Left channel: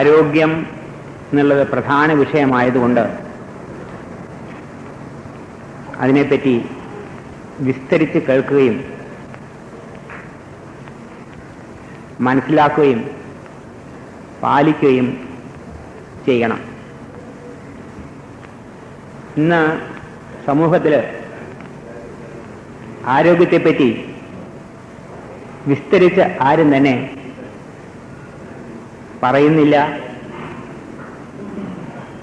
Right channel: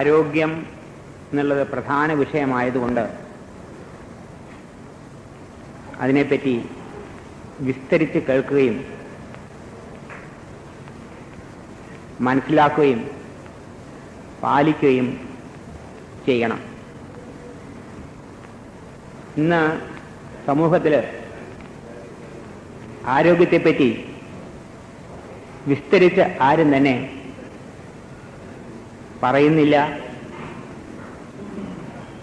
ആരോഗ്യം എന്നുള്ളത് പ്രധാന വിഷയമായതുകൊണ്ട് അതിനെപ്പറ്റി വിസ്തരിച്ച് കേൾക്കുകയും മനസ്സിലാക്കുകയും പാലിക്കുകയും ചെയ്യണം. ഇന്ന് സമൂഹത്തിൽ ആരോഗ്യത്തെപ്പറ്റി വിസ്തരിച്ച് ആരും തന്നെ പറയുന്നില്ല.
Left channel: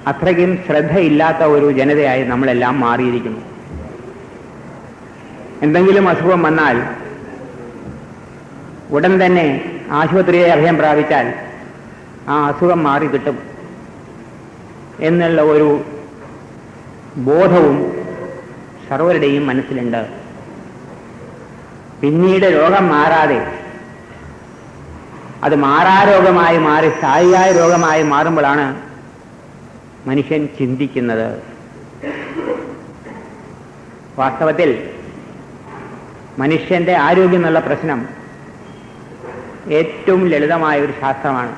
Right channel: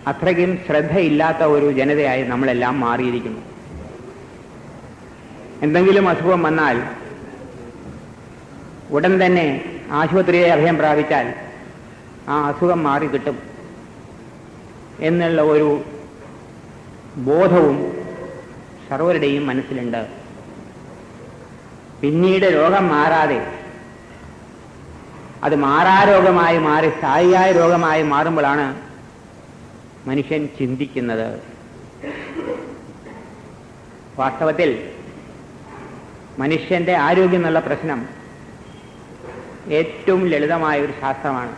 അത്രയ്ക്കും ശ്രദ്ധയില്ലാത്ത ഒരു ജനതയായി നമ്മളെല്ലാം മാറിയിരിക്കുന്നു. എന്തെങ്കിലും അസുഖം വന്നാൽ ഉടൻ തന്നെ ആശുപത്രിയെ അഭയം പ്രാപിച്ചാൽ ആ അസുഖം മാറി കിട്ടും എന്നുള്ള ഒരു ബോധവും സർവരുടെയും മനസ്സിലുണ്ട്. പിന്നീട് രോഗം മാറാതെ അത് മാറാരോഗമായി മാറി സ്ഥായിയായ രോഗമായി മാറുമ്പോഴാണ് മനുഷ്യൻ ചിന്തിക്കുന്നത്. വാസ്തവത്തിൽ മനുഷ്യന്റെ ആരോഗ്യം എന്നുള്ള പ്രശ്നം ഏറ്റവും ലളിതമായ ഒരു ശാസ്ത്രമാണ്.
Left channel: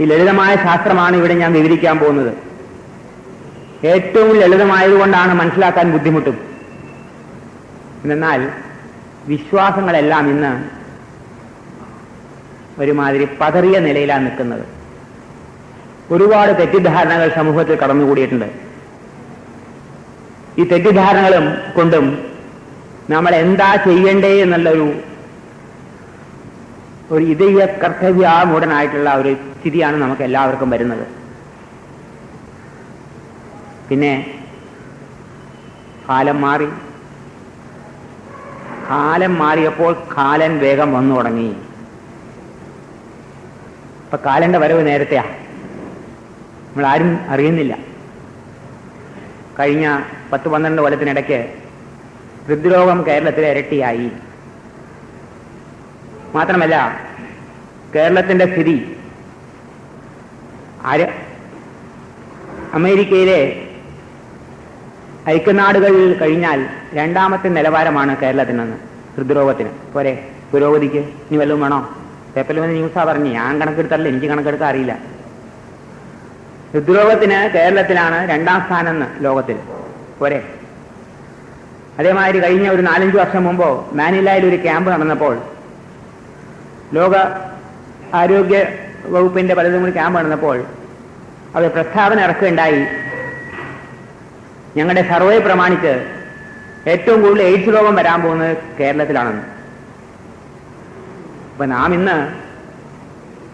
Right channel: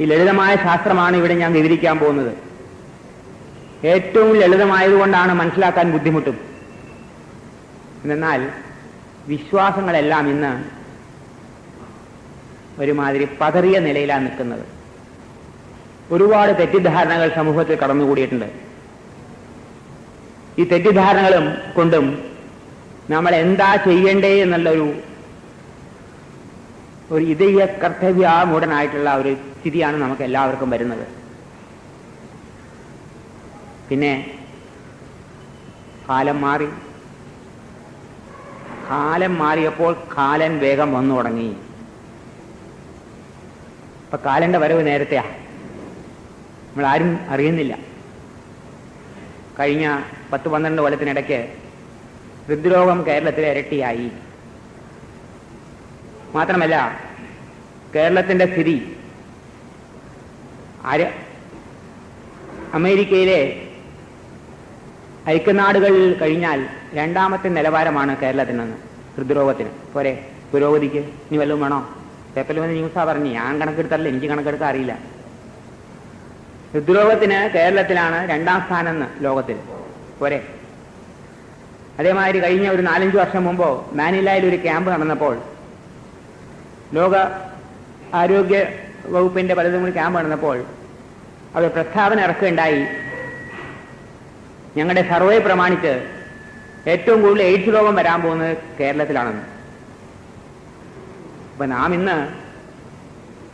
ഈ ലളിതമായ ശാസ്ത്രമാണ് ഇവിടെ ഞാൻ വിവരിക്കാൻ പോകുന്നത്. ഏറ്റവും ലളിതമായതുകൊണ്ടാണ് മനസ്സിലാക്കാൻ ബുദ്ധിമുട്ടും. എന്നാൽ വിശ്വാസങ്ങളെല്ലാം ഇന്ന് ഒരുമാതിരി പതറിയ നിലയിലാണ് നിൽക്കുന്നത്. ഒരുപാട് തെറ്റിദ്ധാരണകൾ സമൂഹത്തിൽ കടന്നുകൂടിയിട്ടുണ്ട്. ഈ തെറ്റിദ്ധാരണകളും കൊണ്ടും നമ്മൾ എന്താ ചെയ്യണ്ടേ എന്നുള്ളൊരു ഇതയ കർത്തവ്യാമൂഢനായിട്ടുള്ള ഒരു സ്ഥിതിയാണ് നമുക്ക് എല്ലാവർക്കും വരുന്നത്. പിന്നെ കാലം മാറിയപ്പോൾ കാലൻ വേഗം വന്നു തുടങ്ങി. ഇപ്പൊ കാലന്റെ വരവ് നേരത്തെയാ, നമ്മളാരും അറിയുന്നില്ല. കഴിഞ്ഞ 10-12 കൊല്ലത്തിനിടയ്ക്ക് ഹൃദ്രോഗം കേരളത്തിലെ ഇരട്ടിയായി. മാത്രമല്ല കേരളത്തിന്റെ സ്ഥിതി അമേരിക്കയിലെ ഐക്യനാടുകളിൽ കഴിഞ്ഞാൽ 2ാമത്തെ നിലവാരമാണ് കേരളത്തിനെന്ന് ഹൃദ്രോഗത്തിന്. പോരെ, പുരോഗതിക്ക് ഇനി വല്ലതും വേണോ? പേപ്പറിൽ വന്ന് ന്യൂസാ പറഞ്ഞു, ഞാൻ കണക്കെടുത്തല്ല, എനിക്ക് കണക്കെടുക്കാൻ അറിയില്ല. ഹൃദ്രോഗത്തിന് കേരളത്തിലാണ് 2ാം സ്ഥാനം ലോകത്തിൽ. പോരെ. അതേമാതിരി കഴിഞ്ഞ ഒരു 4-5 വർഷം മുമ്പോ മാനിലയിൽ ഒരു ക്യാമ്പ് നടന്നപ്പോൾ, ലോക ആരോഗ്യ വകുപ്പിന്റെ പലതും കൂടി ക്യാമ്പ് നടന്നപ്പോൾ അത് പ്രസ്താവന ഇറക്കുകയുണ്ടായി. ഞങ്ങളുടെ സർവേ പ്രമാണിച്ച് ഏറ്റവും കൂടുതൽ എയ്ഡ്സ് രോഗം വരാൻ പോകുന്നത് കേരളത്തിലാണെന്ന്. അപ്പൊ നാം ഇന്ന്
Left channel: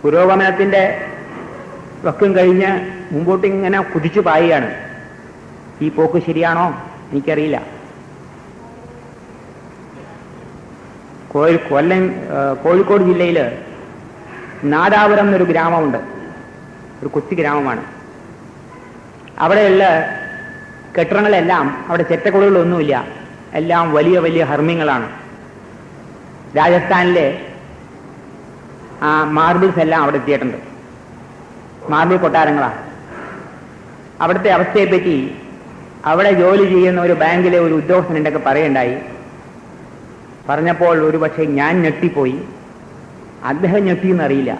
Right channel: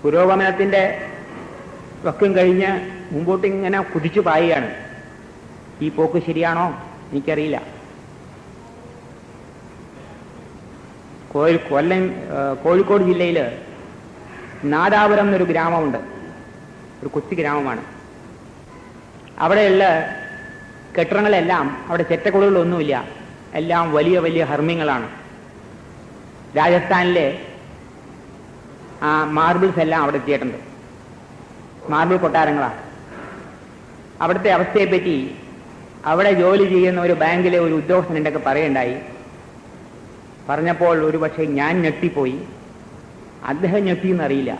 പുരോഗമനത്തിന്റെ വക്കം കഴിഞ്ഞ് മുമ്പോട്ട് ഇങ്ങനെ കുതിച്ചു പായുകയാണ്. ഈ പോക്ക് ശരിയാണോ എനിക്കറിയില്ല. കോഴിക്കോട് ജില്ലയിൽ നാദാപുരം എന്നൊരു ഗ്രാമമുണ്ട്. ഒരു കൊച്ചു ഗ്രാമമാണ്. അവിടെയുള്ള കെട്ടിടങ്ങളെല്ലാം, അവിടെ ചെറ്റക്കുളകളൊന്നുമില്ല, എല്ലാം വലിയ വലിയ ഹർമ്മ്യങ്ങളാണ്. രാജസ്ഥാനിലെ ആ മാർബിൾസ് എല്ലാം അവിടെ എത്തിയിട്ടുണ്ട്. മാർബിൾ കൊട്ടാരങ്ങളാണ്. അവിടുത്തെ അവസ്ഥയെപ്പറ്റി അവിടെ ജോലി ചെയ്യുന്ന ഒരു ബാങ്കിലെ ഒരു ഉദ്യോഗസ്ഥനുണ്ടൊക്കെ പറയുണ്ടായി. പറഞ്ഞപ്പോൾ ഒരു പക്ഷേ ഞാൻ ഞെട്ടിപ്പോയി, അദ്ദേഹം ഞെട്ടിയെന്നറിയില്ല.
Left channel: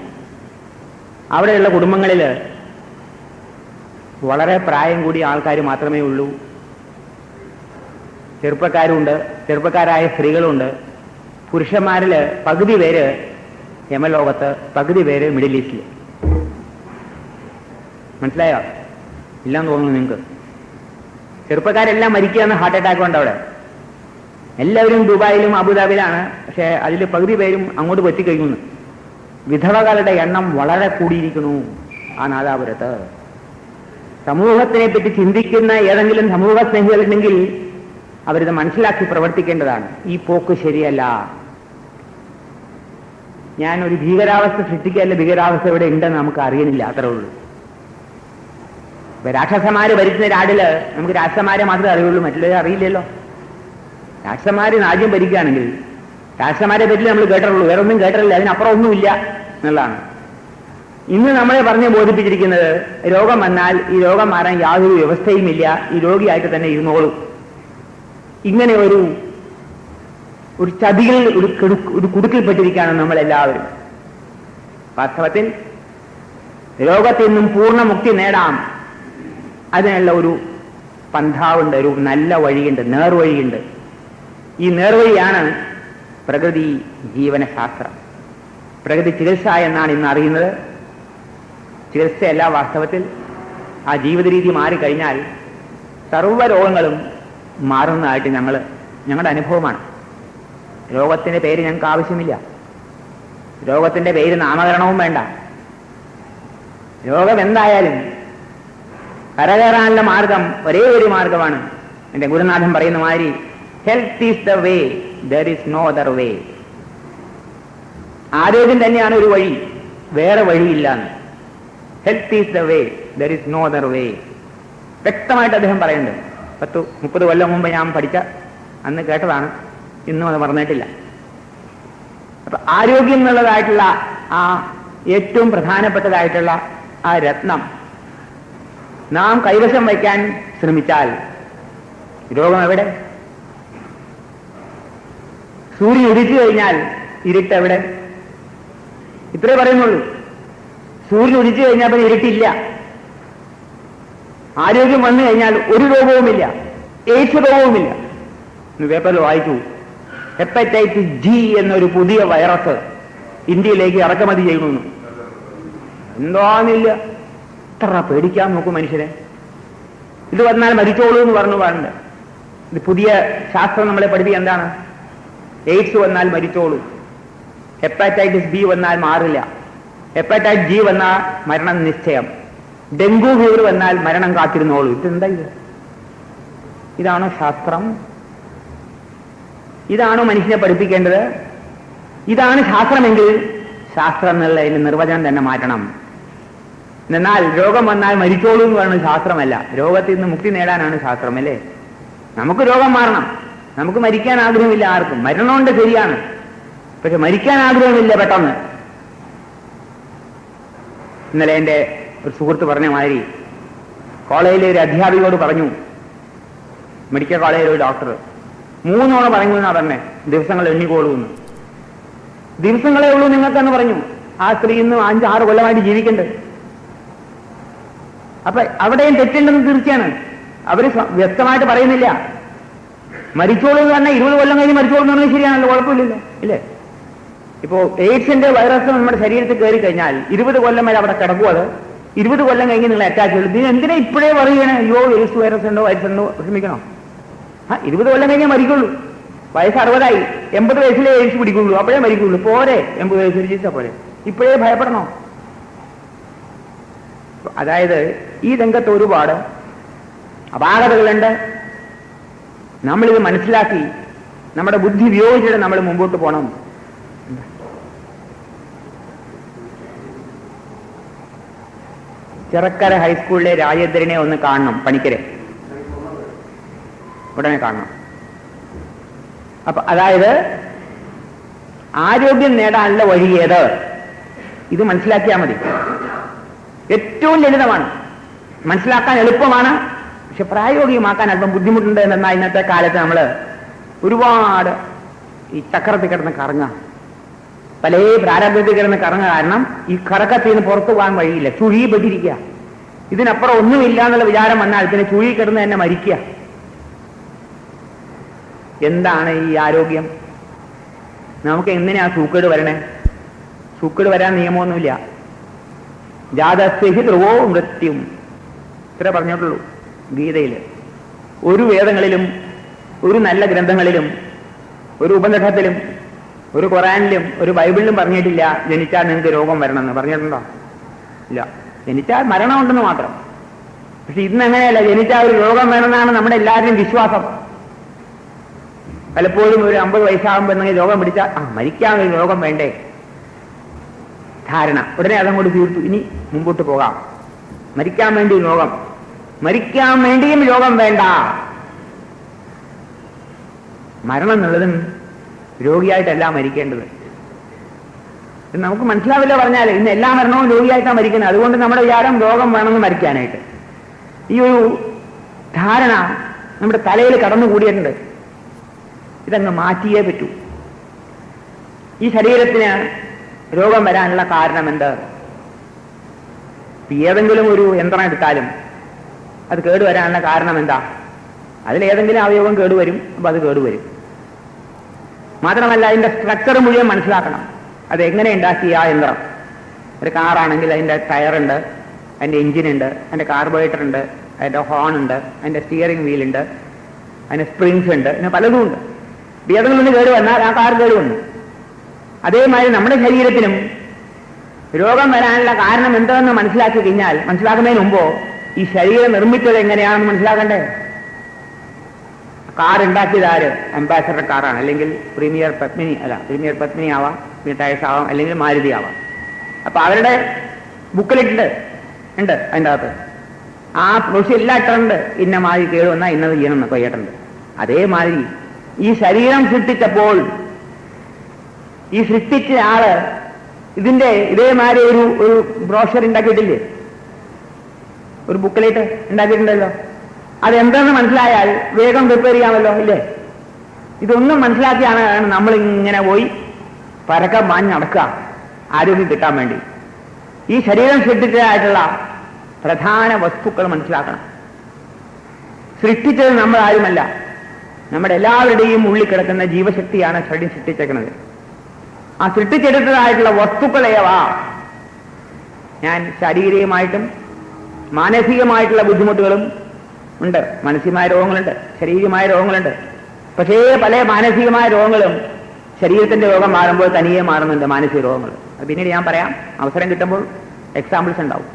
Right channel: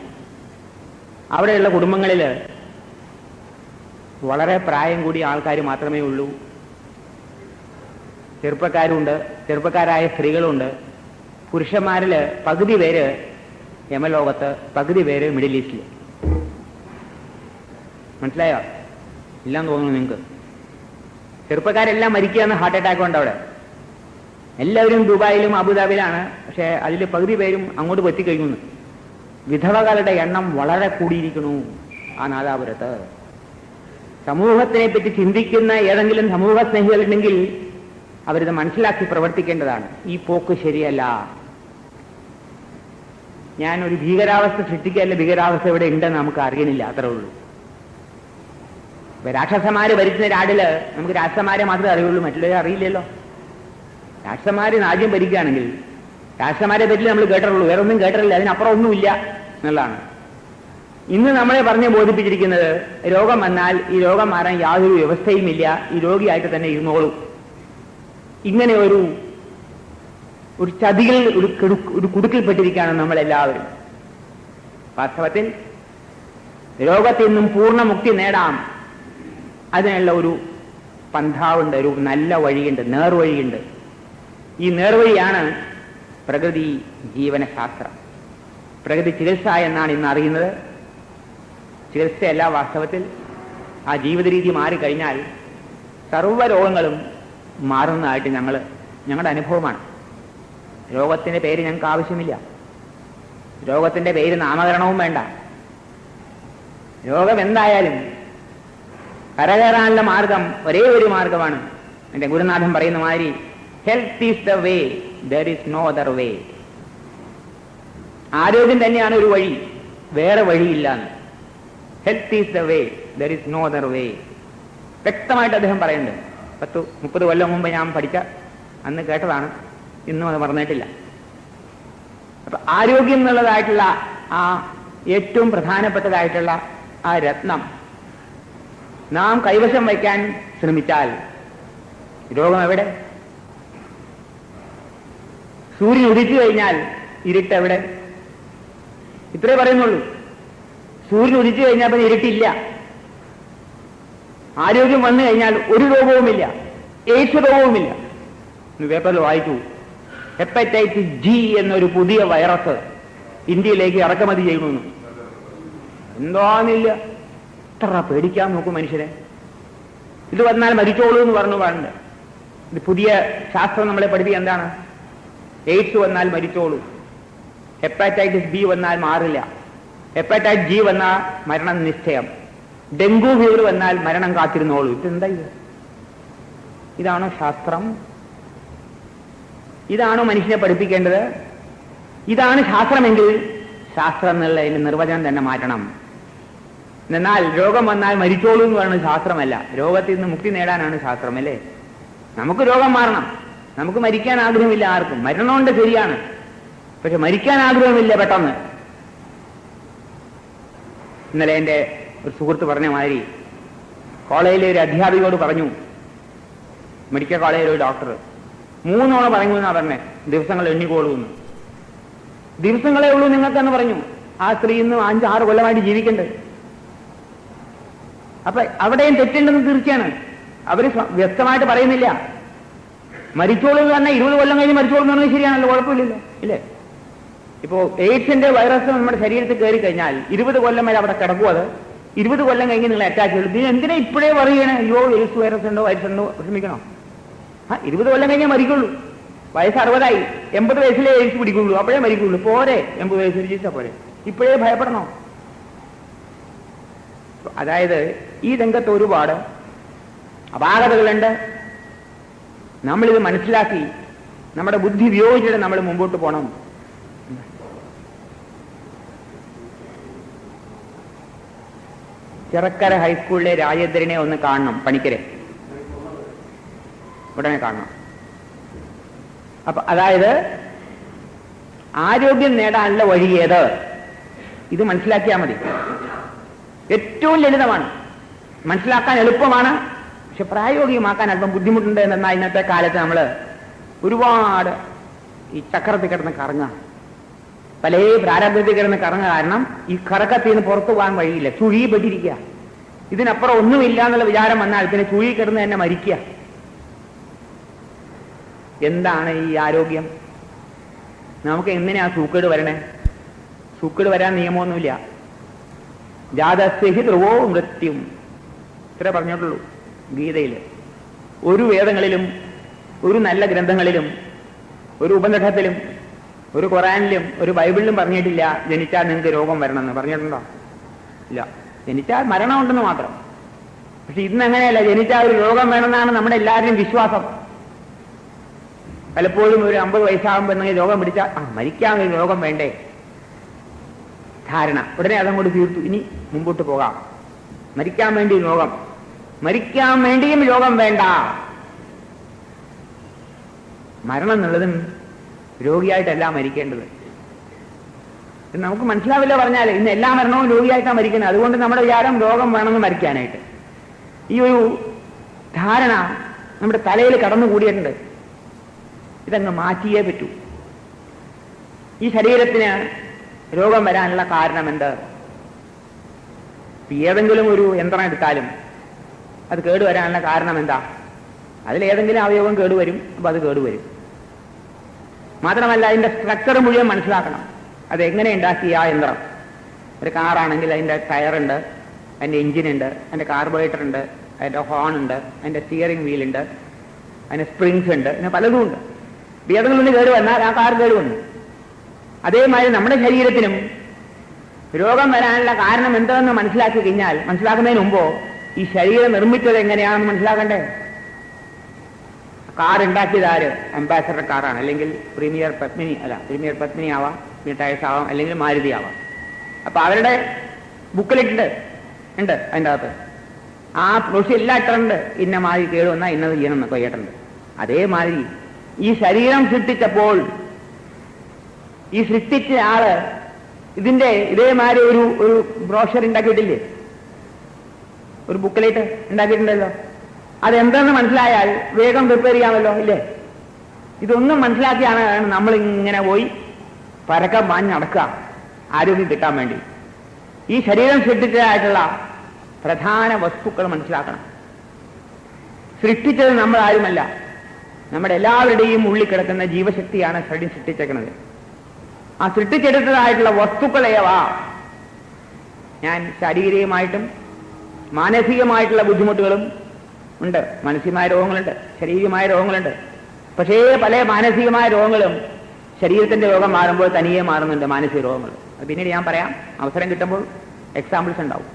അവിടെയുള്ള കുടുംബങ്ങളിൽ വളരെ പ്രായം കൂടിയ ആൾക്കാർ മാത്രമേ ഉള്ളൂ. ചെറുപ്പക്കാരുണ്ട്, ചെറുപ്പക്കാരായ സ്ത്രീകളുണ്ട്. പുരുഷന്മാരിൽ പകുതി പേര് യമലോകത്ത്, പകുതി പേര് മിഡിൽ ഈസ്റ്റിൽ. മനസ്സിലായോ? ഇല്ലാന്ന് തോന്നുന്നു നിങ്ങൾക്ക്. ചെറുപ്പക്കാരെല്ലാം മരിക്കുകയെന്ന് ഹാർട്ട് അറ്റാക്ക് കൊണ്ട് അവിടെ. എല്ലാവരും ദുബായിലും അബുദാബിയിലാണ്. പക്ഷെ അതിൽ പകുതി പേരും അങ്ങോട്ട് എത്തിക്കഴിയുന്നു. വിധവകളുടെ എണ്ണം വളരെ കൂടിയിരിക്കുന്നു ആ നാദാപുരത്ത്. സമൂഹത്തിനെ പറ്റി ചിന്തിക്കുന്ന ഏതെങ്കിലും സമൂഹ സ്നേഹികളുണ്ടെങ്കിൽ അവരിത് മനസ്സിലാക്കി പ്രവർത്തിക്കേണ്ടതാണ്. ഈ പോക്ക് ശരിയല്ല. ഞാൻ ഒരു ഭീകരാവസ്ഥ സൃഷ്ടിക്കുകയല്ല, ഭീകരാവസ്ഥ ഇവിടെ ഉണ്ടെന്ന് നമുക്ക് അറിയണില്ല, അത്രേ ഉള്ളൂ. രാക്ഷസന്മാര് ഭരിക്കുന്ന നാടില് നമുക്ക് രാക്ഷസന്മാരെ മാത്രമേ അറിയുള്ളൂ, മറ്റുള്ളവരെ അറിയില്ലല്ലോ. രാക്ഷസന്മാര് രാജ്യം ഭരിക്കുകയാണെങ്കിൽ രാക്ഷസന്മാരെ പറ്റി നമ്മൾ കേട്ടിട്ടുള്ളൂ, വേറെ ഒന്നും കേട്ടിട്ടില്ല, അതിനപ്പുറം ഒന്നുമില്ല എന്നുള്ളതാണ്. ഇന്ന് നമ്മളെ പറഞ്ഞ് ബോധിപ്പിച്ചിരിക്കുന്നത് രോഗം വന്നാൽ ഈ രോഗം മാറാൻ യാതൊരു വ്യവസ്ഥയുമില്ല, ഈ രോഗിയായിട്ട് തന്നെ ഇരുന്നോളും. ഇങ്ങനെ ഒരു ചതിയിൽ ഒരു കുടുക്കിൽപ്പെട്ടിരിക്കുകയാണ് നമ്മളെല്ലാവരും. വാസ്തവത്തിൽ രോഗത്തിൽ നിന്നും പൂർണ്ണമുക്തി നേടാം. അതിനുള്ള ഒരു പന്ഥാവുണ്ട്, ഒരു നല്ല വഴിയുണ്ട്, നേർവഴിയുണ്ട്. ഈ നേർവഴിയാണ് പ്രകൃതി ജീവനശാസ്ത്രം. പ്രകൃതി ചികിത്സ എന്നാണ് ഇന്ന് അറിയുന്നത്. ചികിത്സയല്ല, വാസ്തവത്തിൽ ആ ജീവിത രീതി മാറിക്കഴിഞ്ഞാൽ സർവ്വ രോഗങ്ങളും മാറുന്നതായിട്ട് ഞങ്ങളുടെ അനുഭവമാണ്. രോഗത്തിന്റെ പേര് ഞങ്ങൾക്ക് ആവശ്യമില്ല, രോഗത്തിന്റെ പേര് നാമകരണവും വേണ്ട. രോഗം എന്തായാലും കരകയറാനുള്ള മാർഗം ഒരേ ഒരു മാർഗമാണ്. എന്റെ ഗുരുനാഥൻ പറയുന്ന മാതിരി, health is the way, there is no other way. ആരോഗ്യം തന്നെയാണ് ഒരു വഴി, വേറെ വഴിയില്ലാന്ന്. Health is the way, there is no other way. വ്യക്തമായിട്ട് അദ്ദേഹം പറയുന്നുണ്ട്. 10-30 കൊല്ലം മുമ്പ് ഞാൻ പഠിച്ച അന്ന് കേട്ടതാണ്, ഇന്നും അത് മറന്നിട്ടില്ല. അപ്പൊ ആരോഗ്യം എന്നുള്ളതായിട്ടുള്ള ആ ഏറ്റവും പ്രധാനപ്പെട്ടതായിട്ടുള്ള ആ രത്നം നാം കൈവശം വയ്ക്കാൻ ശ്രമിച്ചാൽ രോഗം എവിടെ? സൂര്യൻ ഉദിച്ചു കഴിഞ്ഞാൽ ഇരുട്ട് എവിടെ? ഇത്രേ പറയുന്നുള്ളൂ. സൂര്യൻ ഉദിച്ചു കഴിഞ്ഞാൽ പിന്നെ ഇരുട്ടില്ല. ആരോഗ്യം വന്നു കഴിഞ്ഞാൽ ഒരു രോഗവുമില്ല, എയ്ഡ്സ് രോഗവുമില്ല. പേപ്പറിൽ വായിച്ചു, ഹെപ്പറ്റൈറ്റിസ് ജി എന്നൊരു പുതിയ വൈറസ് ഇന്ത്യയിലേക്ക് ഇറക്കുമതി ചെയ്യുന്നു. എന്താന്നില്ല, എത്ര പേടിക്കാൻ നോക്കും മനുഷ്യരെ. ഇത് വന്നാൽ മരിച്ചോളൂ എന്ന് പറഞ്ഞു. ഇത് പുതിയ ശാസ്ത്രം നമ്മളെ പഠിപ്പിക്കുക എന്താണ്? എയ്ഡ്സ് വന്നാൽ മരിച്ചോളൂ, ഹെപ്പറ്റൈറ്റിസ് ബി വന്നാൽ മാറില്ല, ഹെപ്പറ്റൈറ്റിസ് ജി വന്നാൽ മരണം നിശ്ചയം, ഡെങ്കു ഫീവർ വന്നാൽ മരണം കാത്തിരുന്നോളൂ. ഇതെന്താ ഇത്? ഇതാണോ ശാസ്ത്രം? ഇതാണോ മനുഷ്യനെ പഠിപ്പിക്കേണ്ടത്? ഇതാണ് ശാസ്ത്രമെങ്കിൽ ശാസ്ത്രം എന്നുള്ളതിന് നിർവചനം തന്നെ മാറ്റണം. എന്നാൽ രോഗം വന്നാൽ മരിച്ചോളൂ എന്ന് പറയുന്നത് ശാസ്ത്രമല്ല, രോഗത്തിൽ നിന്ന് മുക്തി നേടാനാണ് ശാസ്ത്രം, അല്ലേ? നമുക്ക് രോഗം മാറണം, നമുക്ക് മരിക്കാൻ ആഗ്രഹമില്ല ആർക്കും. മരണമുണ്ട്, ശരിയാണ്, പക്ഷെ മരിക്കാൻ ആഗ്രഹമില്ല പെട്ടെന്ന്. ഇന്നലെ എൻ്റെ ഒരു സുഹൃത്ത് പറഞ്ഞ മാതിരി കോളേജിലെ ഒരു അധ്യാപികയോട് പറഞ്ഞു, മെഡിക്കൽ കോളേജിലെ ഒരു ഡോക്ടർ 3 തവണ പറഞ്ഞു എന്നാ പറഞ്ഞേ, ദിവസങ്ങൾ എണ്ണിക്കോളൂന്ന്. ദിവസങ്ങളേ ഉള്ളൂ നിങ്ങൾക്കെന്ന് പറഞ്ഞു. ആ സ്ത്രീ ഇന്ന് 5-6 കൊല്ലമായിട്ട് ജീവിക്കണ്ട്. അപ്പൊ അവിടെയും തെറ്റുണ്ടെന്ന് തീർച്ചയാണ്. അവര് വ്യക്തമായിട്ട് പറയുന്നില്ല. മരിച്ചോളൂ എന്ന് പറഞ്ഞാൽ 20 കൊല്ലം കഴിഞ്ഞ് മരിച്ചോളൂ എന്ന് പറഞ്ഞാൽ ശരിയാണല്ലോ, കുഴപ്പമില്ലല്ലോ, ഇല്ലേ? ഇപ്പോ എയ്ഡ്സിന്റെ വൈറസ് നമ്മുടെ ശരീരത്തിൽ കയറി കഴിഞ്ഞാൽ 20 കൊല്ലം വരെ അവിടെ കിടക്കും. അത് 20 കൊല്ലം കഴിഞ്ഞ് നിങ്ങൾ അറ്റാക്ക് ചെയ്തു. നിങ്ങൾ എന്തിനാ ഇപ്പോഴേ പറയുകയാണ്, അയ്യോ എയ്ഡ്സ് വൈറസ് ഉണ്ടോ, വിഷമിക്കണോ? 20 കൊല്ലം കഴിഞ്ഞേ മരിക്കുള്ളൂ. വയസ്സ് 60ആയി, 80 വയസ്സിലേ എയ്ഡ്സ് പിടിക്കുള്ളൂ, അപ്പോഴേ മരിക്കുള്ളൂ. പോരെ 80 വയസ്സിൽ ചികിത്സ പോരെ, ഇപ്പോഴേ ഭയപ്പെടണോ? അതായത് ഈ രംഗത്ത് ഒരുപാട് അപാകതകളുണ്ട്. നമ്മളിത് മനസ്സിലാക്കി നമ്മുടെ ബുദ്ധി ഉപയോഗിച്ചിട്ട് നമ്മൾ മുമ്പോട്ട് പോകണം. ചിറക്കര ഹൈസ്കൂളിലെ രാജേന്ദ്രനെ ഒന്ന് കാണണം, പണിക്കരെ ഉടനെ കാണണം. അപ്പൊ അതായത് ആരോഗ്യം നേടാനുള്ള വഴി ഏത്? ഇത് മനസ്സിലാക്കിയാൽ മതി. ഏറ്റവും ലളിതമാണ്, മനസ്സിലാക്കാൻ എളുപ്പമാണ്, പക്ഷെ പ്രായോഗികമാക്കാൻ അല്പം ബുദ്ധിമുട്ടുണ്ട്. എന്നാൽ ഇന്നത്തെ കാലത്ത് നമ്മൾ ഒരുപാട് ഈ ചക്രത്തിൽ കിടന്ന് കറങ്ങാം, പല പ്രാരംഭത്തിൽ കിടന്ന് കറങ്ങുക. കാരണം ഈ കറക്കത്തിൽ നിന്ന് പുറത്തു പോകാൻ വഴിയില്ല, ചുഴിപ്പെട്ടിരിക്കുക. ഇതിനപ്പുറം ഒന്നുമില്ല എന്നുള്ള വിചാരം വന്നാൽ പിന്നെ ചുഴി കിടന്ന് തന്നെ മരിക്കുക. എന്താണ് ഈ ആരോഗ്യം? നമുക്ക് എങ്ങനെയാ സൂക്കേട് വരണേ? സൂക്കേട് വരാൻ നിയമമൊന്നുമില്ല. ജാതസ്യ ധ്രുവോ മൃത്യും, ഇത്ര പറഞ്ഞിട്ടുള്ളൂ ഗീതയിൽ. ഒരു വേദങ്ങളിലും ഒരു നല്ല ഗ്രന്ഥങ്ങളിലും ഒരു ഉപനിഷത്തിലും ഒരു ഖുറാനിലും ഒരു ബൈബിളിലും പറഞ്ഞിട്ടില്ല ജനിച്ചാൽ നിങ്ങൾക്ക് രോഗം വരണമെന്ന്. പറഞ്ഞിട്ടുണ്ടോ? ഇല്ല. ജനിച്ചാൽ മരണമുണ്ടെന്ന് മാത്രം. പക്ഷെ ഇന്നങ്ങനെയല്ല, ജനിച്ചാൽ ഒരു രോഗം വേണമെന്നാണ് നമ്മുടെ എല്ലാവരുടെയും വിശ്വാസം. പലപ്പോഴും ഒരു 50 വയസ്സാകുമ്പോൾ എന്തെങ്കിലും രോഗം പിടിച്ചാൽ മരിക്കാൻ ഒരു രോഗം വേണ്ടേ ധാരണ, ഉടനെ അതങ്ങോട്ട് തീർത്തു, ഇനി മുമ്പോട്ട് പോകാം. മരിക്കാൻ വേണ്ടി രോഗം, മരിക്കാൻ വേണ്ടിയും രോഗം വേണ്ട. മരണം എന്നുള്ളതും രോഗിയായിട്ടല്ല മരിക്കേണ്ടത്. നമുക്ക് മനസ്സിലാവില്ല പറഞ്ഞാൽ ഇന്ന് എല്ലാ മരണവും രോഗിയായിട്ടാണ് മരിക്കുന്നത്. അതുകൊണ്ട് നമ്മുടെ വിചാരം രോഗം വേണമെന്ന് മരിക്കാനായിട്ട്. ഈ ഒരു ധാരണ നമ്മുടെ തലയിൽ കടന്നുകൂടിയിട്ടുണ്ട്. ഇതങ്ങ് മാറ്റിയേ പറ്റൂ. ഈ ശരീരത്തിന് രോഗം വരാനുള്ള കാരണം എന്ത്? ഏതെങ്കിലും ഒരു യന്ത്രം എടുത്താലും അത് കേടുവരാനുള്ള കാരണം എന്താ? അതിലേതെങ്കിലും അവയവം കേടുവരും, അപ്പം അത് കേടുവരും. മാത്രമല്ല അതിൻ്റെ സ്ട്രക്ചർ മുഴുവൻ മനസ്സിലാക്കണം. അതെങ്ങനെ ഉണ്ടാക്കിയ ആ യന്ത്രം. ഒരു കാറാണെങ്കിൽ അതിൻ്റെ ടയറുണ്ട്, അതിൻ്റെ എഞ്ചിനുണ്ട്, അതിൻ്റെ കാർബറേറ്റർ ഉണ്ട്, അതിൻ്റെ ഹോൺ ഉണ്ട്, അതിൻ്റെ സ്റ്റിയറിംഗ് വീലുണ്ട്, അതിന് സ്പ്രിങ്സ് ഉണ്ട്, പിന്നെ പലതും ഉണ്ട്. ഏതെങ്കിലും ഒന്ന് കേട് വന്നാൽ ആ കാർ കേട് വന്നു. അതേമാതിരി നമ്മുടെ ശരീരത്തിനും രോഗം വരാനുള്ള കാരണം എന്താണെന്ന് മനസ്സിലാക്കി കഴിഞ്ഞാൽ, മനസ്സിലാക്കുന്നതിന് മുമ്പോ ഈ ശരീരം നിർമ്മിച്ചത് എങ്ങനെയാണെന്ന് മനസ്സിലാക്കണ്ടേ? കാർ ഉണ്ടാക്കിയത് ആര്? അംബാസഡർ കാറാണ്, അല്ലെങ്കിൽ പ്രീമിയർ പത്മിനി ആവാം, ടയർസ് ആവാം, അല്ലെങ്കിൽ മാരുതി ആവാം. അപ്പൊ അവരുടെ ബുക്കിലിട്ടുണ്ട് അതിൻ്റെ അകത്ത് ആ പ്രൊസീജിയർ എല്ലാം ഇട്ടുണ്ട്. ഇന്ന മാതിരി കേട് വന്നാൽ ഇന്നത് ചെയ്യണമെന്നൊക്കെ കേട്ടിട്ടുണ്ട്. അതേമാതിരി ഈ ശരീരം സൃഷ്ടിച്ചപ്പോൾ ഈ സൃഷ്ടിച്ച ആള് ഇതിന്റെ ഇതേമാതിരി ഒരു ബ്രോഷർ ഉണ്ടാക്കിയിട്ടില്ലേ? ഒരു ബുക്കിലേറ്റ് ഉണ്ടാക്കിയിട്ടുണ്ടല്ലോ. അതെന്തെന്ന് മനസ്സിലായാൽ വേഗം പ്രിപ്പയർ ചെയ്യാമല്ലോ, ഇല്ലേ? ഇതൊന്നും മനസ്സിലാക്കിയാണ് നമ്മളിങ്ങനെ പോയി പരക്കം മാഞ്ഞ് നടക്കുക ആരോഗ്യം കിട്ടാൻ വേണ്ടി. ഈ ശരീരം സൃഷ്ടിച്ചതായിട്ടുള്ള പ്രധാന വസ്തുക്കൾ മനസ്സിലാക്കണം. സൃഷ്ടിച്ചത് നമ്മൾ ആരുമല്ല, നമ്മുടെ എല്ലാവരുടെയും ഉള്ളിൽ കിടക്കുന്ന ജീവശക്തിയാണ് ശരീരം സൃഷ്ടിച്ചേക്കുന്നത്. ആ സൃഷ്ടിച്ചെടുത്തതായിട്ടുള്ള വസ്തുക്കളേവാ ഞാൻ ശാരീരികമായിട്ടും മാനസികമായിട്ടുള്ള ബുദ്ധിമുട്ടുകളും ഉണ്ട്. മാനസികമായ രോഗങ്ങളുണ്ട്, ശാരീരികമായ രോഗങ്ങളുണ്ട്. പക്ഷേ പല മാനസികമായ രോഗങ്ങളും ശരീരത്തിന്റെ രോഗം മാറുമ്പോൾ തനിയെ മാറുന്നുണ്ട്. മാനസിക രോഗങ്ങൾ അത് പിന്നീട് ഞാൻ പറയാം, അവസരം കിട്ടുമ്പോൾ എക്സാമ്പിൾസ് ഉണ്ടാവും.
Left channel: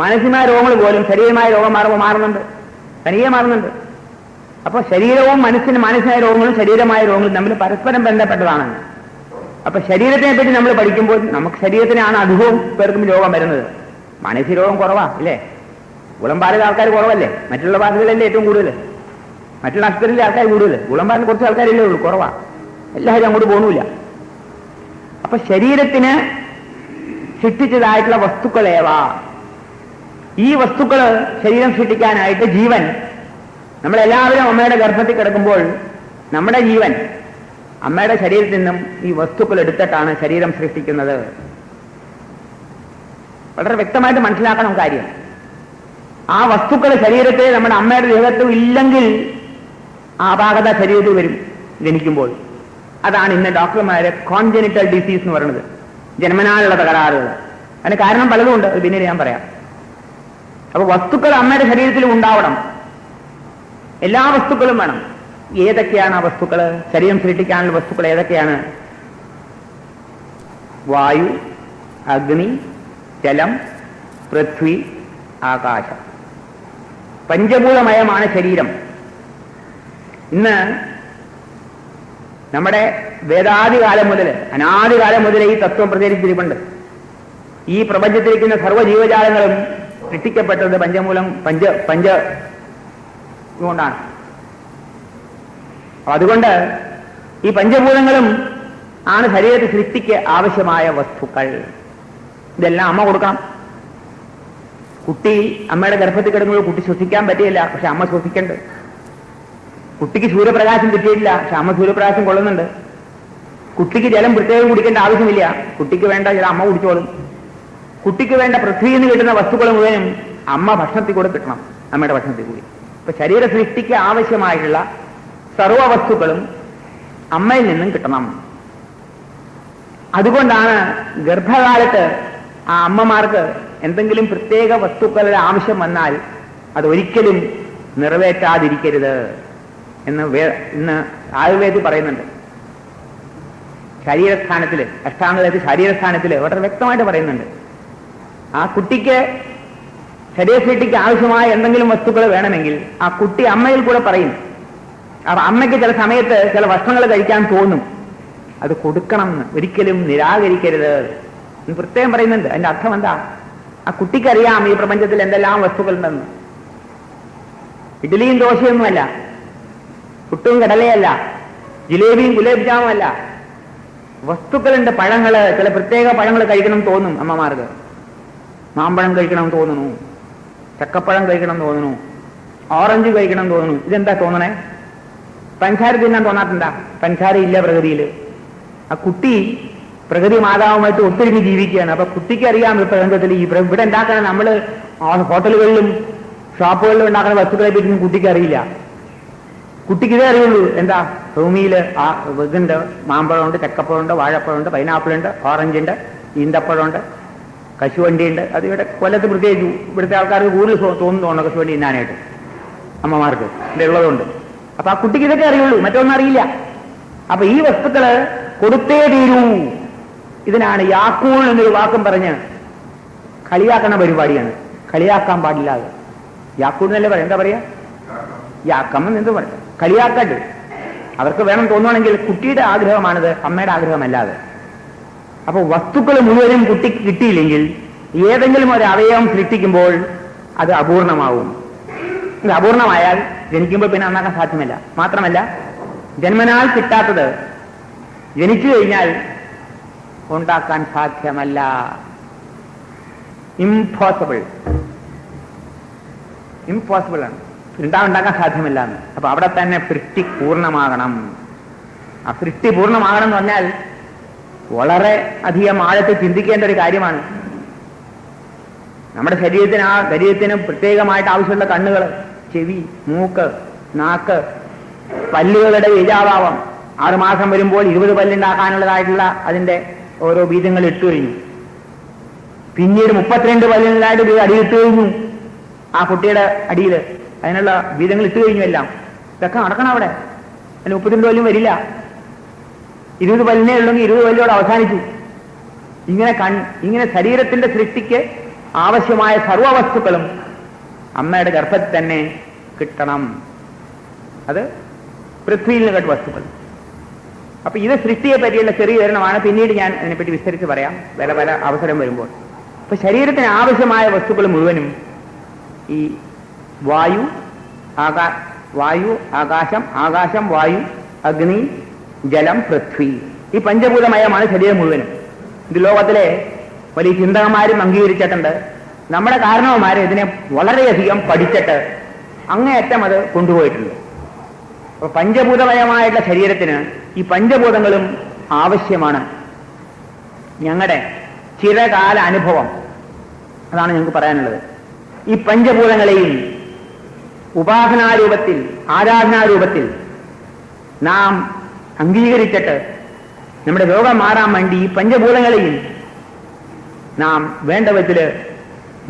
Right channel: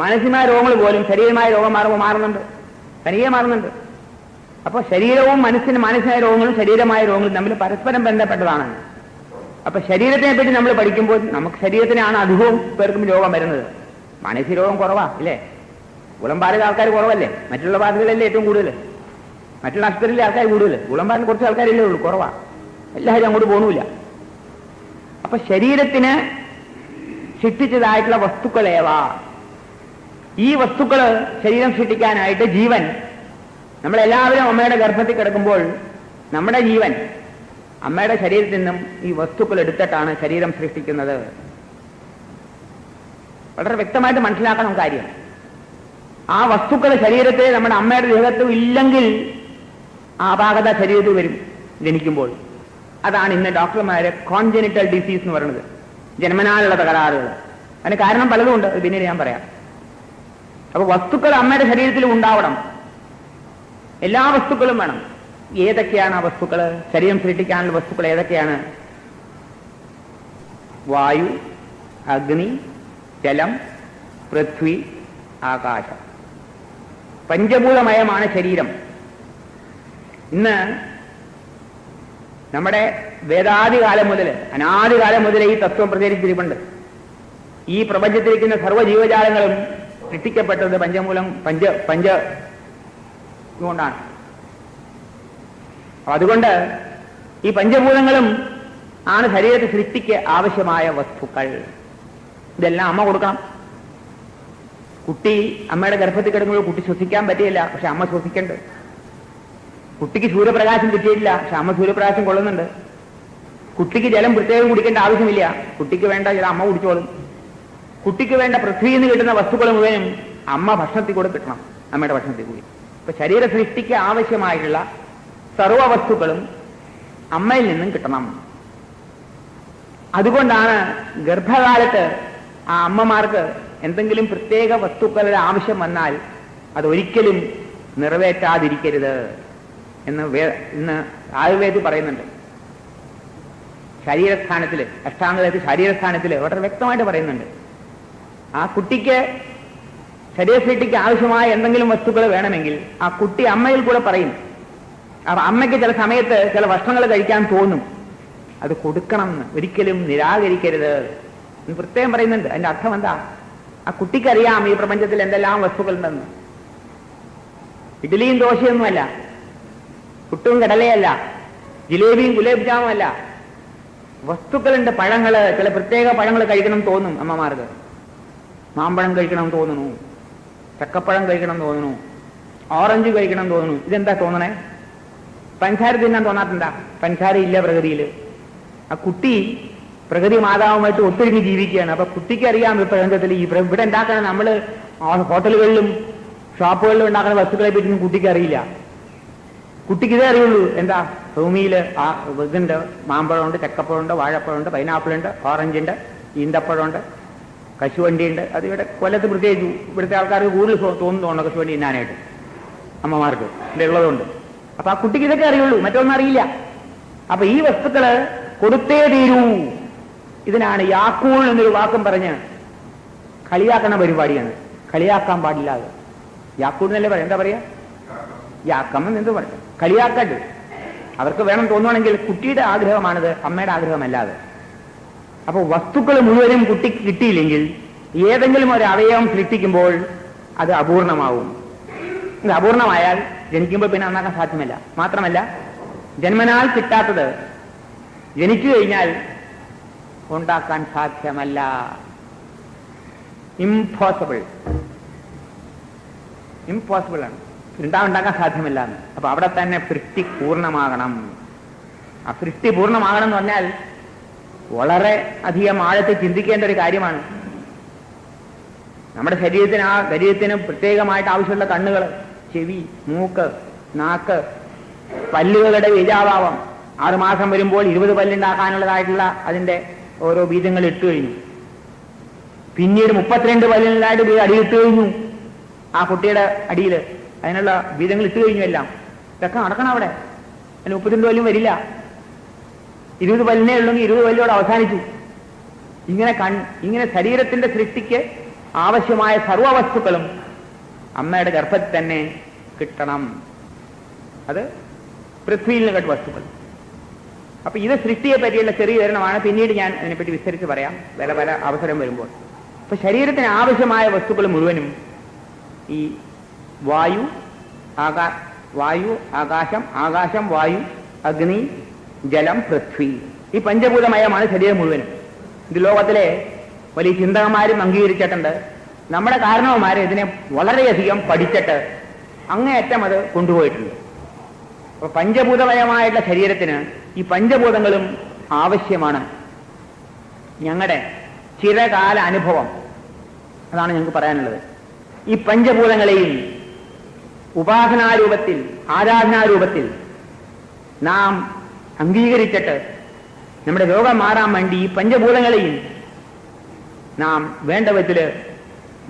മാനസികമായ രോഗങ്ങൾ പോലും ശരീരമായ രോഗം മാറുമ്പോൾ മാറുന്നുണ്ട്, തനിയെ മാറുന്നുണ്ട്. അപ്പോൾ ശരീരവും മാനസികമായ രോഗങ്ങളും ശരീരമായ രോഗങ്ങളും തമ്മിൽ പരസ്പരം ബന്ധപ്പെട്ടതാണ്. അപ്പൊ ശരീരത്തിനെ പറ്റി നമ്മൾ പഠിക്കുമ്പോൾ നമുക്ക് ശരീരത്തിനാണ് അധികവും പേർക്കും രോഗം വരുന്നത്. മാനസിക രോഗം കുറവാ, അല്ലേ? ഗുളംബാറിലെ ആൾക്കാർ കുറവല്ലേ? മറ്റുള്ള ഭാഷകളിലല്ലേ ഏറ്റവും കൂടുതൽ, മറ്റുള്ള ആശുപത്രിയിലെ ആൾക്കാർ കൂടുതൽ. ഗുളംബാറിൽ കുറച്ച് ആൾക്കാരില്ലേ ഉള്ളൂ, കുറവാ. എല്ലാവരും അങ്ങോട്ട് പോകണില്ല. അപ്പൊ ശരീരത്തിന് സൃഷ്ടിച്ചതായിട്ടുള്ള വസ്തുക്കളേവാ. ഈ വസ്തുക്കള് ശരീരം സൃഷ്ടിക്കാനായിട്ട് ജീവൻ, നമ്മളെല്ലാവരും അമ്മയുടെ ഗർഭത്തിൽ കിടക്കുമ്പോൾ നമ്മുടെ ജീവൻ അമ്മയുടെ ശരീരത്തിൽ നിന്നും ഈ വസ്തുക്കൾ എടുത്തിട്ടാണ് ശരീരം സൃഷ്ടിക്കുന്നത്. വളരെ വ്യക്തമായിട്ട് മനസ്സിലാക്കണം കാര്യം. ആ വസ്തുക്കൾ ശരീരത്തിൽ നമ്മുടെ അമ്മയുടെ ദേഹത്തും ഇല്ലെങ്കിൽ ആ അപാകത ശരീരത്തിൽ വരും ജനിക്കുമ്പോൾ. അതാണ് ഇന്ന് ഡോക്ടർമാര് കോൺജനിറ്റൽ ഡിസീസ് എന്ന് പറയുന്നത്, ജന്മനാലുള്ള തകരാറുകൾ. അതിന് കാരണം പലതും ഉണ്ട്, അത് പിന്നീട് ഞാൻ പറയാം. അപ്പൊ വസ്തുക്കൾ അമ്മയുടെ ശരീരത്തിലും ഉണ്ടാവണം, എല്ലാ വസ്തുക്കളും വേണം. ഏതൊക്കെയാണ് ആ വസ്തുക്കൾ? ശരീരം സൃഷ്ടിക്കാനുള്ള വസ്തുക്കൾ ഏതൊക്കെയാണ്? വായു, അഗ്നി, ജലം, പൃഥ്വി, ആകാശം. പഞ്ചഭൂതമയമാണ് ശരീരം. ഇന്ന് നമ്മുടെ വേദാദികാലം മുതൽ, അനാദികാലം മുതൽ ഈ തത്വം പ്രചരിച്ചിരിപ്പുണ്ട്. ഈ പ്രപഞ്ചത്തിരിക്കുന്ന സർവ്വജീവജാലങ്ങളും സൃഷ്ടിക്കപ്പെട്ടത് പഞ്ച കൊണ്ടാണ്. അതുകൊണ്ട് ഈ പഞ്ചഭൂതങ്ങളും ആണ് ശരീരത്തിൽ സൃഷ്ടിക്ക് ആവശ്യമായ വസ്തുക്കൾ. ഇതെല്ലാം അമ്മ കൊടുക്കണം. കുട്ടി അമ്മയുടെ ഗർഭത്തിൽ കിടക്കുമ്പോൾ കുട്ടി ശ്വസിക്കാൻ പറ്റിയില്ല, പക്ഷെ അമ്മ ശ്വസിക്കണ്ട്. കുട്ടിക്ക് സൂര്യപ്രകാശം കിട്ടിയിട്ടില്ല, പക്ഷെ അമ്മ സൂര്യപ്രകാശം കൊള്ളുന്നുണ്ട്. കുട്ടിക്ക് ജലം പ്രത്യേകം കുടിക്കേണ്ട ആവശ്യമില്ല, കുട്ടിക്ക് വേണ്ട ജലം അമ്മ കുടിച്ചോളും. കുട്ടിക്ക് വേണ്ട പൃഥ്വിയിൽ നിന്ന് കിട്ടുന്ന വസ്തുക്കൾ മുഴുവനും അമ്മ ഭക്ഷണത്തിൽ കൂടെ കിട്ടണം, അമ്മയുടെ ഭക്ഷണത്തിൽ കൂടി. ഇപ്പൊ ശരീര സൃഷ്ടിക്ക് ആവശ്യമായിട്ടുള്ള സർവ്വ വസ്തുക്കളും അമ്മയിൽ നിന്നും കിട്ടണം. അതുകൊണ്ടാണ് ഗർഭകാലത്ത് ആ അമ്മമാർക്ക് എന്തെങ്കിലും പ്രത്യേക വസ്തുക്കളുടെ ആവശ്യം വന്നാൽ അതൊരിക്കലും നിറവേറ്റാതിരിക്കരുത് എന്ന് ഇന്ന് ആയുർവേദം പറയുന്നുണ്ട്. ശരീരസ്ഥാനത്തില്, അഷ്ടാംഗത്തിൽ ശരീരസ്ഥാനത്തില് വളരെ വ്യക്തമായിട്ട് പറയുന്നുണ്ട്. ആ കുട്ടിക്ക് ശരീരസൃഷ്ടിക്ക് ആവശ്യമായ എന്തെങ്കിലും വസ്തുക്കൾ വേണമെങ്കിൽ ആ കുട്ടി അമ്മയിൽ കൂടെ പറയും. അപ്പൊ അമ്മയ്ക്ക് ചില സമയത്ത് ചില ഭക്ഷണങ്ങൾ കഴിക്കാൻ തോന്നും, അത് കൊടുക്കണം എന്ന്, ഒരിക്കലും നിരാകരിക്കരുത് എന്ന് പ്രത്യേകം പറയുന്നുണ്ട്. അതിന്റെ അർത്ഥം എന്താ? ആ കുട്ടിക്കറിയാം ഈ പ്രപഞ്ചത്തിൽ എന്തെല്ലാം വസ്തുക്കളുണ്ടെന്ന്. ഇഡ്ഡലിയും ദോശയൊന്നുമല്ല, പുട്ടും കടലയല്ല, ജിലേബിയും ഗുലാബ് ജാമുമല്ല. വസ്തുക്കളുണ്ട്, പഴങ്ങള്, ചില പ്രത്യേക പഴങ്ങൾ കഴിക്കണം തോന്നും അമ്മമാർക്ക്. മാമ്പഴം കഴിക്കണം തോന്നുന്നു, ചക്കപ്പഴം കഴിക്കണം തോന്നുന്നു, ഓറഞ്ച് കഴിക്കണം തോന്നുന്നു. ഇതെന്താ തോന്നണേ? പഞ്ചാര തിന്നാൻ തോന്നാത്തെന്താ? പഞ്ചാര ഇല്ല പ്രകൃതിയിൽ. ആ കുട്ടി പ്രകൃതി മാതാവുമായിട്ട് ഒത്തിരിഞ്ഞ് ജീവിക്കുകയാണ്. അപ്പൊ കുട്ടിക്ക് അറിയാം ഈ പ്രപഞ്ചത്തിൽ ഇവിടെ ഉണ്ടാക്കുന്ന നമ്മൾ ഹോട്ടലുകളിലും ഷോപ്പുകളിലും ഉണ്ടാക്കുന്ന വസ്തുക്കളെ പറ്റി കുട്ടിക്ക് അറിയില്ല. കുട്ടിക്ക് ഇതേ അറിയുള്ളൂ. എന്താ, ഭൂമിയിൽ ഇതുണ്ട്, മാമ്പഴമുണ്ട്, ചക്കപ്പഴമുണ്ട്, വാഴപ്പഴമുണ്ട്, പൈനാപ്പിളുണ്ട്, ഓറഞ്ചുണ്ട്, ഈന്തപ്പഴമുണ്ട്, കശുവണ്ടിയുണ്ട്. അത് ഇവിടെ കൊല്ലത്ത് പ്രത്യേകിച്ചു ഇവിടുത്തെ ആൾക്കാർക്ക് കൂടുതൽ തോന്നുന്നു കശുവണ്ടി തിന്നാനായിട്ട്, അമ്മമാർക്ക് ഇവിടെ ഉള്ളതുകൊണ്ട്. അപ്പൊ ആ കുട്ടിക്ക് ഇതൊക്കെ അറിയുള്ളൂ, മറ്റൊന്നും അറിയില്ല. അപ്പൊ ഈ വസ്തുക്കള് കൊടുത്തേ തീരൂ. ഇതിനാണ് യാക്കൂൾ എന്നൊരു വാക്കും പറഞ്ഞ് കളിയാക്കുന്ന പരിപാടിയാണ്. കളിയാക്കാൻ പാടില്ലാതെ യാക്കൂൾ എന്നല്ലേ പറയാം. എന്താ പറയാ, യാക്കമ്മൻ എന്ത് പറയാം, കളിയാക്കട്ട്. അവർക്ക് വേണം തോന്നുവാണെങ്കിൽ കുട്ടിയുടെ ആഗ്രഹമാണിത്, അമ്മയുടെ ആഗ്രഹമല്ലാതെ. അപ്പൊ വസ്തുക്കൾ മുഴുവനും കുട്ടിക്ക് കിട്ടിയില്ലെങ്കിൽ ഏതെങ്കിലും ഒരു അവയവം സൃഷ്ടിക്കുമ്പോൾ അത് അപൂർണമാവും. ഇത് അപൂർണമായാൽ ജനിക്കുമ്പോൾ പിന്നെ നന്നാക്കാൻ സാധ്യമല്ല. മാത്രമല്ല, ജന്മനാൽ കിട്ടാത്തത് ജനിച്ചു കഴിഞ്ഞാൽ ഉണ്ടാക്കാൻ സാധ്യമല്ല. ഇംപോസിബിൾ ആണ്. ഉണ്ടാക്കാൻ സാധ്യമല്ല എന്ന്. അപ്പൊ അവിടെ തന്നെ സൃഷ്ടി പൂർണ്ണമാകണം. ആ സൃഷ്ടി പൂർണ്ണമാകണം എന്ന് പറഞ്ഞാൽ വളരെ അധികം ആഴത്തിൽ ചിന്തിക്കേണ്ട ഒരു കാര്യമാണ്. നമ്മുടെ ശരീരത്തിന് പ്രത്യേകമായിട്ട് ആവശ്യമുള്ള കണ്ണുകൾ, ചെവി, മൂക്ക്, നാക്ക്, പല്ലുകളുടെ ബീജാഭാവം. 6 മാസം വരുമ്പോൾ 20 പല്ലുണ്ടാക്കാനുള്ളതായിട്ടുള്ള അതിന്റെ ഓരോ ബീജങ്ങൾ ഇട്ടു കഴിഞ്ഞു. പിന്നീട് 32 പല്ലിനായിട്ട് അടിയിട്ട് കഴിഞ്ഞു. ആ കുട്ടിയുടെ അടിയിൽ അതിനുള്ള ബീജങ്ങൾ ഇട്ടു കഴിഞ്ഞു. എല്ലാം ഇതൊക്കെ നടക്കണം അവിടെ. അതിന് 32 പല്ലും വരില്ല. 20 പല്ലിനേ ഉള്ളെങ്കിൽ 20 പല്ലോട് അവസാനിച്ചു. ഇങ്ങനെ ശരീരത്തിന്റെ സൃഷ്ടിക്ക് ആവശ്യമായ സർവ്വവസ്തുക്കളും അമ്മയുടെ ഗർഭത്തിൽ തന്നെ കിട്ടണം. അത് പൃഥ്വിയിൽ നിന്ന് കേട്ട വസ്തുക്കൾ. അപ്പൊ ഇത് സൃഷ്ടിയെ പറ്റിയുള്ള ചെറിയ വിവരണമാണ്. പിന്നീട് ഞാൻ അതിനെപ്പറ്റി വിസ്തരിച്ച് പറയാം പല അവസരം വരുമ്പോൾ. അപ്പൊ ശരീരത്തിന് ആവശ്യമായ വസ്തുക്കൾ മുഴുവനും ഈ വായു, ആകാശം, വായു, അഗ്നി, ജലം, പൃഥ്വി, ഈ പഞ്ചഭൂതമയമാണ് ശരീരം മുഴുവനും. ഇത് ലോകത്തിലെ വലിയ ചിന്തകന്മാരും അംഗീകരിച്ചിട്ടുണ്ട്. നമ്മുടെ കാരണവന്മാരെ ഇതിനെ വളരെയധികം പഠിച്ചിട്ട് അങ്ങേയറ്റം അത് കൊണ്ടുപോയിട്ടുണ്ട്. അപ്പൊ പഞ്ചഭൂതമയമായിട്ടുള്ള ശരീരത്തിന് ഈ പഞ്ചഭൂതങ്ങളും ആവശ്യമാണ്. ഞങ്ങളുടെ ചിരകാല അനുഭവം അതാണ് ഞങ്ങൾക്ക് പറയാനുള്ളത്. ഈ പഞ്ചഭൂതങ്ങളെയും ഉപാസനാരൂപത്തിൽ, ആരാധനാരൂപത്തിൽ നാം അംഗീകരിച്ചിട്ട് നമ്മുടെ രോഗം മാറാൻ വേണ്ടി ഈ പഞ്ചഭൂതങ്ങളെയും നാം വേണ്ട വിധത്തിൽ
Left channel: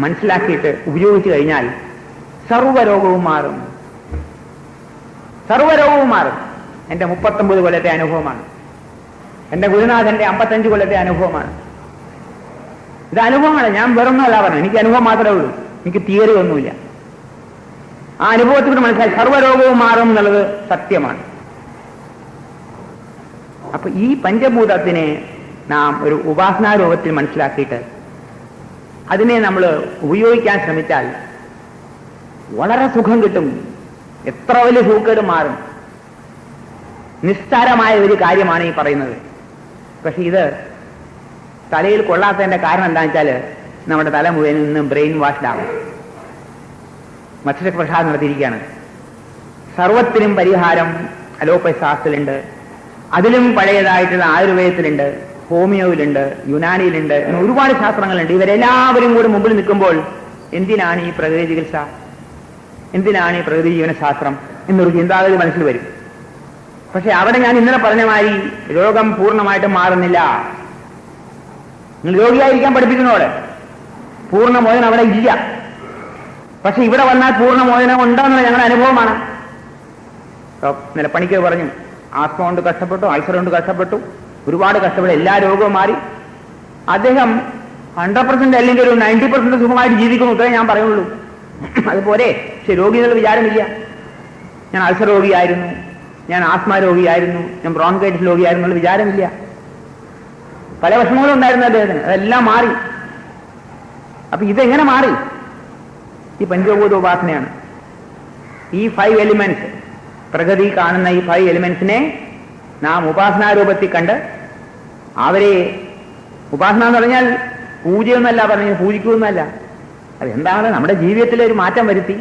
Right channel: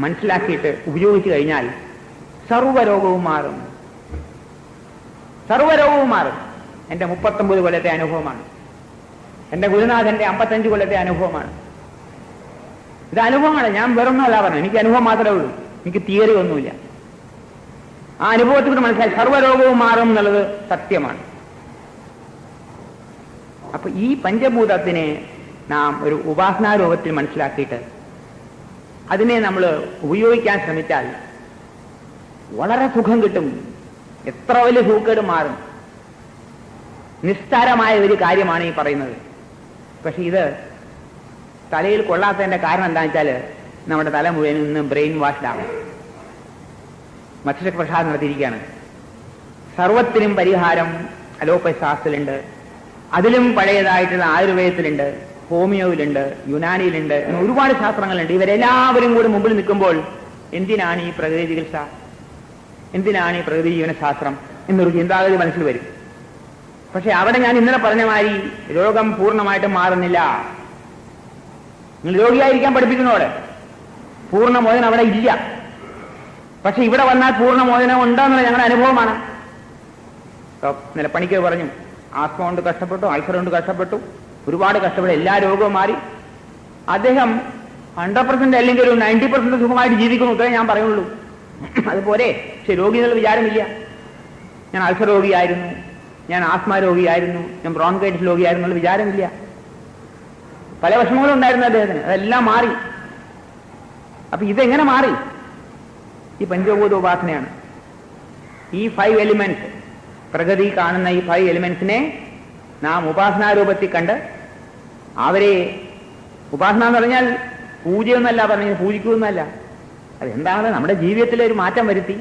മനസ്സിലാക്കിയിട്ട് ഉപയോഗിച്ചു കഴിഞ്ഞാൽ സർവ്വരോഗവും മാറും. എന്റെ 39 കൊല്ലത്തെ അനുഭവമാണ്. എന്റെ ഗുരുനാഥന്റെ 55 കൊല്ലത്തെ അനുഭവമാണ്. ഇത് അനുഭവമാണ്. ഞാൻ വേറൊന്നുമല്ല പറഞ്ഞു. എനിക്ക് അനുഭവം മാത്രമേ ഉള്ളൂ. എനിക്ക് തിയറി ഒന്നുമില്ല. ആ അനുഭവത്തിലൂടെ മനസ്സിലാക്കി സർവ്വരോഗവും മാറും എന്നുള്ളത് സത്യമാണ്. അപ്പൊ ഈ പഞ്ചഭൂതത്തിനെ നാം ഒരു ഉപാസനാരൂപത്തിൽ മനസ്സിലാക്കിയിട്ട് അതിനെ നമ്മൾ ഉപയോഗിക്കാൻ ശ്രമിച്ചാൽ വളരെ സുഖം കിട്ടും. എത്ര വലിയ സൂക്കേട് മാറും. നിസ്സാരമായ ഒരു കാര്യമാണ് ഈ പറയുന്നത്. പക്ഷെ ഇത് തലയിൽ കൊള്ളാത്തതിന്റെ കാരണം എന്താണെന്ന് വെച്ചാൽ നമ്മുടെ തല മുഴുവൻ ഇന്ന് ബ്രെയിൻ വാഷ്ഡാകും. മറ്റൊരു പ്രസാദം നടത്തിയിരിക്കുകയാണ്. സർവത്തിനും പരിഹാരം അലോപ്പതി ശാസ്ത്രത്തിലുണ്ട്. അതിലും പഴയതായിട്ടുള്ള ആയുർവേദത്തിലുണ്ട്, ഹോമിയോയിലുണ്ട്, യുനാനിയിലുണ്ട്, ഒരുപാട് ശാസ്ത്രങ്ങളുണ്ട്. ഇവരെല്ലാവരും കൂടി മുമ്പിൽ നിൽക്കുമ്പോൾ എന്തിനാണ് ഈ പ്രകൃതി ചികിത്സ, എന്തിനാണ് ഈ പ്രകൃതി ജീവനശാസ്ത്രം എന്നൊരു ചിന്താഗതി മനസ്സിൽ വരും. പക്ഷെ അവിടെ ഞാൻ ഇന്നലെ പറഞ്ഞ മാതിരി രോഗം പൂർണ്ണമായിട്ടും മാറുന്നില്ല. നിങ്ങൾ രോഗിയായിരിക്കാൻ പഠിപ്പിക്കുന്നതോടെ പൂർണ്ണമോചനം അവിടെ ഇല്ല. പക്ഷെ ഇവിടെ വന്നാൽ പൂർണ്ണമോചനം ഉണ്ടെന്നുള്ള ഞങ്ങളുടെ അനുഭവമാണ്. ഇന്നലെ പണിക്കർ പറഞ്ഞു, ആസ്മ കൊണ്ട് കഷ്ടപ്പെട്ടു, അൾസർ കൊണ്ട് കഷ്ടപ്പെട്ടു, ഒരുപാട് കഷ്ടപ്പെട്ടു, എല്ലാ രോഗവും മാറി. അദ്ദേഹം 100% അല്ലെങ്കിൽ ഒരു 90% സുഖമായിട്ട് ജീവിക്കുന്നു. ഇത്രേ ഞാൻ പറയുള്ളൂ. അതുപോലെ പക്ഷെ രോഗികൾ വിചാരമില്ല. ഞാൻ അൾസർ രോഗിയായിരുന്നു, ഞാൻ ആസ്മ രോഗിയായിരുന്നു, ഞാൻ ബ്രോൺകൈറ്റിസ് രോഗിയായിരുന്നു എന്നുള്ള വിചാരമില്ല. പല വിഷമങ്ങളും ഉണ്ടായിരുന്നു അദ്ദേഹത്തിന്. അതെല്ലാം മാറി. അപ്പൊ ഇതെങ്ങനെ മാറി? ഈ പഞ്ചഭൂത ഉപാസനയാണ്. ഈ 5 എലിമെന്റ്സ്, പ്രകൃതി കാണുന്ന ഈ 5 എലിമെന്റ്സിനെ നാം ഉപാസനാരൂപത്തിൽ കണ്ട് അവരെ, ഉപാസന എന്ന് പറഞ്ഞാൽ പൂജയൊന്നല്ല പറഞ്ഞു, പൂജിക്കുമെന്നല്ല. അതെന്താണ്? നമ്മുടെ ജീവിതത്തിലെ ഒരു മാറ്റം വരുത്തി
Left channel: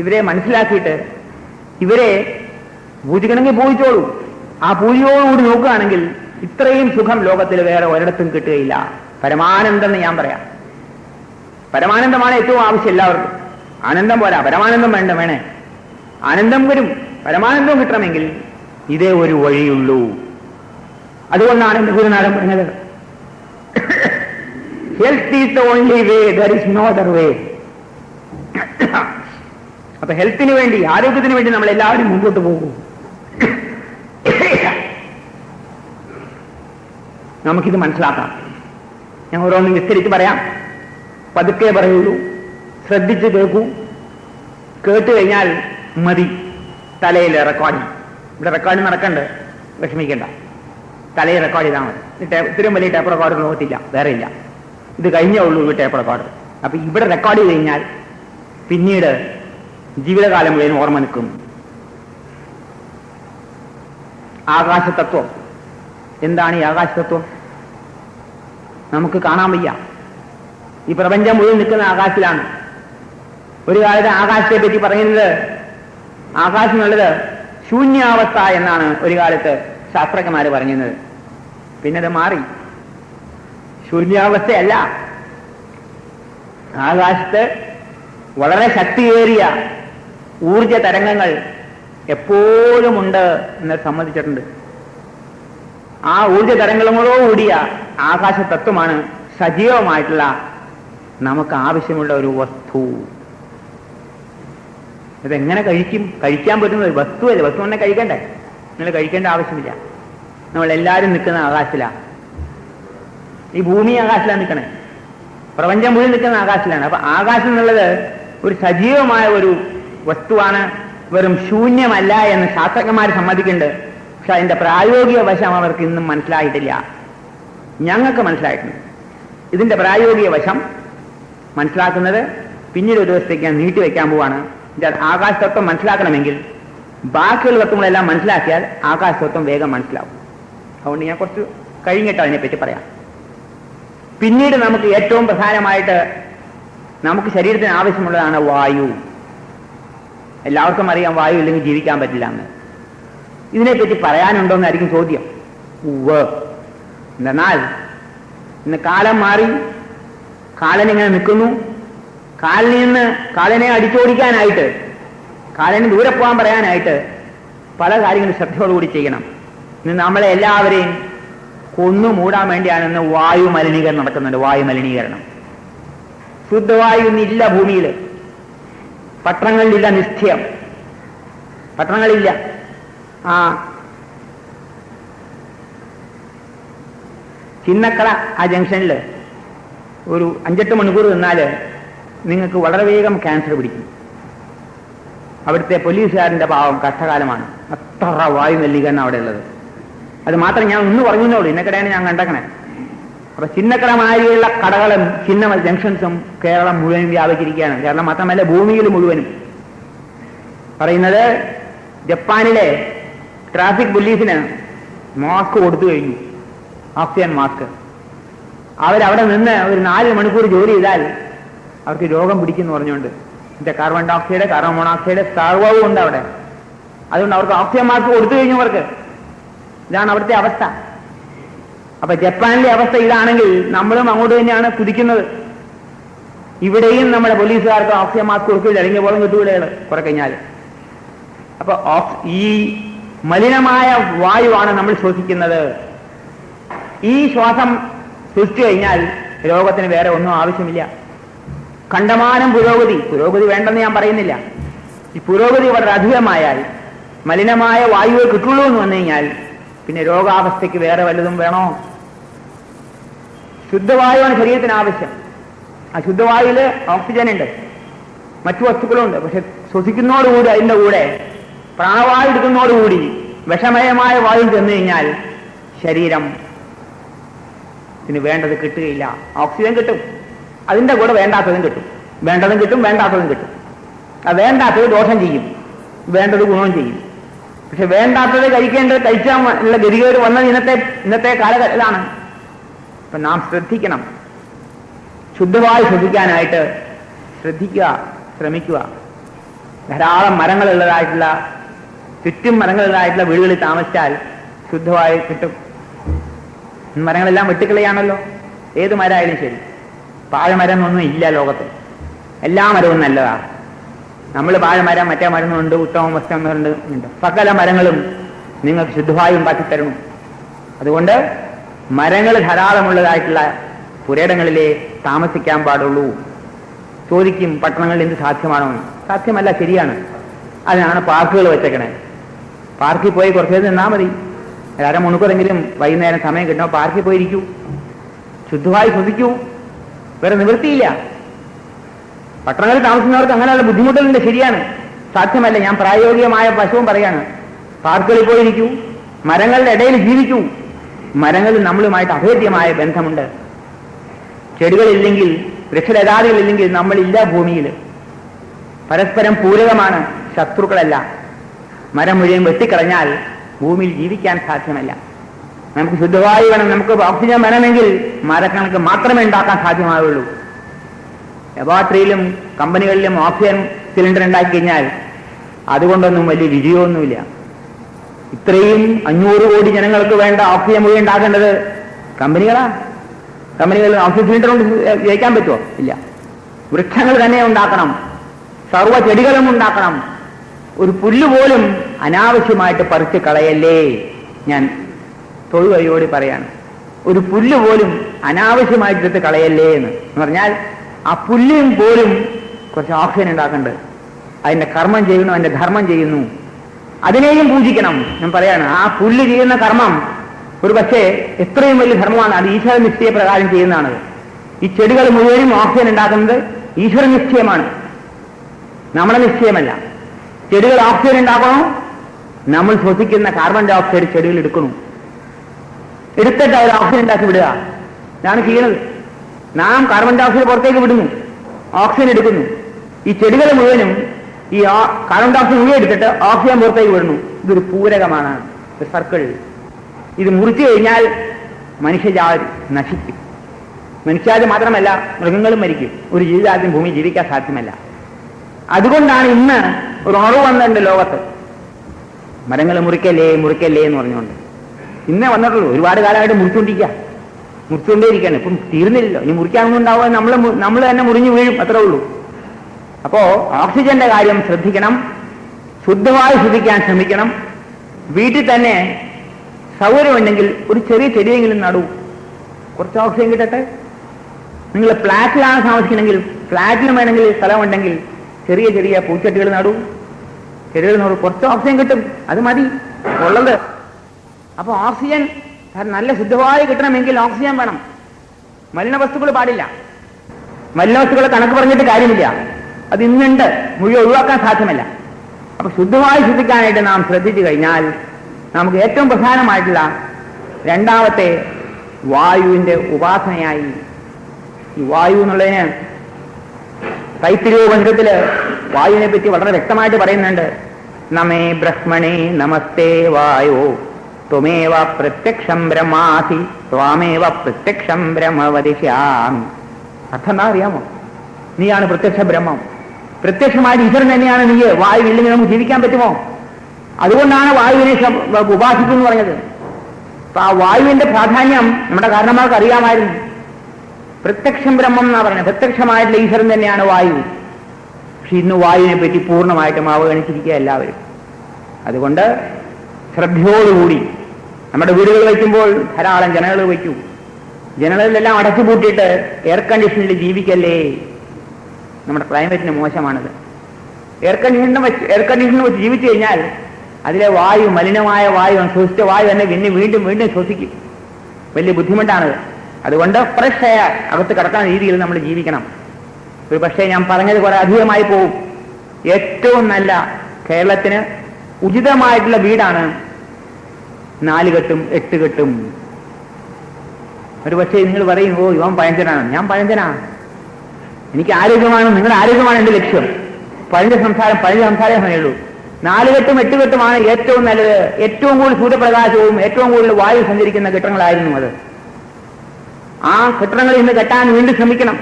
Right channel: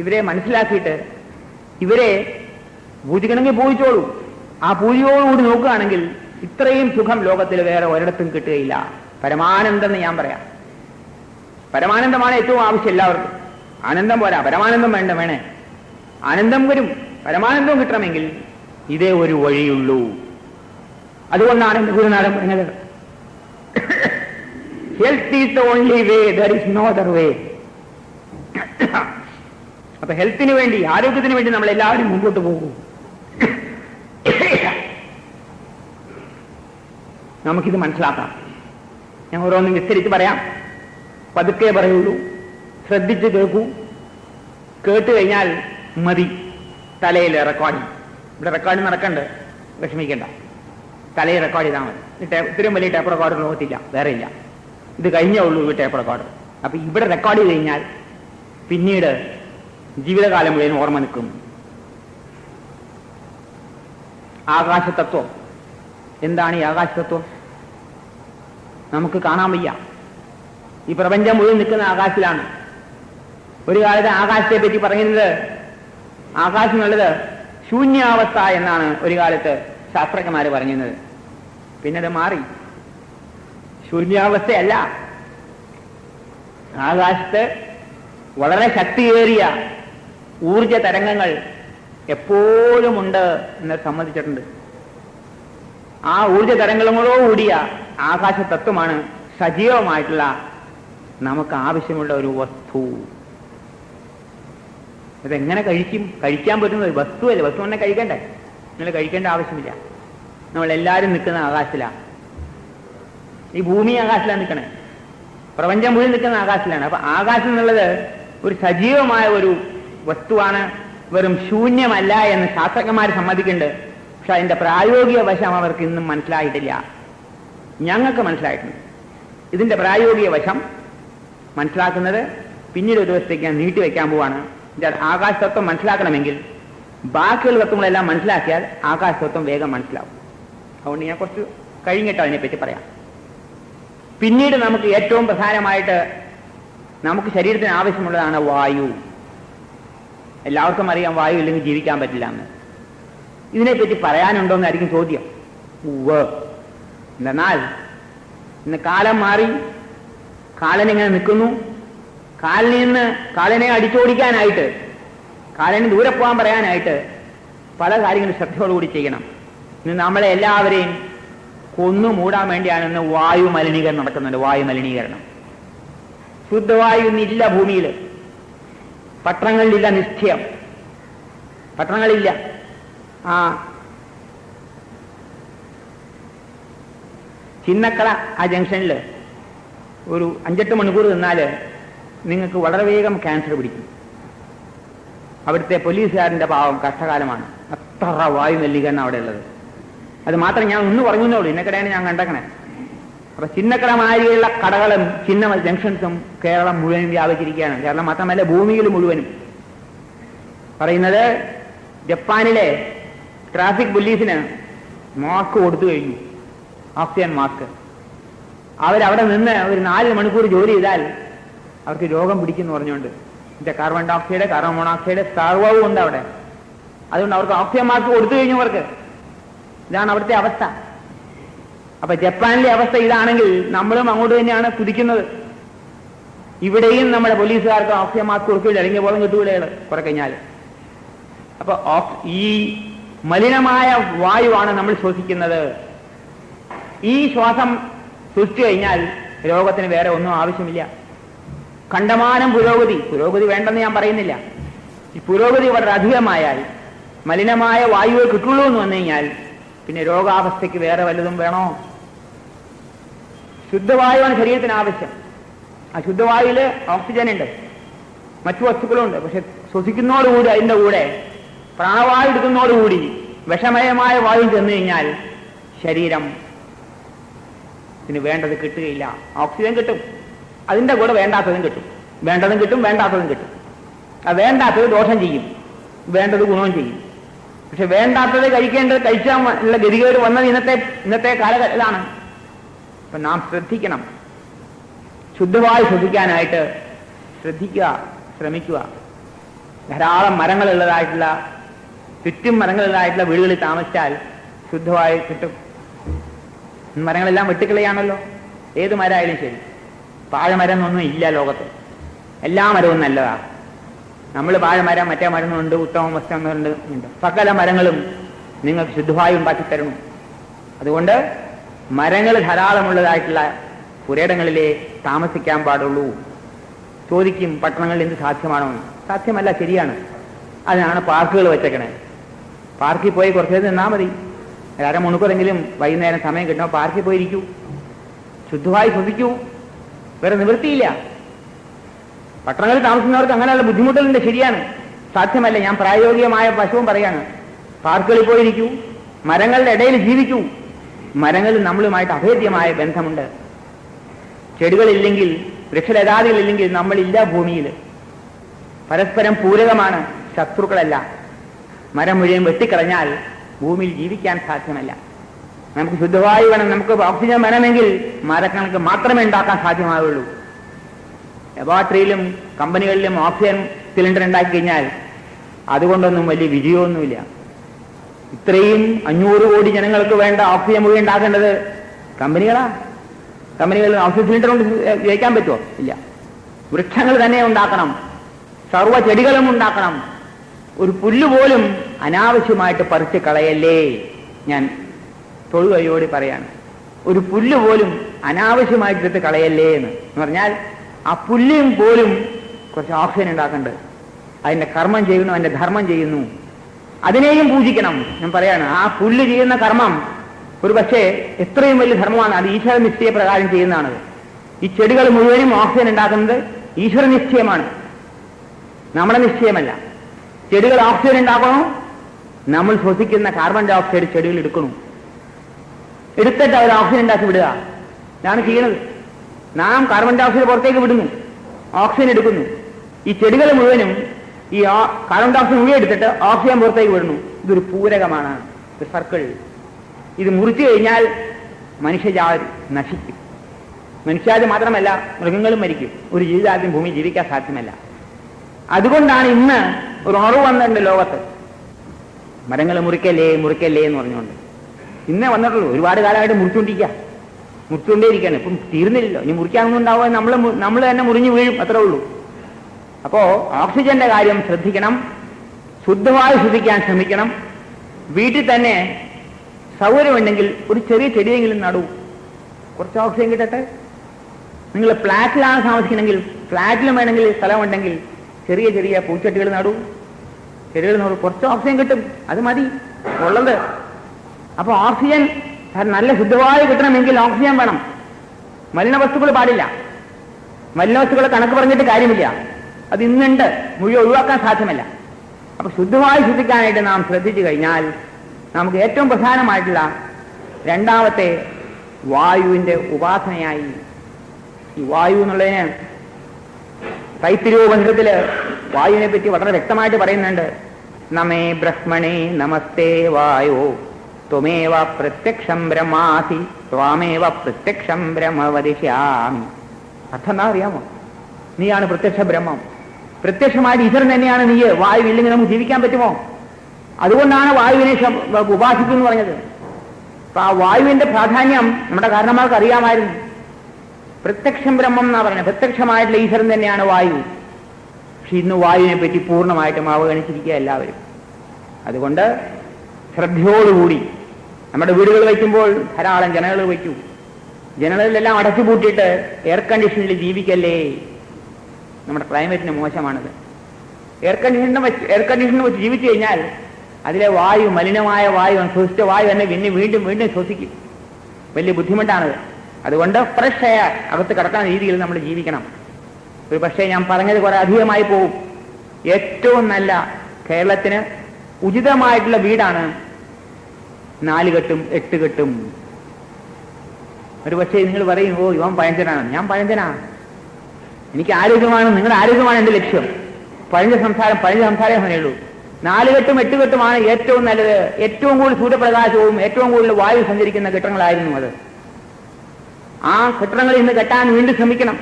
ഇവരെ മനസ്സിലാക്കിയിട്ട് ഇവരെ പൂജിക്കണമെങ്കിൽ പൂജിച്ചോളൂ. ആ പൂജയോടുകൂടി നോക്കുകയാണെങ്കിൽ ഇത്രയും സുഖം ലോകത്തിൽ വേറെ ഒരിടത്തും കിട്ടുകയില്ല. പരമാനന്ദം എന്ന് ഞാൻ പറയാം. പരമാനന്ദമാണ് ഏറ്റവും ആവശ്യം എല്ലാവർക്കും. ആനന്ദം പോരാ, പരമാനന്ദം വേണേ. ആനന്ദം വരും, പരമാനന്ദം കിട്ടണമെങ്കിൽ ഇതേ ഒരു വഴിയുള്ളൂ. അതുകൊണ്ടാണ് ഗുരുനാഥൻ പറഞ്ഞത്, health is the only way, there is no other way. അപ്പൊ ഹെൽത്തിന് വേണ്ടി, ആരോഗ്യത്തിന് വേണ്ടി നമ്മൾ എല്ലാവരും മുമ്പോട്ട് പോകും. നമുക്കിത് മനസ്സിലാക്കാം. ഞാൻ ഓരോന്നും വിസ്തരിച്ച് പറയാം, പതുക്കെ പറയുള്ളൂ, ശ്രദ്ധിച്ച് കേൾക്കൂ. കേട്ടു കഴിഞ്ഞാൽ മതി. തലയിൽ റെക്കോർഡിങ്, ഇവിടെ റെക്കോർഡിങ് നടക്കണ്ട്, വിഷമിക്കണ്ട. തലയിൽ റെക്കോർഡ് ചെയ്താൽ മതി. ഇത്രയും വലിയ ടേപ്പ് റെക്കോർഡ് ലോകത്തില്ല, വേറെ ഇല്ല. ഇത് കഴിഞ്ഞേ ഉള്ളൂ ഈ ടേപ്പ് റെക്കോർഡ്. അപ്പൊ ഇവിടെ റെക്കോർഡ് ചെയ്ത് കഴിഞ്ഞാൽ പിന്നീട് ജീവിതകാലം മുഴുവൻ ഓർമ്മ നിൽക്കും. ആകാശതത്വം എന്താണ്? ഈ ആകാശതത്വം നമുക്ക് കാണാൻ വയ്യ. ഈ പ്രപഞ്ചം മുഴുവൻ നിൽക്കുന്ന ആകാശത്തിലാണ്. ഒരു കാലത്ത് ആകാശത്തെ പറ്റി പറയുന്നത്, ആകാശം എന്നുള്ളത് ശൂന്യാവസ്ഥ എന്നാണ് ഒരു കാലത്ത് ശാസ്ത്രജ്ഞന്മാർ പറഞ്ഞിരുന്നത്. പിന്നെ അത് മാറി. ശൂന്യാവസ്ഥയല്ല, ആകാശത്ത് വളരെ ശക്തിയേറിയ ഊർജ തരംഗങ്ങൾ എപ്പോഴും ഉണ്ട് എന്ന് സമ്മതിച്ചിട്ടുണ്ട്. ആ ഊർജ തരംഗങ്ങളോടുകൂടിയ ആകാശ തത്വമാണ് സജീവമായിട്ടുള്ള നമുക്ക് ആവശ്യമുള്ള ഒരു വസ്തു. ഇതെങ്ങനെ കഴിക്കാൻ പറ്റുന്ന ഒരു വസ്തുവല്ലേ? വസ്തു തന്നെ കഴിക്കണ്ടേ? നിങ്ങൾ കഴിക്കേണ്ട ആവശ്യമില്ല. നമ്മളെല്ലാവരും നിൽക്കുന്ന ആകാശത്തിലാണ്. ഈ ഭൂമി ആകാശത്തിലാണ് നിൽക്കണേ, പ്രപഞ്ചം മുഴുവൻ നിൽക്കുന്ന ആകാശത്തിലാണ്. അപ്പൊ ആകാശം എന്നുള്ളത് ഒരു സജീവമായ ഒരു വസ്തുവാണ്, വെറും ശൂന്യമല്ല എന്ന് ശാസ്ത്രജ്ഞന്മാർ സമ്മതിക്കുന്നുണ്ട്. പക്ഷെ അതിന്റെ പ്രായോഗിക വശം അവർക്ക് ഇന്നും മനസ്സിലായിട്ടില്ല. ഞങ്ങൾക്ക് മനസ്സിലായിട്ടുണ്ട്. ഇതിന്റെ പ്രായോഗിക വശം മനസ്സിലാക്കുന്നത് പിന്നീട് ഒരു ദിവസത്തേക്ക് ഞാൻ നീട്ടിവെക്കാൻ പോവാണ്. ആകാശതത്വം മനസ്സിലാക്കണമെങ്കിൽ ബാക്കിയുള്ള തത്വങ്ങളെല്ലാം മനസ്സിലാക്കിയാൽ ആകാശതത്വം വേഗം മനസ്സിലാവും. അതുകൊണ്ട് ഞാൻ കുറച്ച് കഴിഞ്ഞിട്ട് അതിനെപ്പറ്റി പറയാം. പിന്നീട് നമുക്ക് ഏറ്റവും പ്രധാനമായിട്ട് നമുക്ക് ശരീരത്തിന് ആവശ്യമുള്ളതാണ് വായു. എല്ലാവർക്കും അറിയാം വായു ഇല്ലെങ്കിൽ ജീവിക്കാൻ പറ്റില്ല എന്ന്. ഇതിനെപ്പറ്റി പറയാനുണ്ടോ എന്നായിരിക്കും ചോദ്യം. ഉവ്വ്. എന്നാൽ ഇന്ന് കാലം മാറി, കാലനിങ്ങനെ നിൽക്കുന്നു. കാലനെ അടിച്ചോടിക്കാനായിട്ട്, കാലന് ദൂരെ പോകാൻ പറയാനായിട്ട് പല കാര്യങ്ങളും ശ്രദ്ധയോടുകൂടി ചെയ്യണം. ഇന്ന് നമ്മളെ എല്ലാവരെയും കൊന്നു മൂടാൻ വേണ്ടിയാണ് ഇന്ന് വായു മലിനീകരണം നടക്കുന്നുണ്ട്. വായു മലിനീകരണം. ശുദ്ധവായു ഇന്നില്ല ഭൂമിയിൽ. പട്ടണങ്ങളിലില്ല, നിശ്ചയം. പട്ടണങ്ങളില്ല. ചിന്നക്കട ആ ജംഗ്ഷനിൽ ഒരു 5-8 മണിക്കൂർ നിന്നാൽ നിങ്ങൾക്ക് വളരെ വേഗം ക്യാൻസർ പിടിക്കും. അവിടുത്തെ പോലീസുകാരൻ്റെ പാവം കഷ്ടകാലമാണ്. അത്ര വായു മലിനീകരണം അവിടെ ഉള്ളത്. അത് മാത്രം ഞാൻ ഒന്ന് പറഞ്ഞോളൂ, ഇന്നക്കടയാണ് ഞാൻ കണ്ടേക്കണേ. അപ്പൊ ചിന്നക്കട മാതിരിയുള്ള കടകളും ചിന്ന ജംഗ്ഷൻസും കേരളം മുഴുവൻ വ്യാപിച്ചിരിക്കുകയാണ്. കാരണം മാത്രമല്ല ഭൂമിയിൽ മുഴുവനും. പറയുന്നത് ജപ്പാനിലെ ട്രാഫിക് പോലീസിന് മാസ്ക് കൊടുത്തു കഴിഞ്ഞു, ഓക്സിജൻ മാസ്ക്. അവരവിടെ നിന്ന് ഒരു 4 മണിക്കൂർ ജോലി ചെയ്താൽ അവർക്ക് രോഗം പിടിക്കുന്നു പറഞ്ഞുകൊണ്ട്. ഇതിന്റെ carbon dioxide, carbon monoxide സർവ്വവും ഉണ്ട് അവിടെ. അതുകൊണ്ട് അവർക്ക് ഓക്സിജൻ മാസ്ക് കൊടുത്തു കഴിഞ്ഞു അവർക്ക്. ഇതാണ് അവിടുത്തെ അവസ്ഥ. അപ്പൊ ജപ്പാനിലെ അവസ്ഥ ഇതാണെങ്കിൽ നമ്മളും അങ്ങോട്ട് തന്നെയാണ് കുതിക്കുന്നത്. ഇവിടെയും നമ്മുടെ പോലീസുകാർക്ക് ഓക്സിജൻ മാസ്ക് കൊടുക്കില്ല, അല്ലെങ്കിൽ പോലും കിട്ടൂല കുറെ കഴിഞ്ഞാൽ. അപ്പൊ ഈ മലിനമായ വായുവാണ് നമ്മൾ ശ്വസിക്കുന്നത്. ഈ ശ്വാസം ശ്വസിച്ചു കഴിഞ്ഞാൽ രോഗത്തിന് വേറെ ഒന്നും ആവശ്യമില്ല. കണ്ടമാനം പുരോഗതി വേണ്ടെന്ന് ഞാൻ പറയുന്നില്ല. ഈ പുരോഗതി വളരെ അധികമായാൽ, മലിനമായ വായുവെ കിട്ടുള്ളൂ എന്ന് വന്നു കഴിഞ്ഞാൽ പിന്നെ രോഗാവസ്ഥയ്ക്ക് വേറെ വല്ലതും വേണോ? ശുദ്ധവായുവാണ് ശരീരത്തിന് ആവശ്യം. ആ ശുദ്ധവായുവിൽ ഓക്സിജൻ ഉണ്ട്, മറ്റു വസ്തുക്കളുണ്ട്. പക്ഷെ ശ്വസിക്കുന്നതോടുകൂടി, അതിൻ്റെ കൂടെ പ്രാണവായു എടുക്കുന്നതോടുകൂടി വിഷമയമായ വായു ചെന്നു കഴിഞ്ഞാൽ ശരീരം ഇതിന് വേണ്ടത് കിട്ടുകയില്ല. ഓക്സിജൻ കിട്ടും, അതിൻ്റെ കൂടെ വേണ്ടാത്തതും കിട്ടും. വേണ്ടതും കിട്ടും, വേണ്ടാത്തതും കിട്ടും. ആ വേണ്ടാത്തത് ദോഷം ചെയ്യും, വേണ്ടത് ഗുണവും ചെയ്യും. പക്ഷെ വേണ്ടാത്തത് കഴിക്കേണ്ടത് കഴിച്ചാൽ ഉള്ള ഗതികേട് വന്നത് ഇന്നത്തെ കാലഘട്ടത്തിലാണ്. അപ്പൊ നാം ശ്രദ്ധിക്കണം. ശുദ്ധവായു ശ്രദ്ധിക്കാനായിട്ട് ശ്രമിക്കുക. ധാരാളം ചുറ്റും മരങ്ങളുള്ളതായിട്ടുള്ള വീടുകളിൽ താമസിച്ചാൽ ശുദ്ധവായു കിട്ടും. മരങ്ങളെല്ലാം വെട്ടിക്കളിയാണല്ലോ. ഏത് മരമായാലും ശരി, പാഴമരം എന്നൊന്നും ഇല്ല ലോകത്ത്. എല്ലാ മരവും നല്ലതാ. നമ്മൾ പാഴമരം, മറ്റേ മരുന്നുണ്ട്, ഉത്തമ വസ്തുണ്ട്, ഉണ്ട്. സകല മരങ്ങളും നിങ്ങൾക്ക് ശുദ്ധവായു ഉണ്ടാക്കിത്തരണം. അതുകൊണ്ട് മരങ്ങൾ ധാരാളമുള്ളതായിട്ടുള്ള പുരയിടങ്ങളിലേ താമസിക്കാൻ പാടുള്ളൂ. ചോദിക്കും പട്ടണങ്ങളിൽ എന്ത് സാധ്യമാണോ? സാധ്യമല്ല, ശരിയാണ്. അതിനാണ് പാർക്കുകൾ വെച്ചേക്കണേ. പാർക്കിൽ പോയി കുറച്ച് നേരം നിന്നാൽ മതി. അരമണിക്കൂറെങ്കിലും വൈകുന്നേരം സമയം കിട്ടുമ്പോൾ പാർക്കിൽ പോയിരിക്കൂ, ശുദ്ധമായി ശ്വസിക്കൂ. വേറെ നിവൃത്തിയില്ല. പട്ടണങ്ങളിൽ താമസിക്കുന്നവർക്ക് അങ്ങനെയുള്ള ബുദ്ധിമുട്ടുകളുണ്ട്, ശരിയാണ്, സാധ്യമല്ല. ഞാൻ പ്രായോഗികമായ വശവും പറയാണ്. പാർക്കുകളിൽ പോയിരിക്കൂ, മരങ്ങളുടെ ഇടയിൽ ജീവിക്കൂ. മരങ്ങളിൽ നമ്മളുമായിട്ട് അഭേദ്യമായ ബന്ധമുണ്ട്. ചെടികളില്ലെങ്കിൽ, വൃക്ഷലതാദികളില്ലെങ്കിൽ നമ്മളില്ല ഭൂമിയിൽ. പരസ്പരം പൂരകമാണ്, ശത്രുക്കളല്ല. മരം മുഴുവൻ വെട്ടിക്കളഞ്ഞാൽ ഭൂമിയിൽ ജീവിക്കാൻ സാധ്യമല്ല. നമുക്ക് ശുദ്ധവായു വേണം, നമുക്ക് ഓക്സിജൻ വേണമെങ്കിൽ മരക്കണക്ക് മാത്രമേ ഉണ്ടാക്കാൻ സാധ്യമാവുള്ളൂ. ലബോറട്ടറിയിലും കമ്പനികളിലും ഓക്സിജൻ സിലിണ്ടർ ഉണ്ടാക്കി കഴിഞ്ഞാൽ അതുകൊണ്ടൊന്നും വലിയ വിജയമൊന്നുമില്ല. ഇത്രയും 500 കോടി ജനങ്ങൾക്ക് വേണ്ട ഓക്സിജൻ മുഴുവൻ ഉണ്ടാക്കേണ്ടത് കമ്പനികളാ. കമ്പനികളിൽ ഓക്സിജൻ സിലിണ്ടർ കൊണ്ട് ഉപയോഗിക്കാൻ പറ്റുമോ? ഇല്ല. വൃക്ഷങ്ങൾ തന്നെ ഉണ്ടാക്കണം, സർവ്വ ചെടികളും ഉണ്ടാക്കണം. ഒരു പുല്ല് പോലും അനാവശ്യമായിട്ട് പറിച്ച് കളയല്ലേ. ഞാൻ തൊഴുവഴിയോട് പറയാണ്, ഒരു പുല്ല് പോലും അനാവശ്യമായിട്ട് എടുത്ത് കളയല്ലേ എന്ന് പറഞ്ഞാൽ ആ പുല്ലും പോലും കുറച്ച് ഓക്സിജൻ ഉണ്ടാക്കുന്നുണ്ട്. അതിന്റെ കർമ്മം ചെയ്യുന്നു, അതിന്റെ ധർമ്മം ചെയ്യുന്നു. അതിനെയും പൂജിക്കണം. ഞാൻ പറയാണ്, ആ പുല്ല് ചെയ്യുന്ന കർമ്മം ഒരു പക്ഷേ എത്രയും വലിയ ധർമ്മമാണ്. അത് ഈശ്വര നിശ്ചയ പ്രകാരം ചെയ്യുന്നതാണ്. ഈ ചെടികൾ മുഴുവനും ഓക്സിജൻ ഉണ്ടാക്കുന്നത് ഈശ്വര നിശ്ചയമാണ്, നമ്മുടെ നിശ്ചയമല്ല. ചെടികൾ ഓക്സിജൻ ഉണ്ടാക്കണം, നമ്മൾ ശ്വസിക്കുന്ന കാർബൺ ഡൈ ഓക്സൈഡ് ചെടികൾ എടുക്കണം. എടുത്തിട്ട് അവർ ഓക്സിജൻ ഉണ്ടാക്കി വിടുക. ഇതാണ് ചെയ്യുന്നത്. നാം കാർബൺ ഡൈ ഓക്സൈഡ് പുറത്തേക്ക് വിടുന്നു, ഓക്സിജൻ എടുക്കുന്നു. ഈ ചെടികൾ മുഴുവനും ഈ കാർബൺ ഡൈ ഓക്സൈഡ് മുഴുവൻ എടുത്തിട്ട് ഓക്സിജൻ പുറത്തേക്ക് വിടുന്നു. ഇതൊരു പൂരകമാണ്, ഒരു സർക്കിൾ. ഇത് മുറിച്ചു കഴിഞ്ഞാൽ മനുഷ്യജാതി നശിക്കും. മനുഷ്യജാതി മാത്രമല്ല, മൃഗങ്ങളും മരിക്കും. ഒരു ജീവിതജാതിയും ഭൂമി ജീവിക്കാൻ സാധ്യമല്ല. അതുകൊണ്ടാണ് ഇന്ന് ഒരു ഉറവ് വന്നതിന്റെ ലോകത്ത് മരങ്ങൾ മുറിക്കല്ലേ മുറിക്കല്ലേ എന്ന് പറഞ്ഞുകൊണ്ട് ഇന്നേ വന്നിട്ടുള്ളൂ. ഒരുപാട് കാലമായിട്ട് മുറിച്ചുകൊണ്ടേയിരിക്കുകയാണ്. ഇപ്പം തീർന്നില്ലല്ലോ. ഇനി മുറിക്കാനുണ്ടാവുക നമ്മൾ തന്നെ മുറിഞ്ഞു വീഴും, അത്രേ ഉള്ളൂ. അപ്പോ ഓക്സിജന്റെ കാര്യം ശ്രദ്ധിക്കണം, ശുദ്ധമായി ശ്രദ്ധിക്കാൻ ശ്രമിക്കണം. വീട്ടിൽ തന്നെ സൗകര്യമുണ്ടെങ്കിൽ ഒരു ചെറിയ ചെടിയെങ്കിലും നടൂ, കുറച്ച് ഓക്സിജൻ കിട്ടട്ടെ. നിങ്ങൾ ഫ്ലാറ്റിലാണ് താമസിക്കണമെങ്കിൽ ഫ്ലാറ്റിലും വേണമെങ്കിൽ സ്ഥലമുണ്ടെങ്കിൽ ചെറിയ ചെറിയ പൂച്ചട്ടികൾ നടൂ, ചെടികൾ നടും, കുറച്ച് ഓക്സിജൻ കിട്ടും, അത് മതി ഉള്ളത്. അപ്പൊ ഓക്സിജൻ നല്ല ശുദ്ധമായി കിട്ടണമെങ്കിൽ ഓക്സിജൻ വേണം. മലിന വസ്തുക്കൾ പാടില്ല. മലിന വസ്തുക്കളെ കണക്ക് പറഞ്ഞിട്ട് കാര്യമില്ല, അത് ഇന്നുണ്ട്, മുഴുവൻ ഒഴിവാക്കാൻ സാധ്യമല്ല. അപ്പൊ ശുദ്ധമായി ശ്രദ്ധിക്കാനായിട്ട് നാം ശ്രദ്ധിച്ചു കഴിഞ്ഞാൽ നമുക്ക് ഏറ്റവും പ്രധാനമായിട്ടുള്ള രണ്ടാമത്തെ വായുവിന്റെ ഉപാസനയായി, ഈ വായു എന്നുള്ളതിന് തൈത്തിരീയ ബന്ധത്തില് വായുവിനെ പറ്റി വളരെ വ്യക്തമായിട്ട് പറയുന്നുണ്ട്. നമേ ബ്രഹ്മണേ നമസ്തേ വായോ ത്വമേവ പ്രത്യക്ഷം ബ്രഹ്മാസി ത്വാമേവ പ്രത്യക്ഷം ബ്രഹ്മ വദിഷ്യാമി. അർത്ഥം എന്താ അറിയാമോ? നീയാണ് പ്രത്യക്ഷ ബ്രഹ്മം. പ്രത്യക്ഷമായിട്ട് ഈശ്വരൻ തന്നെയാണ് നീ. വായുവില്ലെങ്കിൽ നമുക്ക് ജീവിക്കാൻ പറ്റുമോ? അതുകൊണ്ടാണ് വായുവിനെ ഉപാസിക്കുന്നു പറഞ്ഞത്. അപ്പൊ ആ വായുവിന്റെ പ്രാധാന്യം നമ്മുടെ കാരണന്മാർക്ക് അറിയാമായിരുന്നു. പ്രത്യക്ഷം ബ്രഹ്മം എന്നാ പറയുന്നത്. പ്രത്യക്ഷമായിട്ടുള്ള ഈശ്വരൻ തന്നെയാണ് വായു. പക്ഷെ ഇന്ന് വായുവിനെ പറ്റി പൂർണ്ണമായിട്ടും അവഗണിച്ചിരിക്കുക എല്ലാവരും. അതുകൊണ്ട് ശ്രദ്ധയോടുകൂടി നമ്മുടെ വീടുകൾ വയ്ക്കുമ്പോൾ ധാരാളം ജനലുകൾ വയ്ക്കൂ. ജനലുകളെല്ലാം അടച്ചുപൂട്ടിയിട്ട് എയർ കണ്ടീഷനിൽ ജീവിക്കല്ലേ. നമ്മുടെ ക്ലൈമറ്റിന് മോശമാണത്. എയർ കണ്ടീഷനെ വെച്ച് ജീവിച്ചു കഴിഞ്ഞാൽ അതിലെ വായു, മലിനമായ വായു, ശ്വസിച്ച വായു തന്നെ വീണ്ടും ശ്വസിക്കും. വലിയ ബുദ്ധിമുട്ടാണത്. അതുകൊണ്ട് ഫ്രഷ് എയർ അകത്ത് കടക്കാൻ രീതിയിൽ നമ്മൾ ജീവിക്കണം. ഒരു പക്ഷേ ഞാൻ പറഞ്ഞത് കുറെ അധികമായി പോകും. ഏറ്റവും നല്ല കേരളത്തിന് ഉചിതമായിട്ടുള്ള വീടാണ് 4 കെട്ടും 8 കെട്ടും. ഒരു പക്ഷേ നിങ്ങൾ പറയും, ഓ ഇവൻ പഴഞ്ചനാണ്. ഞാൻ പഴഞ്ചനാണ്, എനിക്ക് ആരോഗ്യമാണ്, നിങ്ങളുടെ ആരോഗ്യമാണ് എന്റെ ലക്ഷ്യം. പഴഞ്ച സംസാരം പറയുള്ളൂ. 4 കെട്ടും 8 കെട്ടുമാണ് ഏറ്റവും നല്ലത്. ഏറ്റവും കൂടുതൽ സൂര്യപ്രകാശവും ഏറ്റവും കൂടുതൽ വായു സഞ്ചരിക്കുന്ന കെട്ടിടങ്ങളായിരുന്നു അത്. ആ കെട്ടിടങ്ങൾ ഇന്ന് കെട്ടാൻ വേണ്ടി ശ്രമിക്കണം.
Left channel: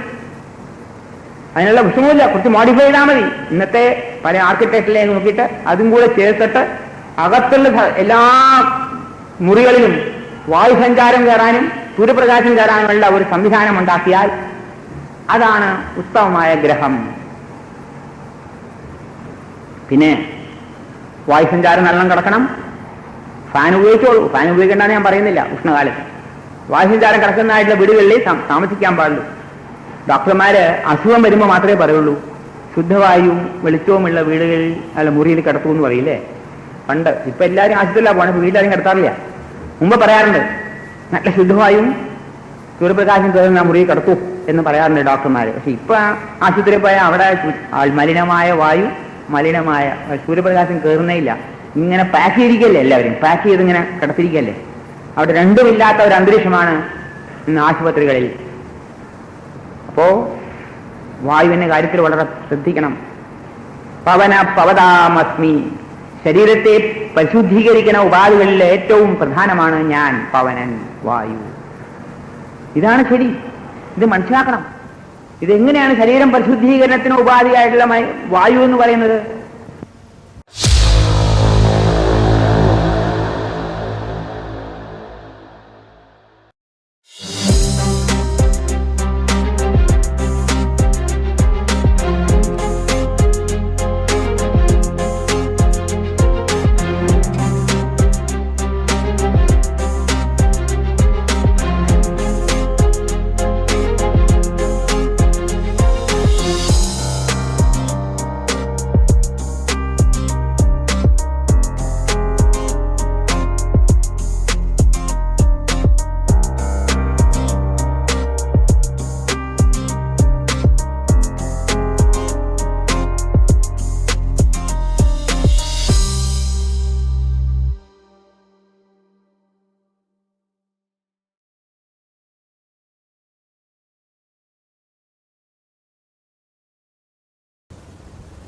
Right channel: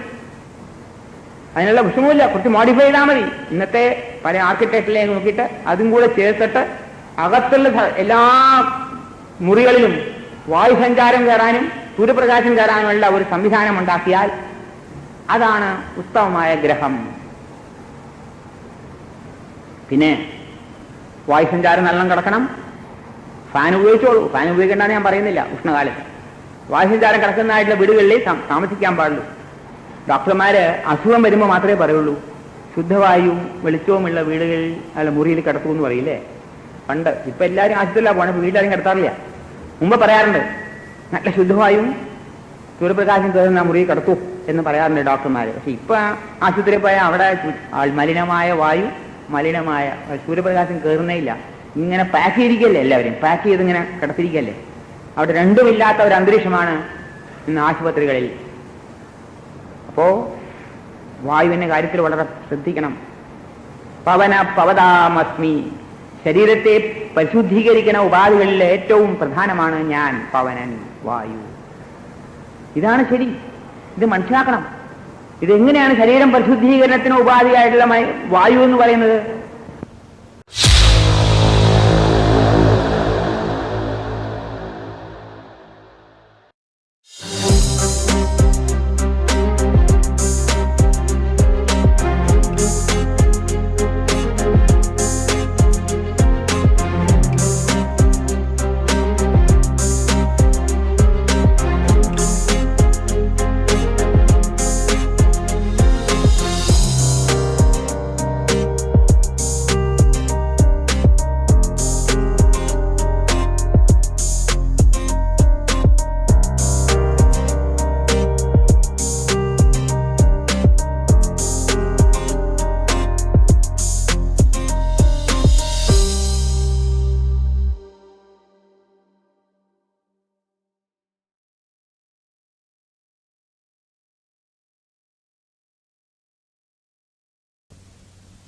അതിനുള്ള വിഷമമില്ല, കുറച്ച് മോഡിഫൈ ചെയ്താൽ മതി. ഇന്നത്തെ പല ആർക്കിടെക്റ്റിലേക്ക് നോക്കിയിട്ട് അതും കൂടെ ചേർത്തിട്ട് അകത്തുള്ള എല്ലാ മുറികളിലും വായുസഞ്ചാരം കയറാനും സൂര്യപ്രകാശം കയറാനുള്ള ഒരു സംവിധാനം ഉണ്ടാക്കിയാൽ അതാണ് ഉത്തമമായ ഗ്രഹം. പിന്നെ വായുസഞ്ചാരം നല്ലോണം കിടക്കണം. ഫാൻ ഉപയോഗിച്ചോളൂ, ഫാൻ ഉപയോഗിക്കേണ്ടെന്ന് ഞാൻ പറയുന്നില്ല. ഉഷ്ണകാലത്ത് വായുസഞ്ചാരം കിടക്കുന്നതായിട്ടുള്ള വീടുകളിൽ താമസിക്കാൻ പാടുള്ളൂ. ഡോക്ടർമാര് അസുഖം വരുമ്പോൾ മാത്രമേ പറയുള്ളൂ ശുദ്ധവായുവും വെളിച്ചവുമുള്ള വീടുകളിൽ അല്ല മുറിയിൽ കിടത്തൂ എന്ന് പറയില്ലേ പണ്ട്. ഇപ്പൊ എല്ലാവരും ആശുപത്രിയിലാണ് പോകണം, വീട്ടിലാരും കിടത്താറില്ല. മുമ്പ് പറയാറുണ്ട് നല്ല ശുദ്ധവായുവും സൂര്യപ്രകാശം കയറുന്ന മുറിയിൽ കിടത്തൂ എന്ന് പറയാറുണ്ട് ഡോക്ടർമാർ. പക്ഷെ ഇപ്പൊ ആശുപത്രിയിൽ പോയാൽ അവിടെ മലിനമായ വായു, മലിനമായ സൂര്യപ്രകാശം കയറുന്നേ ഇല്ല. ഇങ്ങനെ പാക്ക് ചെയ്തിരിക്കല്ലേ, എല്ലാവരും പാക്ക് ചെയ്ത് ഇങ്ങനെ കിടത്തിരിക്കല്ലേ. അവിടെ രണ്ടുമില്ലാത്ത ഒരു അന്തരീക്ഷമാണ് ഇന്ന് ആശുപത്രികളിൽ. അപ്പോ വായുവിന്റെ കാര്യത്തിൽ വളരെ ശ്രദ്ധിക്കണം. പവന പവതാമസ്മി, ശരീരത്തെ പരിശുദ്ധീകരിക്കുന്ന ഉപാധികളിൽ ഏറ്റവും പ്രധാനമാണ് ഞാൻ, പവനൻ, വായു. ഇതാണ് ശരി, ഇത് മനസ്സിലാക്കണം. ഇതെങ്ങനെയാണ് ശരീരം പരിശുദ്ധീകരണത്തിന് ഉപാധിയായിട്ടുള്ള വായു എന്ന് പറയുന്നത്?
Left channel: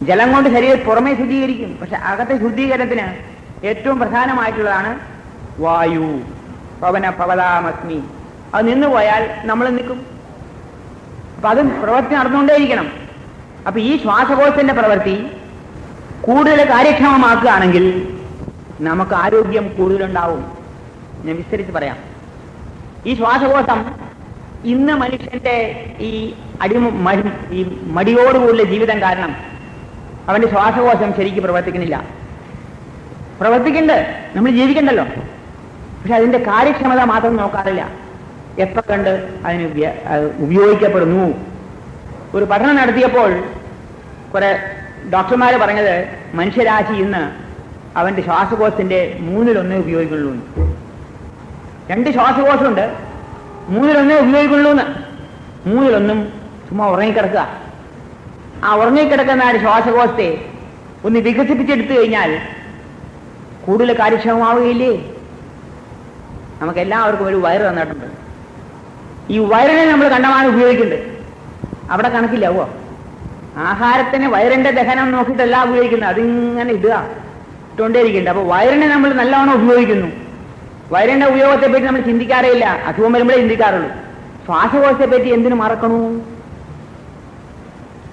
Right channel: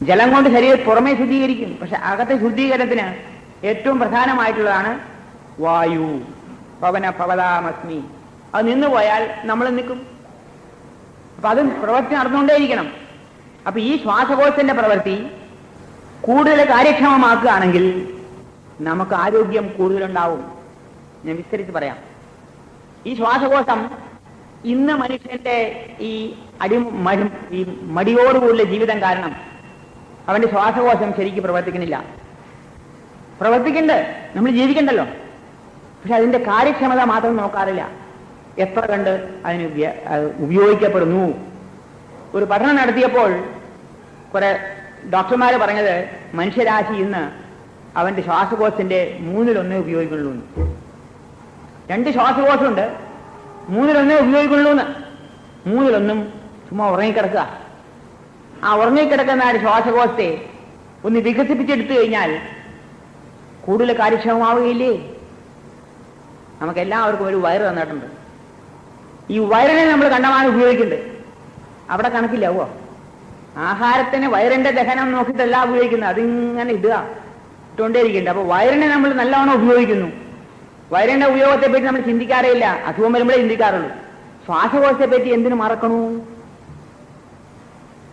ജലം കൊണ്ട് ശരീരം പുറമേ ശുദ്ധീകരിക്കും, പക്ഷെ അകത്തെ ശുദ്ധീകരണത്തിന് ഏറ്റവും പ്രധാനമായിട്ടുള്ളതാണ് വായു. പവന പവതാമസ്മി. അത് നിന്നുപോയാൽ നമ്മൾ നിൽക്കും. അപ്പൊ അതും പ്രവൃത്തി നടന്നുകൊണ്ടേയിരിക്കണം. അപ്പൊ ഈ ശ്വാസകോശത്തിന്റെ പ്രവൃത്തി കൂടുതൽ കാര്യക്ഷമമാക്കുകയാണെങ്കിൽ നമുക്ക് ആരോഗ്യം കൂടുതലുണ്ടാവും. ഞാൻ വിസ്തരിച്ച് പറയാം. ഈ ശ്വാസകോശം ഇന്ന് മനുഷ്യന്റെ ഈ ഈ മടിയോടുകൂടിയ ജീവിതം കാരണം അവന്റെ ശ്വാസകോശം ശരിക്കും പ്രവർത്തിക്കുന്നില്ല. പ്രവർത്തിക്കുന്നുണ്ട്, നമ്മൾ ജീവിക്കണ്ടല്ലോ. പക്ഷെ അതിന്റെ കാര്യക്ഷമത മാത്രം നോക്കാറില്ല. എത്ര കണ്ട് അതിന് ഉപയോഗിക്കപ്പെടുന്നു. ഒരു പഠനം നടത്തിയപ്പോൾ കുറെ ഡോക്ടർമാര് പറഞ്ഞത് മനുഷ്യരാശി ഇന്ന് അവന്റെ ശ്വാസകോശത്തിന്റെ 1/3 ഉപയോഗിക്കുള്ളൂ. 2 ശ്വാസകോശമുണ്ട്, 1/3 ഉപയോഗിക്കുള്ളൂ. 1/3 ചുമ്മാ ഉറങ്ങിക്കിടക്കുക. ആ ഉറങ്ങിക്കിടക്കുന്ന ഒരു ശ്വാസകോശത്തെ ഒന്ന് വികസിപ്പിച്ചെടുത്തു കഴിഞ്ഞാൽ കൂടുതൽ കാര്യക്ഷമമാവുകയില്ലേ? നമുക്കെല്ലാവർക്കും ഒരു വയറ് തന്നിട്ടുണ്ട്. ഈ വയറിനെ നമ്മൾ കണ്ടമാനം ഉപയോഗിക്കുന്നുണ്ട്. അവിടെ കണക്കില്ലാവോ? ആഹാരത്തിന് വയറിന്റെ ദഹനം നോക്കിയിട്ടല്ല ഉപയോഗിക്കുന്നത്, അതിങ്ങനെ ഇട്ടുകൊണ്ടേയിരിക്കുന്നുണ്ട്. അപ്പൊ വയറിനെ നമ്മൾ നല്ലവണ്ണം ഉപയോഗിക്കുന്നു. വയറിന്റെ ഉപയോഗത്തെ പറ്റി നമ്മൾ ചിന്തിക്കാറേ ഇല്ല. അസുഖം വരുമ്പോഴേ ചിന്തിക്കാറുള്ളൂ. ശ്വാസകോശത്തെ പറ്റി എന്തിനു മറക്കണു?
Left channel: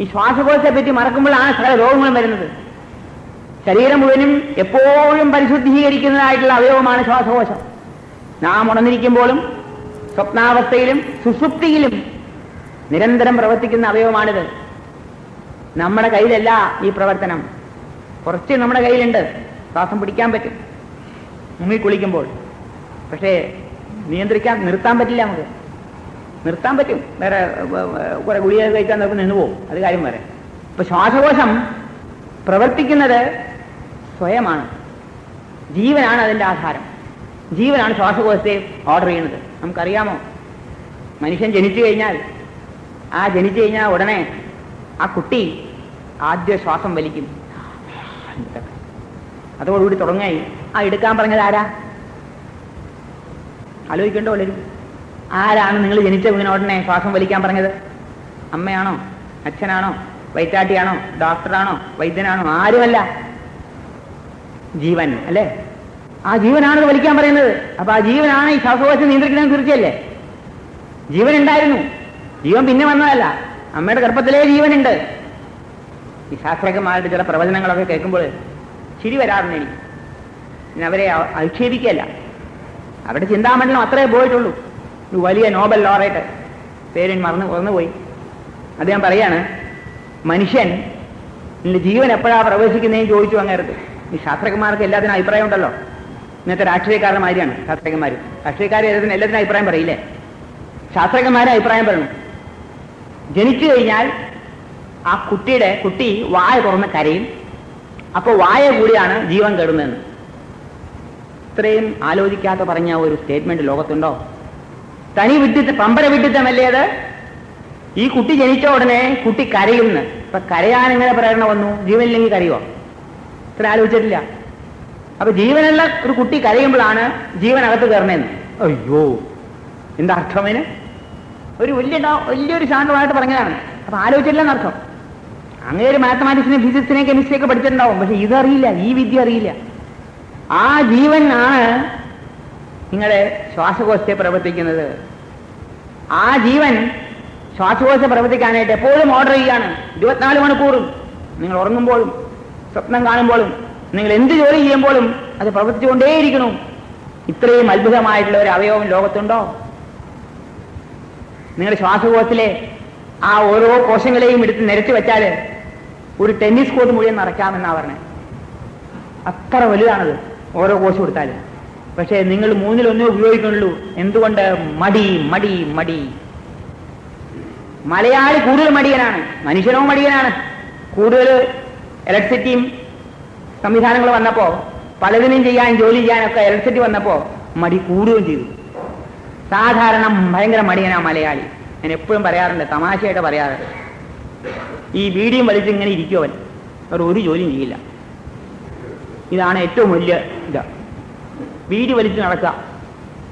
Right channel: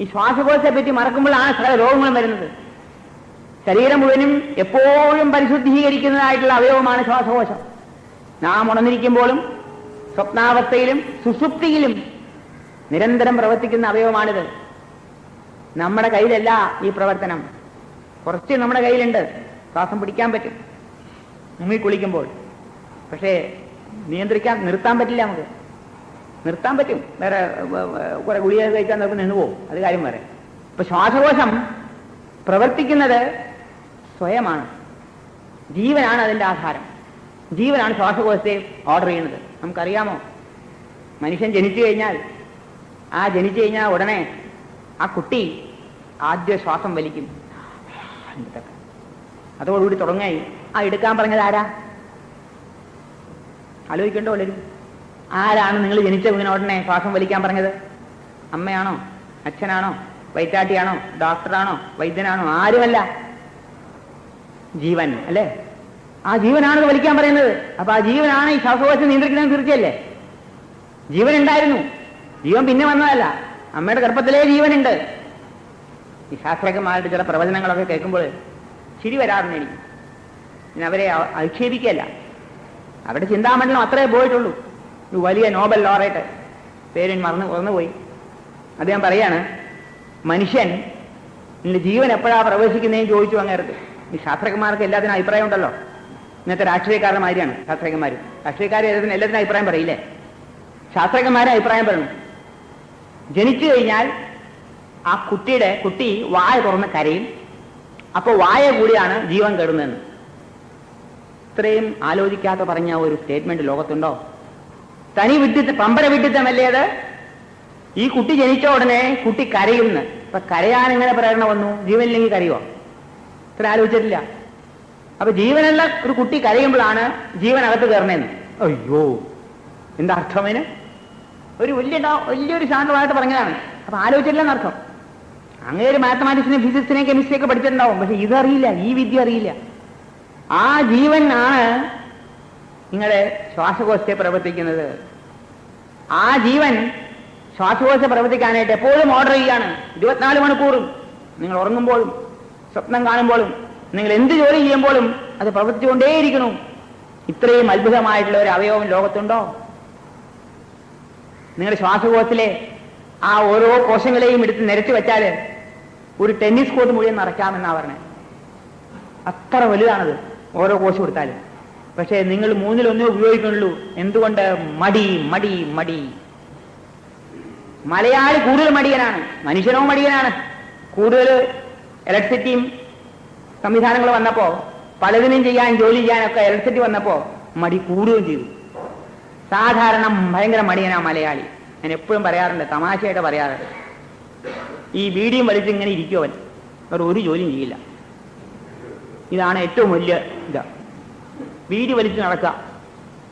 ഈ ശ്വാസകോശത്തെ പറ്റി മറക്കുമ്പോഴാണ് സകല രോഗങ്ങളും വരുന്നത്. ശരീരം മുഴുവനും എപ്പോഴും പരിശുദ്ധീകരിക്കുന്നതായിട്ടുള്ള അവയവമാണ് ശ്വാസകോശം. നാം ഉണർന്നിരിക്കുമ്പോഴും സ്വപ്നാവസ്ഥയിലും സുഷുപ്തിയിലും നിരന്തരം പ്രവർത്തിക്കുന്ന അവയവമാണിത്. നമ്മുടെ കയ്യിലല്ല ഈ പ്രവർത്തനം. കുറച്ച് നമ്മുടെ കയ്യിലുണ്ട്. ശ്വാസം പിടിക്കാൻ പറ്റും മുമ്പിൽ കുളിക്കുമ്പോൾ. പക്ഷേ നിർത്താൻ പറ്റില്ല. നമുക്ക് നിർത്താൻ പറ്റും, വേറെ കുറെ ഗുളിക കഴിക്കാൻ നമുക്ക് നിന്നുപോകും, അത് കാര്യം വരെ. ഇപ്പൊ ശ്വാസകോശം പ്രവർത്തിക്കുന്നത് സ്വയമാണ്. ജീവനാണ് അതിന്റെ ആധാരം. ജീവനാണ് ശ്വാസകോശത്തെ ഓർഡർ ചെയ്യുന്നത്. നമുക്കറിയാമോ, മനുഷ്യൻ ജനിച്ചു കഴിഞ്ഞാൽ ഉടനെ ആ കുട്ടി ആദ്യ ശ്വാസം വലിക്കും. അതോടുകൂടി തുടങ്ങായി. ആ എടുക്കാൻ പറഞ്ഞത് ആരാ? ആലോചിക്കണ്ടോ? ആരാണ് നിങ്ങൾ ജനിച്ച വീണോടനെ ശ്വാസം വലിക്കാൻ പറഞ്ഞത്? അമ്മയാണോ? അച്ഛനാണോ? വൈറ്റാട്ടിയാണോ? ഡോക്ടറാണോ? വൈദ്യനാണോ? ആരുമല്ല, ജീവൻ അല്ലേ? ആ ജീവനാണ് വലിക്കാൻ പറയുന്നത്. അപ്പൊ ആ ജീവനാണ് ഈ ശ്വാസകോശം നിയന്ത്രിക്കുന്നത്. തീർച്ചയല്ലേ? ജീവൻ ഉണ്ടായിരുന്നു, ജീവൻ പിന്നെ വന്നതല്ല. അമ്മയുടെ ഗർഭത്തിലേ ജീവനുണ്ട്. ഈ ശാസ്ത്രജ്ഞന്മാരുടെ ചില പ്രവചനങ്ങളൊക്കെ കേൾക്കുമ്പോൾ ചിരി വരാറുണ്ട് എനിക്ക്. അവരെ അധിക്ഷേപിക്കല്ല, അവരുടെ ചിന്താമണ്ഡലം അത്രേ പോയിട്ടുള്ളൂ. ഒരു വലിയ നോബൽ ലോറേറ്റ്, പേര് മറന്നുപോയി. അദ്ദേഹം പറയാണ്, മനുഷ്യൻ ജീവൻ എപ്പോഴാ പ്രവേശിക്കുന്നതെന്ന് ചോദിച്ചു അങ്ങേർക്ക്. ഈ ശാസ്ത്രജ്ഞന്മാർക്ക് എല്ലാത്തിനും അഭിപ്രായം ഉണ്ടല്ലോ. ഇന്നത്തെ രാഷ്ട്രീയക്കാരുടെ മാതിരിയാണ് ശാസ്ത്രജ്ഞന്മാർ. രാഷ്ട്രീയക്കാർ എല്ലാത്തിനും അഭിപ്രായം പറയില്ലേ? ശാസ്ത്രജ്ഞന്മാരെ അഭിപ്രായം പറയണം. ജനിച്ചു കഴിഞ്ഞാൽ ആ കുട്ടി വായ തുറന്ന് കരയും. അപ്പോൾ വായ കൂടിയാണ് ജീവൻ കയറുന്നതെന്ന്. ഇത്രയും ആലോചിക്കാതെ പറഞ്ഞ ഒരു സ്റ്റേറ്റ്മെന്റ് ലോകത്തുണ്ടോ? തനി വിഡിത്തം, പമ്പര വിഡിത്തമല്ലേ അത്? ഈ കുട്ടി ജനിച്ച ഉടനെ കുട്ടി കരയുന്നു. അപ്പൊ കരയാൻ എങ്ങനെ പ്രേരണ വന്നു? ജീവനില്ലെങ്കിൽ കരയുമോ? ഇത്ര ആലോചിച്ചിട്ടില്ല. അപ്പൊ ജീവനുള്ള ഒരു കുട്ടി കരയുമ്പോഴാണ് ജീവനകത്ത് കയറണേന്ന്. അയ്യോ, എന്താ അർത്ഥമേന്? ഒരു വലിയൊരു ശാന്തമായിട്ട് പറഞ്ഞതാണ്. അപ്പൊ ആലോചിച്ചില്ലെന്നർത്ഥം. അങ്ങനെ ഒരു മാത്തമാറ്റിക്സിനെ, ഫിസിക്സിനെ, കെമിസ്ട്രിയൊക്കെ പഠിച്ചിട്ടുണ്ടാവും. പക്ഷെ ഇതറിയില്ല, ഈ വിദ്യ അറിയില്ല. ആ ജീവൻ ആണ് നിങ്ങളുടെ ശ്വാസകോശത്തെ പ്രവർത്തിക്കുന്നത്. ആ ജീവൻ ശ്വാസകോശത്തെ പ്രവർത്തിക്കാനായിട്ട് എപ്പോഴും ഓർഡർ ചെയ്യാണ്. 24 മണിക്കൂറും നിങ്ങൾ ഉറങ്ങുമ്പോഴും സ്വപ്നം കാണുമ്പോഴും നിങ്ങൾ എന്ത് ജോലി ചെയ്യുമ്പോഴും അത് പ്രവർത്തിച്ചുകൊണ്ടേയിരിക്കണം. ഇത്രയും അത്ഭുതമായിട്ടുള്ള ഒരു അവയവം ലോകത്തുണ്ടോ? നിങ്ങളുടെ ശ്വാസകോശത്തിലെ ആ ഓരോ കോശങ്ങളെയും എടുത്ത് നിരത്തി വെച്ചാൽ ഒരു ടെന്നീസ് കോർട്ട് മുഴുവൻ നിറയ്ക്കാമെന്നാ പറഞ്ഞത്. അത്ര വലുതാണത് ഓരോ കോശം എടുത്താലും. പക്ഷേ നിങ്ങൾ 1/3 ഉപയോഗിക്കുന്നുള്ളൂ. എന്തുകൊണ്ട്? മടി മടി മടി. മലയാളി കൂടുതൽ മടിയനാണ്, മനുഷ്യനോ മടിയനാണ്. കൂടുതൽ ഇലക്ട്രിസിറ്റിയും സംവിധാനങ്ങൾ വന്നപ്പോ, പലതിനും ചെയ്യാൻ, ജോലി ചെയ്യാനൊക്കെ ഇലക്ട്രിസിറ്റി വന്നപ്പോ മടി കൂടുകയും ചെയ്തു. സാധാരണ ഭയങ്കര മടിയനാ മലയാളി. ഞാൻ എപ്പോഴും പറയാറുണ്ട്, തമാശയായിട്ട് പറയാറുണ്ട്. ഈ ബീഡിയും വലിച്ച് ഇങ്ങനെ ഇരിക്കുവൻ, അവർ ഒരു ജോലിയും ചെയ്യില്ല. ഇതാണ് ഏറ്റവും വലിയ ഇത്. ബീഡി വലിച്ച് നടക്കുക,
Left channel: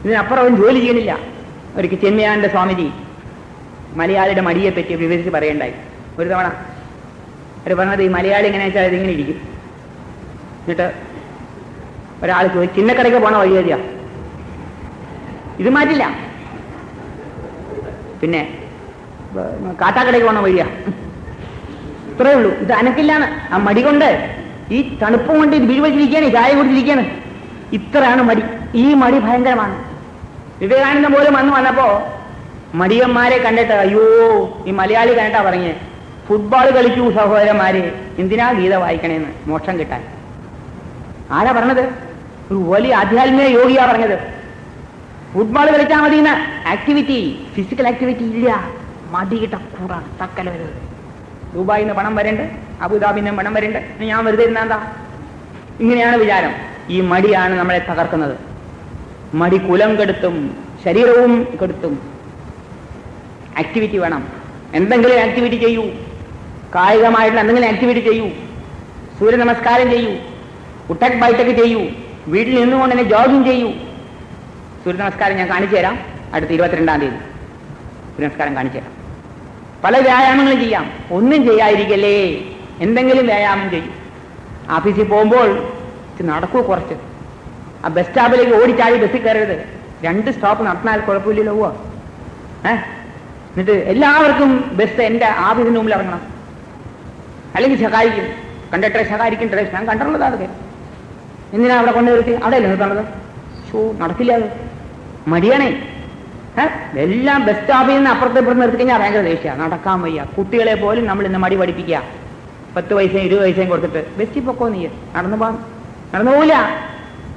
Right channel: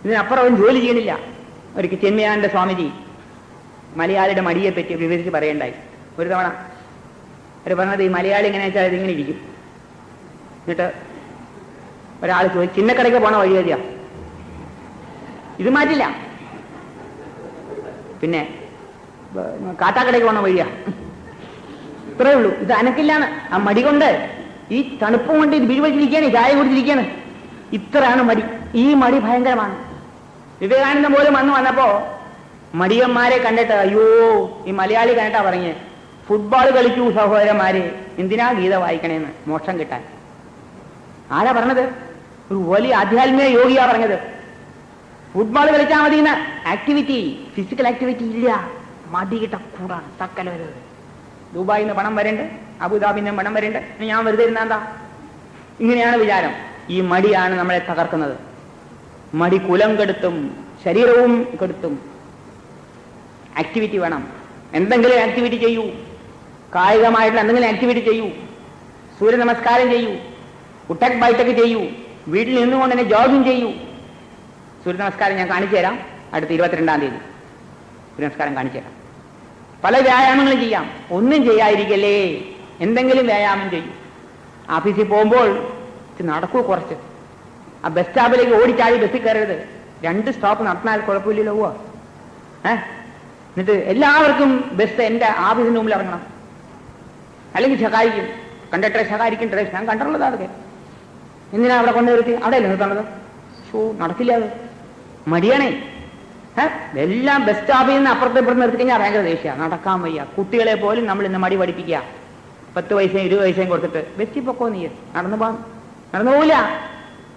ഇതിനപ്പുറം അവൻ ജോലി ചെയ്യണില്ല. ഒരിക്കൽ ചെന്മയാനന്ദ സ്വാമിജി മലയാളിയുടെ മടിയെ പറ്റി വിവരിച്ച് പറയണ്ടായി. ഒരു തവണ അവർ പറഞ്ഞത്, ഈ മലയാളി എങ്ങനെ വെച്ചാൽ ഇതിങ്ങനെ ഇരിക്കും. എന്നിട്ട് ഒരാൾ ചോദിച്ചു, ചിന്നക്കടയ്ക്ക് പോണ വഴി വരിക, ഇത് മാറ്റില്ല. പിന്നെ കാട്ടാക്കടയ്ക്ക് പോണ വഴിയാ, ഇത്രയേ ഉള്ളൂ. ഇത് അനക്കില്ലാണ്. ആ മടി കൊണ്ട്, ഈ തണുപ്പും കൊണ്ട് ഇത് വീഴ്വച്ചിരിക്കുകയാണ്, ചായ കുടിച്ചിരിക്കുകയാണ്. ഇത്രയാണ് മടി. ഈ മടി ഭയങ്കരമാണ്. വിവേകാനന്ദ പോലും വന്നപ്പോ മടിയന്മാരെ കണ്ടിട്ട്, അയ്യോ, ഈ മലയാളി കണ്ടിട്ടാ പറഞ്ഞേ, ഫുട്ബോൾ കളിക്കൂ സഹോദരന്മാരെ, എന്തിനാ ഗീത വായിക്കണേന്ന്, മോക്ഷം കിട്ടാൻ. ആരാ പറഞ്ഞത്? ഒരു വലിയ ആധ്യാത്മിക യോഗിയാ പറഞ്ഞത്. ഫുട്ബോൾ കളിച്ചാൽ മതിയെന്ന ആക്ടിവിറ്റി, ഫിസിക്കൽ ആക്ടിവിറ്റി ഇല്ല. മടി കിട്ടക്കൂടാണ് തക്കല വരുന്നത്. ദുബായിൽ നിന്ന് പണം വരണ്ട്, അബുദാബിയിൽ നിന്ന് പണം വരണ്ട്, ഞാൻ വെറുതെ ഇരുന്നാ? ഇങ്ങനെയാണ് വിചാരം. ഈ മടിയാണ് നമ്മളെ തകർക്കുന്നത്. മടി കുലം കെടുത്തും, ശരീരവും കെടുത്തും. ആക്ടിവിറ്റി വേണം. എന്തെങ്കിലും ആക്ടിവിറ്റി ചെയ്യൂ. കായികമായിട്ടുള്ള എന്തെങ്കിലും ആക്ടിവിറ്റി ചെയ്യൂ. സൂര്യ നമസ്കാരം ചെയ്യൂ, ഉട്ടക് ബൈഠക് ചെയ്യൂ, വീട്ടിൽ നിന്നുകൊണ്ട് തന്നെ ജോഗിങ് ചെയ്യൂ. സൂര്യ നമസ്കാരം ഞാൻ കാണിച്ചു തരാം അടുത്ത 22-ാം തീയതി. സൂര്യ നമസ്കാരം കാണിച്ചു തരാം. പല വ്യായാമങ്ങളും ചെയ്യാം. ഒന്നും ചെയ്യാതിരിക്കല്ലേ, എന്തെങ്കിലും വ്യായാമം ചെയ്യും. ഓഫീസിൽ പോകുമ്പോൾ നടക്കൂ കുറച്ച്. ആ ബസ് സ്റ്റോപ്പിലേക്ക് ഓടിച്ചാടി ബസ്സിൽ കയറരുത്. 2 സ്റ്റോപ്പ് നടന്നാൽ കുഴപ്പമില്ലല്ലോ. പോവാ എന്നിട്ട് എല്ലാവർക്കും ബസ് എൻ്റെ ഓഫീസിന് മുമ്പിൽ ഇറങ്ങണം. അല്ലെങ്കിൽ സഹായിക്കും, കണ്ടക്ടറെ സഹായിക്കും. ഞാൻ കണ്ടിട്ടുള്ളതാണ്. എന്തിനാ അവിടെ കൊണ്ടുവരുത്തി? അവിടെയല്ലേ നിർത്തേണ്ടത്? നടക്കില്ല, അത് മടിയാണേ. എല്ലാം ബസ് സ്റ്റോപ്പിൽ നിന്ന് അപ്പുറത്ത് ഇപ്പുറത്ത് നിർത്തി കഴിഞ്ഞാൽ ഭയങ്കര ദേഷ്യമാണ്. നടക്കാൻ വയ്യ. കുട്ടികളെ പോലും നമ്മൾ ഇന്ന് മടി പഠിപ്പിക്കുക. 10 പൈസയും 20 പൈസയും കൊടുത്തിട്ട് ബസ്സിൽ പൊക്കോ, നീ നടന്നു പോവില്ല.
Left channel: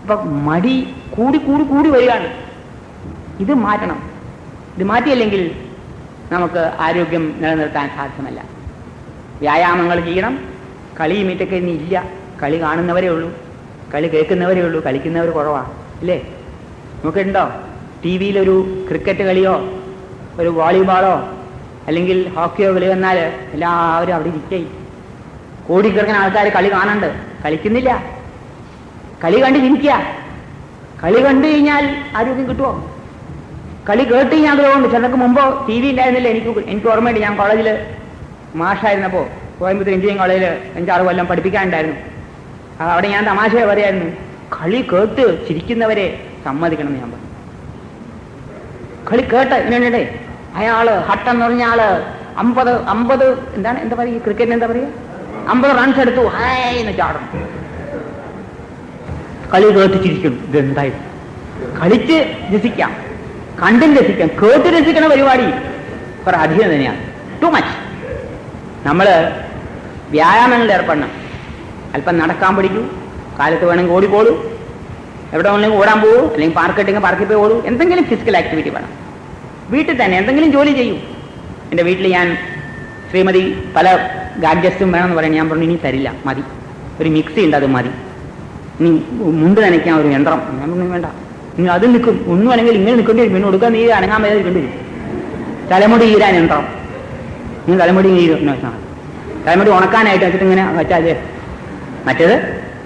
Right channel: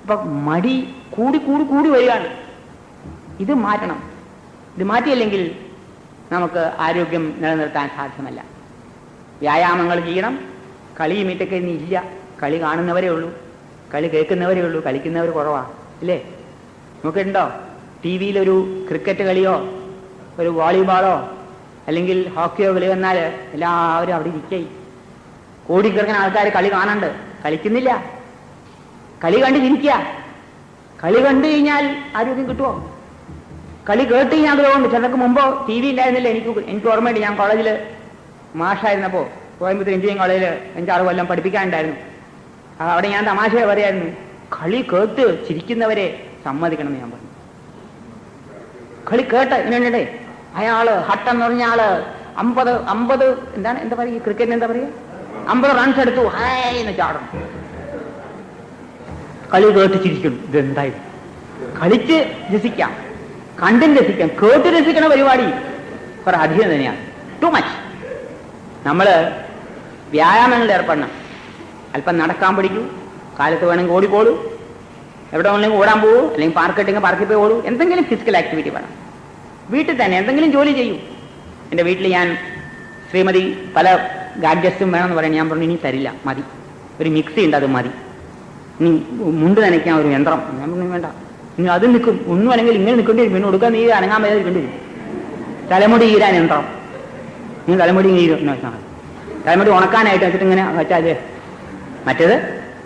അപ്പൊ മടി കൂടി കൂടി കൂടി വരികയാണ്. ഇത് മാറ്റണം. ഇത് മാറ്റിയില്ലെങ്കിൽ നമുക്ക് ആരോഗ്യം നിലനിർത്താൻ സാധ്യമല്ല. വ്യായാമങ്ങൾ ചെയ്യണം. കളിയും ഇതൊക്കെ ഇനി ഇല്ല. കളി കാണുന്നവരേ ഉള്ളൂ, കളി കേൾക്കുന്നവരേ ഉള്ളൂ, കളിക്കുന്നവർ കുറവാണ്. ഇല്ലേ? നോക്കിയിട്ടുണ്ടോ? ടി വിയിലൊരു ക്രിക്കറ്റ് കളിയോ ഒരു വോളിബോളോ അല്ലെങ്കിൽ ഹോക്കിയോ കളി വന്നാൽ എല്ലാവരും അവിടെ ഇരിക്കേ. കോടിക്കണക്കിന് ആൾക്കാർ കളി കാണണ്ട്, കളിക്കുന്നില്ല. കളി കണ്ട് ഇരിക്കുക. കളി കണ്ടു കഴിഞ്ഞാൽ ആരോഗ്യം കിട്ടുമോ? കളി കേട്ട് കഴിഞ്ഞാൽ അതുകൊണ്ട്. ചിലർക്ക് മുമ്പ് ടി വി ഉണ്ടായിരുന്നില്ല. എനിക്ക് ഓർമ്മയുണ്ട്, ഞാൻ കോളേജിൽ മാഷായിരുന്നപ്പോൾ, കോയമ്പത്തൂർ എഞ്ചിനീയറിംഗ് കോളേജിൽ 5-6 കൊല്ലം പഠിപ്പിക്കാനുണ്ടായിരുന്നു. അവിടെ ഞാൻ തമാശ പറയായിരുന്നു, കളി കേട്ട് ചിരിക്കുന്നവരെ സമ്മതിക്കണം എന്ന് ഞാൻ പറഞ്ഞു. കളി കേട്ട് ഇങ്ങനെ അയാള് ഹട്ടെന്ന് പറഞ്ഞ ആള് 50 എന്താ പറയുക, ക്രിക്കറ്റിന് എന്താ പറയുക, 50 റൺസ് എടുത്തു, ഹായ്ന്ന് ചാടും. കളി കേട്ട് ചിരിക്കും. ഇതെന്തായി? കളിച്ച് രസിക്കാം. കണ്ടും രസിക്കണം, കേട്ട് രസിക്കണ പരിപാടി കുറെ അധികം തന്നെയാണ്, ടു മച്ച്. നമ്മൾ വ്യായാമങ്ങളിൽ ഏർപ്പെടണം. അല്പം നടക്കാൻ പഠിക്കൂ, കാലത്ത് വേണമെങ്കിൽ ഓടിക്കോളൂ, എവിടെ വേണമെങ്കിൽ ഓടാൻ പോകൂ, അല്ലെങ്കിൽ പാർക്ക് ഇട്ടെങ്കിൽ പാർക്കിൽ പോയി ഓടൂ. എന്തെങ്കിലും ഫിസിക്കൽ ആക്ടിവിറ്റി വേണം. വീട്ടിൽ തന്നെ എന്തെങ്കിലും ജോലി ചെയ്യൂ. എൻ്റെ വീട്ടിൽ ഞാൻ ശ്രീമതി പല ഗാഡ്ജറ്റ്സും വേണമെന്ന് പറയാൻ ഞാൻ പറഞ്ഞു, ഇനി തരില്ല, മതി, ഒരു മിക്സി ഉണ്ട്, അത് മതി. ഇനി മുണ്ട് നനയ്ക്കാൻ ഒരു യന്ത്രം, ഞാൻ പറഞ്ഞു വേണ്ട, ഇനി അത് നിൽക്കും, ഒന്നും അല്ലെങ്കിൽ ഇങ്ങനെ നിൽക്കേണ്ടി വരും, പിന്നെ കൊടുക്കാൻ നീ അനങ്ങാൻ വരെ നിൽക്കേണ്ടി വരും. തലമുടി ഈരാൻ യന്ത്രം, നീ തലമുടി തലമുടി ഉണക്കാനായിട്ട് വെച്ചിട്ട് ഇങ്ങനെ വെച്ചാൽ മറ്റേത്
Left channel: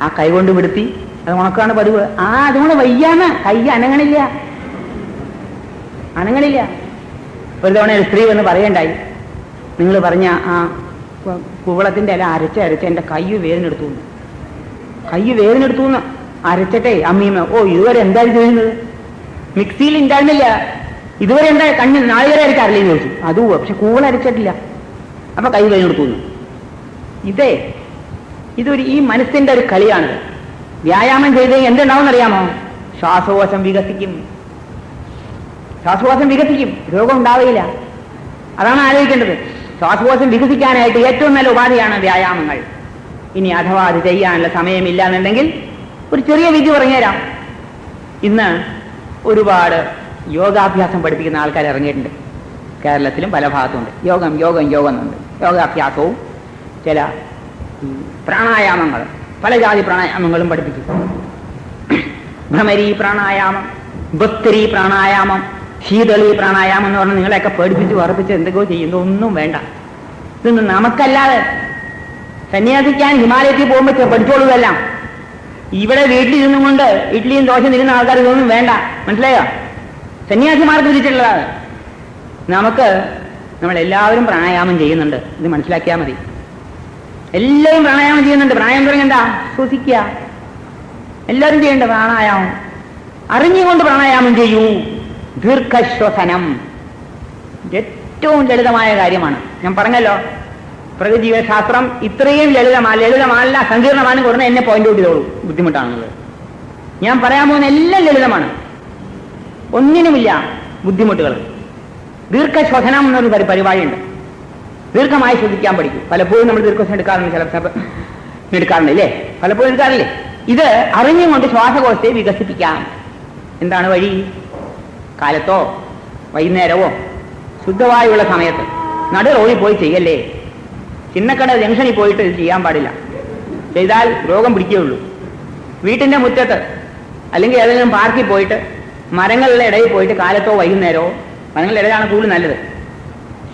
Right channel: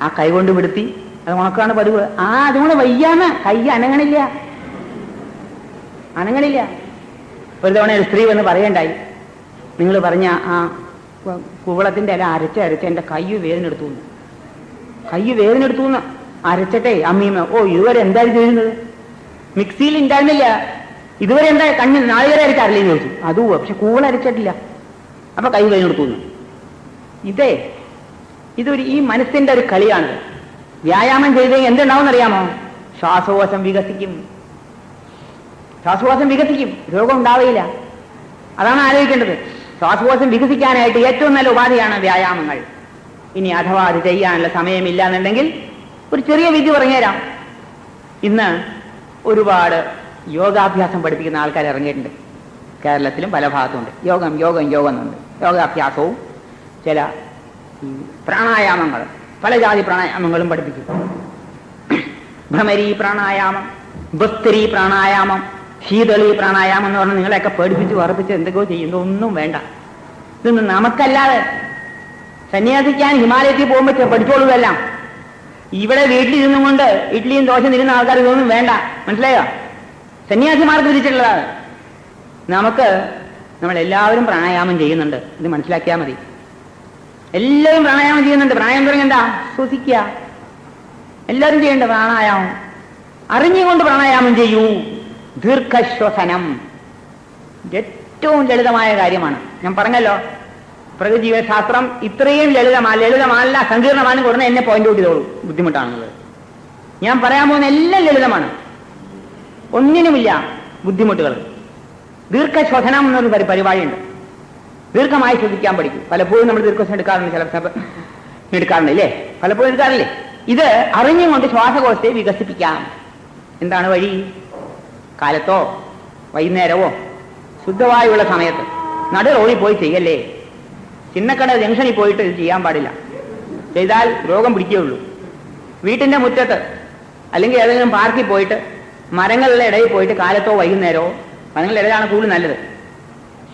ആ കൈ കൊണ്ട് വിടുത്തി അത് ഉണക്കാണ് പതിവ്. അതുകൊണ്ട് വയ്യാന്ന് കൈ അനങ്ങണില്ല. ഒരു തവണ ഒരു സ്ത്രീ വന്ന് പറയണ്ടായി, നിങ്ങൾ പറഞ്ഞ ആ കുവളത്തിന്റെ ഇല അരച്ച് എന്റെ കൈ വേദനെടുത്തു അരച്ചട്ടെ അമ്മീമ്മ. ഇതുവരെ എന്താണ് ചെയ്യുന്നത്? മിക്സിയിൽ ഉണ്ടായിരുന്നില്ല, ഇതുവരെ എന്താ കണ്ണ് നാളികേര അരക്കാറില്ലേ ചോദിച്ചു. അതും പക്ഷെ കൂവള അരച്ചിട്ടില്ല, അപ്പൊ കൈ വേദനെടുത്തു. ഇതൊരു ഈ മനസ്സിന്റെ ഒരു കളിയാണിത്. വ്യായാമം ചെയ്ത് എന്തുണ്ടാവും അറിയാമോ? ശ്വാസകോശം വികസിക്കും, രോഗം ഉണ്ടാവില്ല. അതാണ് ആലോചിക്കേണ്ടത്. ശ്വാസകോശം വികസിക്കാനായിട്ട് ഏറ്റവും നല്ല ഉപാധിയാണ് വ്യായാമങ്ങൾ. ഇനി അഥവാ അത് ചെയ്യാനുള്ള സമയമില്ല എന്നുണ്ടെങ്കിൽ ഒരു ചെറിയ വിദ്യ പറഞ്ഞുതരാം. ഇന്ന് ഒരുപാട് യോഗാഭ്യാസം പഠിപ്പിക്കുന്ന ആൾക്കാർ ഇറങ്ങിയിട്ടുണ്ട്. കേരളത്തിലും പല ഭാഗത്തുണ്ട്. യോഗം എന്നുണ്ട്. യോഗാഭ്യാസവും ചില പ്രാണായാമങ്ങൾ, പല ജാതി പ്രാണായാമങ്ങളും പഠിപ്പിച്ചു. ഭ്രമരി പ്രാണായാമം, ഭസ്തരി പ്രാണായാമം, ശീതളി പ്രാണായാമം എന്ന് പറഞ്ഞാൽ നിങ്ങളെയൊക്കെ പേടിപ്പിച്ച് വറപ്പിച്ച് എന്തൊക്കെയോ ചെയ്യുന്നു. ഒന്നും വേണ്ട. ഇതൊന്നും നമുക്കല്ലാതെ സന്യാസിക്കാൻ ഹിമാലയത്തിൽ പോകുമ്പോൾ പഠിച്ചോളൂതെല്ലാം. ഇവിടെ വീട്ടിലിരുന്നും കൊണ്ട് ഇഡ്ഡലിയും ദോശ തിരുന്ന ആൾക്കാർ ഇതൊന്നും വേണ്ട. മനസ്സിലായോ? സന്യാസിമാർക്ക് വിധിച്ചിട്ടുള്ളതാണ്. നമ്മളെല്ലാവരും പ്രാണായാമം ചെയ്യുന്നുണ്ട്, ഇത് മനസ്സിലാക്കിയാൽ മതി. എല്ലാവരും പ്രാണായാമം ചെയ്യുന്നുണ്ട്. പ്രാണായാമം പറഞ്ഞെന്താ? ശ്വസിക്കുക. എല്ലാവരും ചെയ്യേണ്ട പ്രാണായാമം. അറിഞ്ഞുകൊണ്ട് പ്രാണായാമം ചെയ്യൂ. ദീർഘശ്വസനം ഏറ്റവും ലളിതമായ കാര്യമാണ്. ഞാൻ പറഞ്ഞല്ലോ, പ്രകൃതിജീവശാസ്ത്രം ഇത്രയും ലളിതമല്ല, സങ്കീർണമാണ് കൊടുക്കുന്ന എന്നെ പോയിന്റ് ഔട്ട് ചെയ്തോളൂ. ബുദ്ധിമുട്ടാണുള്ളത്. ഞാൻ പറയാൻ പോകുന്ന എല്ലാം ലളിതമാണ്, ഒന്നിനുമില്ല ബുദ്ധിമുട്ടുകൾ. ദീർഘശ്വസനം എന്നൊരു പരിപാടിയുണ്ട്. ദീർഘമായി ശ്രദ്ധിക്കാൻ പഠിക്കും. പലപ്പോഴും നമ്മൾ ദീർഘശ്വസം എടുക്കാറുണ്ട്, എടുക്കാറുണ്ടല്ലേ? പലപ്പോഴും എടുക്കാറില്ലേ? ഇത് അറിഞ്ഞുകൊണ്ട് ശ്വാസകോശത്തെ വികസിപ്പിക്കാം. എന്താണ് വഴി? കാലത്തോ വൈകുന്നേരമോ ശുദ്ധവായുള്ള സമയത്ത് നട റോഡിൽ പോയി ചെയ്യല്ലേ. ചിന്നക്കട ജംഗ്ഷനിൽ പോയിട്ട് ഇത് ചെയ്യാൻ പാടില്ല. ചെയ്താൽ രോഗം പിടിക്കുകയുള്ളൂ. വീട്ടിന്റെ മുറ്റത്ത് അല്ലെങ്കിൽ ഏതെങ്കിലും പാർക്കിൽ പോയിട്ട് മരങ്ങളുടെ ഇടയിൽ പോയിട്ട് കാലത്തോ വൈകുന്നേരമോ, മരങ്ങളുടെ ഇടയിലാണ് കൂടുതൽ നല്ലത്,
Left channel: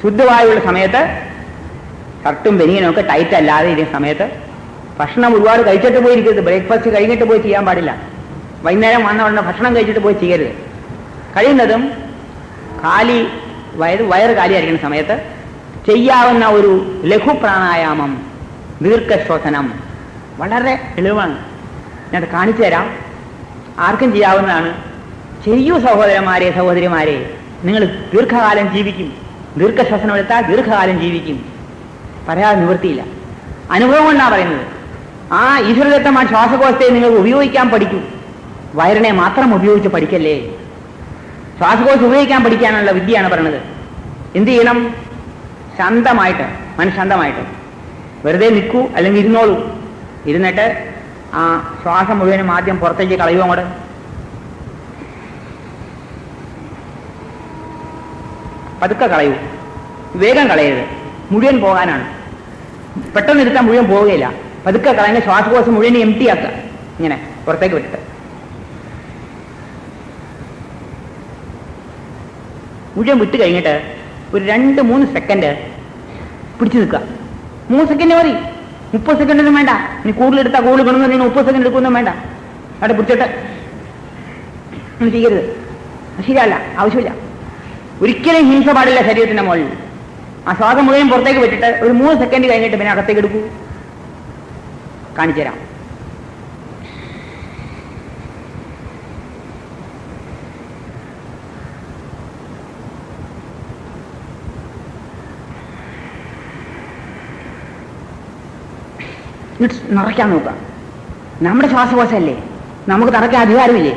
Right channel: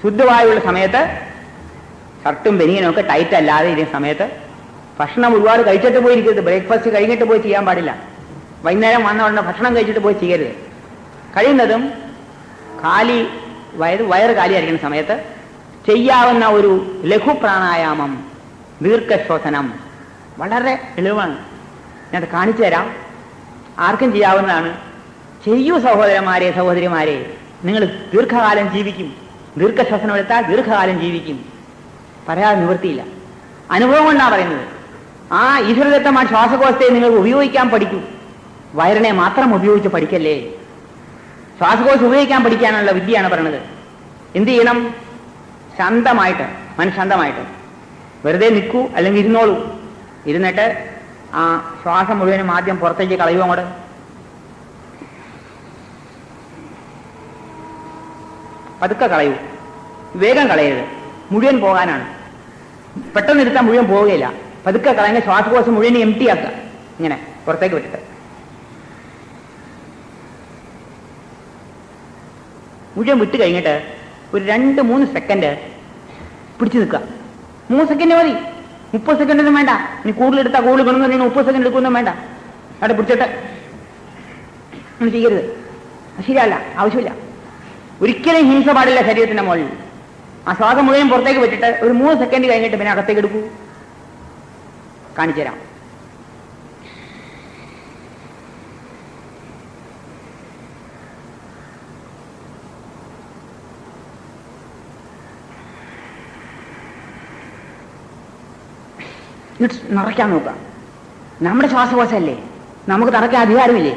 ശുദ്ധവായുള്ള സമയത്ത് ഷർട്ടും ബനിയനും ഒക്കെ ടൈറ്റ് അല്ലാതെ ഇരിക്കുന്ന സമയത്ത് ഭക്ഷണം ഒരുപാട് കഴിച്ചിട്ട് പോയിരിക്കരുത്. ബ്രേക്ക്ഫാസ്റ്റ് കഴിഞ്ഞിട്ട് പോയി ചെയ്യാൻ പാടില്ല. വൈകുന്നേരം വന്ന ഉടനെ ഭക്ഷണം കഴിച്ചിട്ട് പോയി ചെയ്യരുത്. കഴിയുന്നതും വയറ് കാലിയായിരിക്കുന്ന സമയത്ത് ചെയ്യാവുന്ന ഒരു ലഘു പ്രാണായാമം, ദീർഘശ്വസനം വളരെ എളുപ്പമാണ്. ഞാനത് കാണിച്ചു തരാം. ആർക്കും ചെയ്യാവുന്നതാണ്. ചെയ്യൂ സഹോദരന്മാരെ, സഹോദരിമാരെ. നിങ്ങൾ ദീർഘകാലം ജീവിക്കും. ദീർഘശ്വസനം എടുത്താൽ ദീർഘകാലം ജീവിക്കും. പറയാതെ നിവൃത്തിയില്ല. അനുഭവം കൊണ്ടാണ് പറയുന്നത്. ആ ഈശ്വരദത്തമായ ശ്വാസകോശത്തെ നിങ്ങൾ ഉപയോഗിക്കാൻ പഠിക്കൂ. വയറിനെ മാത്രം ഉപയോഗിച്ച് പഠിക്കല്ലേ. ശ്വാസകോശം ഉപയോഗിക്കാൻ പഠിക്കാനുള്ള വിദ്യയാണ് പറയുന്നത്. എന്ത് ചെയ്യണം? ശാന്തമായിട്ട്, മനഃശാന്തമായിട്ട് വെറുതെ നിൽക്കൂ, അല്ലെങ്കിൽ ഇരുന്നോളൂ. ഇരുന്നിട്ട് ആ ശ്വാസം മുഴുവനും ആദ്യം പുറത്തേക്ക് കളയുക. അങ്ങോട്ട് പതുക്കെ കളയൂ, വേഗം കളയരുത്. മുഴുവൻ പോകാനാണ്. പെട്ടെന്ന് എടുത്താൽ മുഴുവൻ പോവുകയില്ല. പതുക്കെ കളയുന്ന ശ്വാസകോശം മുഴുവൻ എംറ്റി ആക്കുക. ഇങ്ങനെ പുറത്തേക്ക് വിട്ടിട്ട് മുഴുവൻ വിട്ട് കഴിഞ്ഞിട്ട് ഒരു 2-3 സെക്കൻഡ് പിടിച്ചു നിൽക്കുക. 3 സെക്കൻഡ് മതി. 30 സെക്കൻഡൊന്നും വേണ്ട. ഇനി കൂടുതലെടുത്താൽ കൂടുതൽ ഗുണമെന്ന് 30 സെക്കൻഡ് എടുക്കൊന്നും വേണ്ട. അവിടെ പിടിച്ചിട്ട് ഒന്നും ചെയ്യരുത്. ശരിയല്ല, ആവശ്യമില്ല. ഒരിക്കലും ഹിംസ പാടില്ല ശരീരത്തിന്റെ മുകളിൽ. ആ ശ്വാസം മുഴുവൻ പുറത്തേക്ക് വെച്ചിട്ട് ഒരു 3 സെക്കൻഡ് കഴിഞ്ഞിട്ട് പിന്നെ അകത്തേക്ക് എടുക്കൂ. കാണിച്ചു തരാം. നിറയ്ക്കാൻ നോക്കാം. നമ്മുടെ ശ്വാസകോശമല്ലേ, നമുക്ക് തറയ്ക്കാൻ അധികാരമില്ലേ?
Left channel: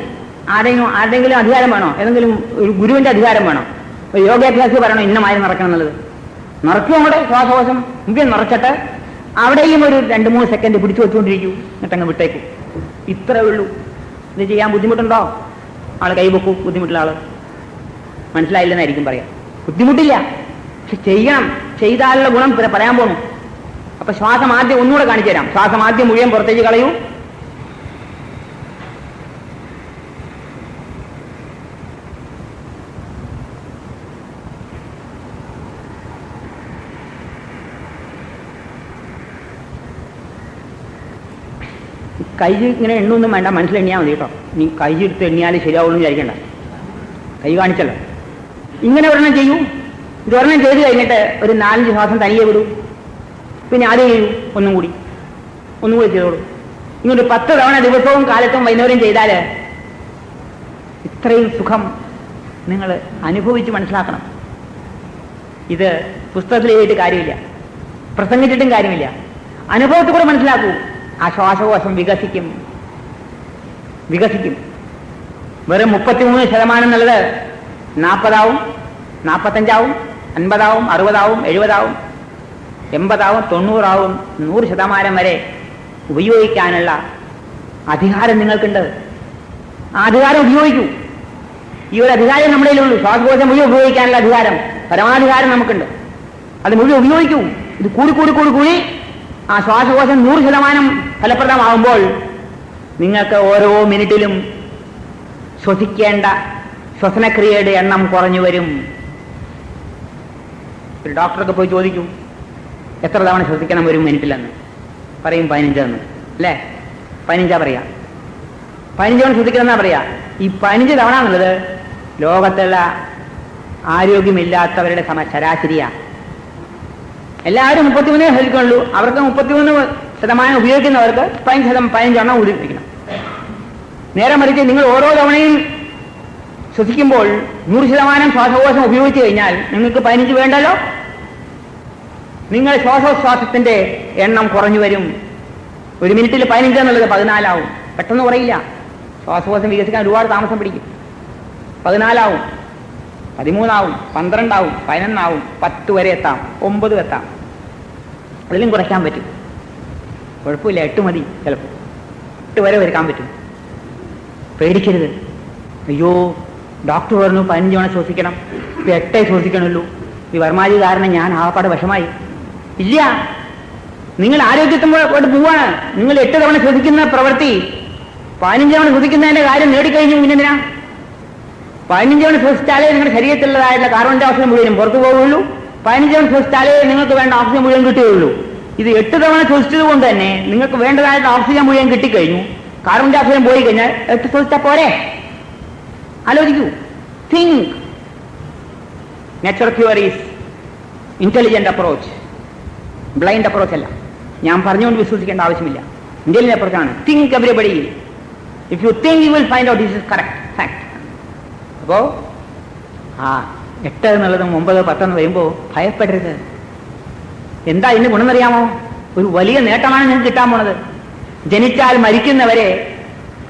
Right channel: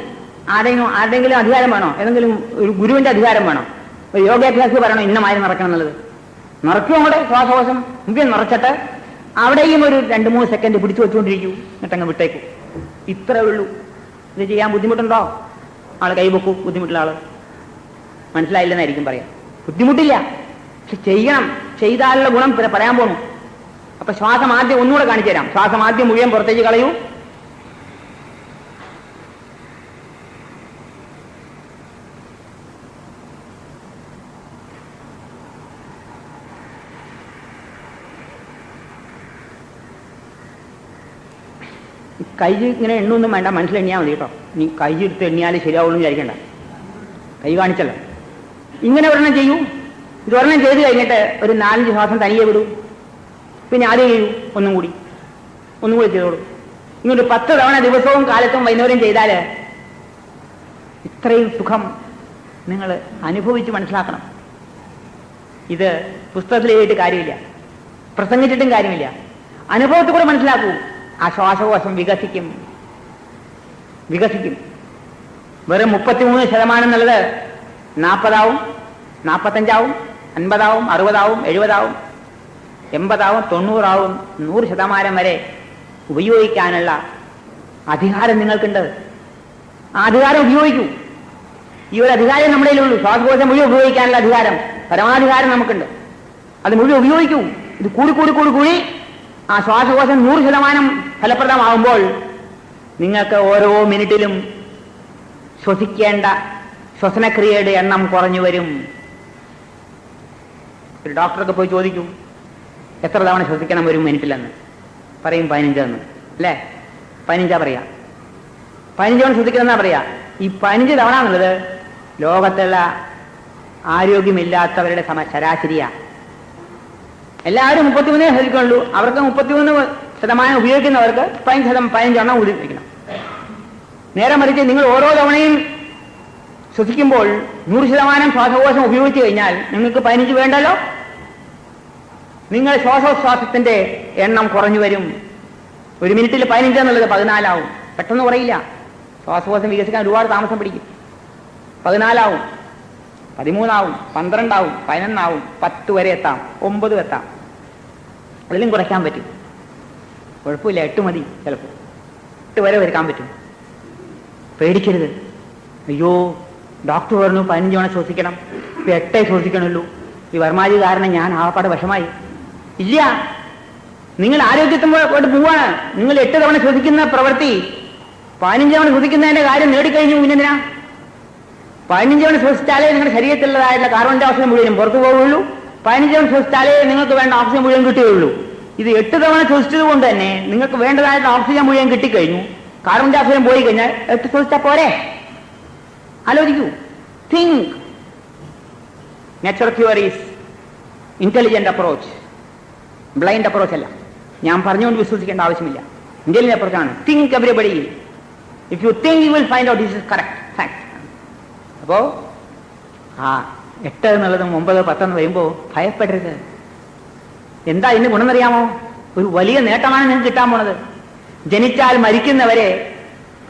ആരുടെങ്കിലും അധികാരം വേണോ? ഏതെങ്കിലും ഒരു ഗുരുവിന്റെ അധികാരം വേണോ? ഒരു യോഗാഭ്യാസി പറയണോ ഇന്നമായി നടക്കണം എന്നുള്ളത്? നിറയ്ക്കും അങ്ങോട്ട് ശ്വാസകോശം മുഖ്യം നിറച്ചിട്ട് അവിടെയും ഒരു 2-3 സെക്കൻഡ് പിടിച്ചു വെച്ചുകൊണ്ടിരിക്കൂ, എന്നിട്ടങ്ങ് വിട്ടേക്ക്. ഇത്രേ ഉള്ളൂ. ഇത് ചെയ്യാൻ ബുദ്ധിമുട്ടുണ്ടോ? ആള് കൈവെക്കൂ. ബുദ്ധിമുട്ടുള്ള ആള് മനസ്സിലായില്ലെന്നായിരിക്കും പറയാം. ബുദ്ധിമുട്ടില്ല, പക്ഷെ ചെയ്യണം. ചെയ്താലുള്ള ഗുണം പറയാൻ പോണു. അപ്പൊ ശ്വാസം ആദ്യം ഒന്നുകൂടെ കാണിച്ചു തരാം. ശ്വാസം ആദ്യം മുഴുവൻ പുറത്തേക്ക് കളയൂ. കൈ ഇങ്ങനെ എണ്ണൊന്നും വേണ്ട, മനസ്സിലെണ്ണിയാൽ മതി കേട്ടോ. നീ കൈ എടുത്ത് എണ്ണിയാൽ ശരിയാവുമെന്ന് വിചാരിക്കണ്ട. കൈ കാണിച്ചല്ലോ. ഇങ്ങനെ ഒരെണ്ണം ചെയ്യൂ. ഇതൊരെണ്ണം ചെയ്ത് കഴിഞ്ഞിട്ട് ഒരു 4-5 ശ്വാസം തനിയെ വിടൂ. പിന്നെ ആദ്യം ചെയ്യൂ. ഒന്നും കൂടി ചെയ്തോളൂ. ഇങ്ങോട്ട് 10 തവണ ദിവസവും കാലത്തും വൈകുന്നേരം ചെയ്താൽ ഇത്രയും സുഖം നിങ്ങൾ അനുഭവിച്ച് മനസ്സിലാക്കണം. ഇത് പുസ്തകത്തിൽ എഴുതിയിട്ട് കാര്യമില്ല, പ്രസംഗിച്ചിട്ടും കാര്യമില്ല. അനുഭവത്തിൽ കൂടെ മനസ്സിലാക്കൂ. ആ ശ്വാസകോശം വികസിക്കും. വെറും 33% എന്നുള്ളത് 40 45 50 60 70 80 90 100% വരെ ഉപയോഗിക്കാനുള്ള അധികാരം നിങ്ങൾക്കുണ്ട്. ആ അധികാരം ഉപയോഗിക്കൂ. ഈ ഒരു അധികാരം നമ്മുടെ കയ്യിലുള്ളൂ. ശ്വാസകോശം മുഴുവൻ ഉപയോഗിക്കാനുള്ള അധികാരം, പരമാധികാരം നമുക്കുണ്ട്. അത് മുഴുവൻ ഉപയോഗിക്കൂ. ഇത് കൂടി ആ ശ്വാസകോശം 100% ഫലപ്രദമാകുമ്പോൾ നിങ്ങൾക്ക് ഓരോ മിനിറ്റിലും ശ്വസിക്കേണ്ട ശ്വസനക്രിയയുടെ എണ്ണം കുറഞ്ഞു വരും. ഒരു ഡോക്ടറൊക്കെ പോയി ചോദിക്കൂ, എത്ര തവണ ശ്വസിക്കണം ഒരു മിനിറ്റിലെന്ന്? പറയും 15 അല്ലേ? 15 പറയാ. 15 തവണ ശ്വസിക്കണം എന്നാ പറയാ. ഈ 15 തവണ എന്നുള്ളത് ലോകത്തുള്ള ആരോഗ്യമില്ലാത്തവരുടെ ശരാശരിയാ. എല്ലാവരും 33 ശ്വസിക്കുള്ളൂ. അവർക്ക് 33% ഉപയോഗിക്കുന്നവർക്ക് 15 ഉപയോഗിക്കണം. നേരെ മറിച്ച് നിങ്ങൾ ഓരോ തവണയും ശ്വസിക്കുമ്പോൾ 100% ശ്വാസകോശം ഉപയോഗിച്ചു കഴിഞ്ഞാൽ നിങ്ങൾക്ക് 15 വേണ്ടല്ലോ. നിങ്ങളുടെ ശ്വാസോച്ഛ്വാസത്തിന്റെ എണ്ണം കുറഞ്ഞു വരും. ഒരു മിനിറ്റിൽ 15 എന്നുള്ളത് 14 ആവും. പെട്ടെന്ന് കുറയില്ല. ശ്വാസകോശം വികസിക്കാൻ ഒരുപാട് താമസം പിടിക്കും. 14 ആവും, 13 ആവും, 12 ആവും, 11 ആവും, 10 വരെ എത്താം, 9 എത്താം. അതിലും കുറയ്ക്കാൻ പറ്റും. കുഴപ്പമില്ല, 8 മതി. ചിലപ്പോൾ 8 വരെ ഒരുക്കാൻ പറ്റും. പേടിക്കരുത്. അയ്യോ ഡോക്ടർ പറഞ്ഞു 15 തവണ ശ്വസിക്കണം, ഇത് 8 ശ്വസിക്കണമല്ലോ, ഈ വർമാജി കാരണം ഞാൻ ആകപ്പാട് വിഷമായി. ഇല്ല, നിങ്ങൾ ആരോഗ്യത്തോട് പോവാണ്. നിങ്ങൾ 8 തവണ ശ്വസിക്കുന്ന പ്രവൃത്തി 15 തവണ ശ്വസിക്കുന്നതിന്റെ കാര്യം നേടിക്കഴിഞ്ഞു. പിന്നെന്തിനാ? 15 തവണ ശ്വസിച്ചാലേ നിങ്ങളുടെ ശരീരത്തിലുള്ളതായിട്ടുള്ള കാർബൺ ഡൈ ഓക്സൈഡ് മുഴുവനും പുറത്തു പോവുകയുള്ളൂ. 15 തവണ ശ്വസിച്ചാലേ നിങ്ങൾക്ക് വേണ്ട ഓക്സിജൻ മുഴുവൻ കിട്ടുകയുള്ളൂ. ഇത് 8 തവണ ശ്വസിച്ചത് കൊണ്ട് തന്നെ നിങ്ങൾക്ക് വേണ്ടതായിട്ട് ഓക്സിജൻ മുഴുവൻ കിട്ടിക്കഴിഞ്ഞു. കാർബൺ ഡൈ ഓക്സൈഡ് പോയി കഴിഞ്ഞാൽ 8 ശ്വസിച്ചാൽ പോരെ? ആലോചിക്കൂ. Think. Natural cure is intelligent approach, blind approach അല്ല. ഞാൻ പറഞ്ഞുകൊണ്ട് വിശ്വസിക്കേണ്ട ആവശ്യമില്ല. ഇന്റലിജന്റ് അപ്രോച്ചാണ്. Think everybody. If you think you will find out this is correct fact. അപ്പോ 8 എന്നുള്ളതും 9, 10 എന്ന് വരുമ്പോൾ ഭയപ്പെടരുത്. എന്താ ഇതിന് ഗുണമെന്നറിയാമോ? ഒരു വലിയ നേട്ടമാണ് നിങ്ങൾക്ക് കിട്ടാൻ പോണത്. ജനിച്ചാൽ മരിക്കുന്നവരെ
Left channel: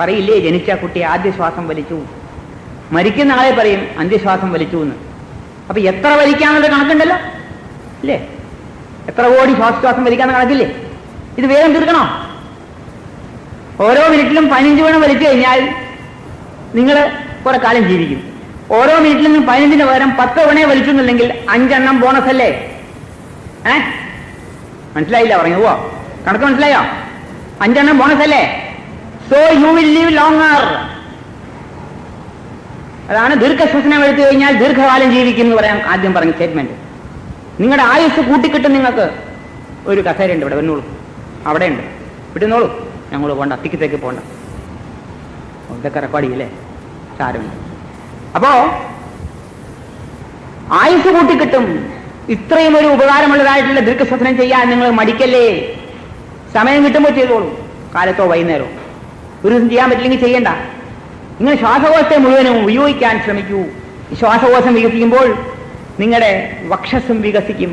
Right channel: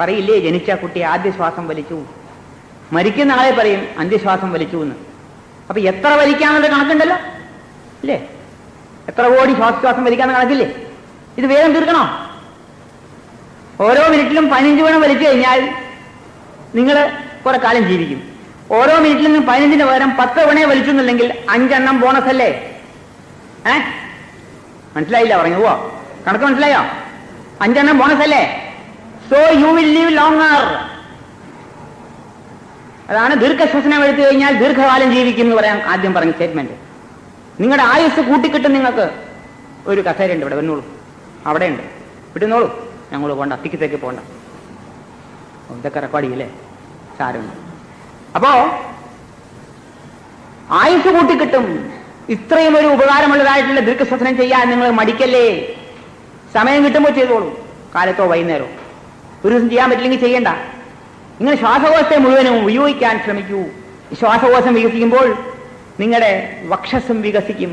പറയില്ലേ, ജനിച്ച കുട്ടി ആദ്യ ശ്വാസം വലിച്ചു, മരിക്കുന്ന ആളെ പറയും അന്ത്യശ്വാസം വലിച്ചു എന്ന്. അപ്പൊ എത്ര വലിക്കാന്നുള്ള കണക്കുണ്ടല്ലോ ഇല്ലേ? എത്ര കോടി ശ്വാസം വലിക്കാന്ന് കണക്കില്ലേ? ഇത് വേഗം തീർക്കണോ? ഓരോ മിനിറ്റിലും 15 തവണ വലിച്ചു കഴിഞ്ഞാൽ നിങ്ങൾ കുറെ കാലം ജീവിക്കും. ഓരോ മിനിറ്റിലും 15 പകരം 10 തവണയെ വലിച്ചെന്നുണ്ടെങ്കിൽ 5 ബോണസ് അല്ലേ? മനസ്സിലായില്ല പറഞ്ഞു പോവാ? കണക്ക് മനസ്സിലായോ? 5 ബോണസ് അല്ലേ? So you will live longer. അതാണ് ദീർഘശ്വസനം എടുത്തു കഴിഞ്ഞാൽ ദീർഘകാലം ജീവിക്കും എന്ന് പറയാൻ ആദ്യം പറഞ്ഞ സ്റ്റേറ്റ്മെന്റ്. നിങ്ങളുടെ ആയുസ് കൂട്ടിക്കിട്ടും. നിങ്ങൾക്ക് ഒരു കസേരയുണ്ട് ഇവിടെ, വന്നോളൂ. അവിടെ ഉണ്ട്, വിട്ടുന്നോളൂ. ഞങ്ങൾ പോണ്ട, തിക്കത്തേക്ക് പോണ്ട. ഇതൊക്കെ റെക്കോർഡ് ചെയ്യില്ലേ? സാരമില്ല. അപ്പോ ആയുസ് കൂട്ടിക്കിട്ടും. ഇത്രയും ഒരു ഉപകാരമുള്ളതായിട്ടുള്ള ദീർഘശ്വസനം ചെയ്യാൻ നിങ്ങൾ മടിക്കല്ലേ. സമയം കിട്ടുമ്പോൾ ചെയ്തോളൂ, കാലത്തോ വൈകുന്നേരമോ. ഒരു ദിവസം ചെയ്യാൻ പറ്റില്ലെങ്കിൽ ചെയ്യണ്ട. നിങ്ങൾ ശ്വാസകോശത്തെ മുഴുവനും ഉപയോഗിക്കാൻ ശ്രമിക്കൂ. ശ്വാസകോശം വികസിക്കുമ്പോൾ നിങ്ങളുടെ വക്ഷസ്സും വികസിക്കും.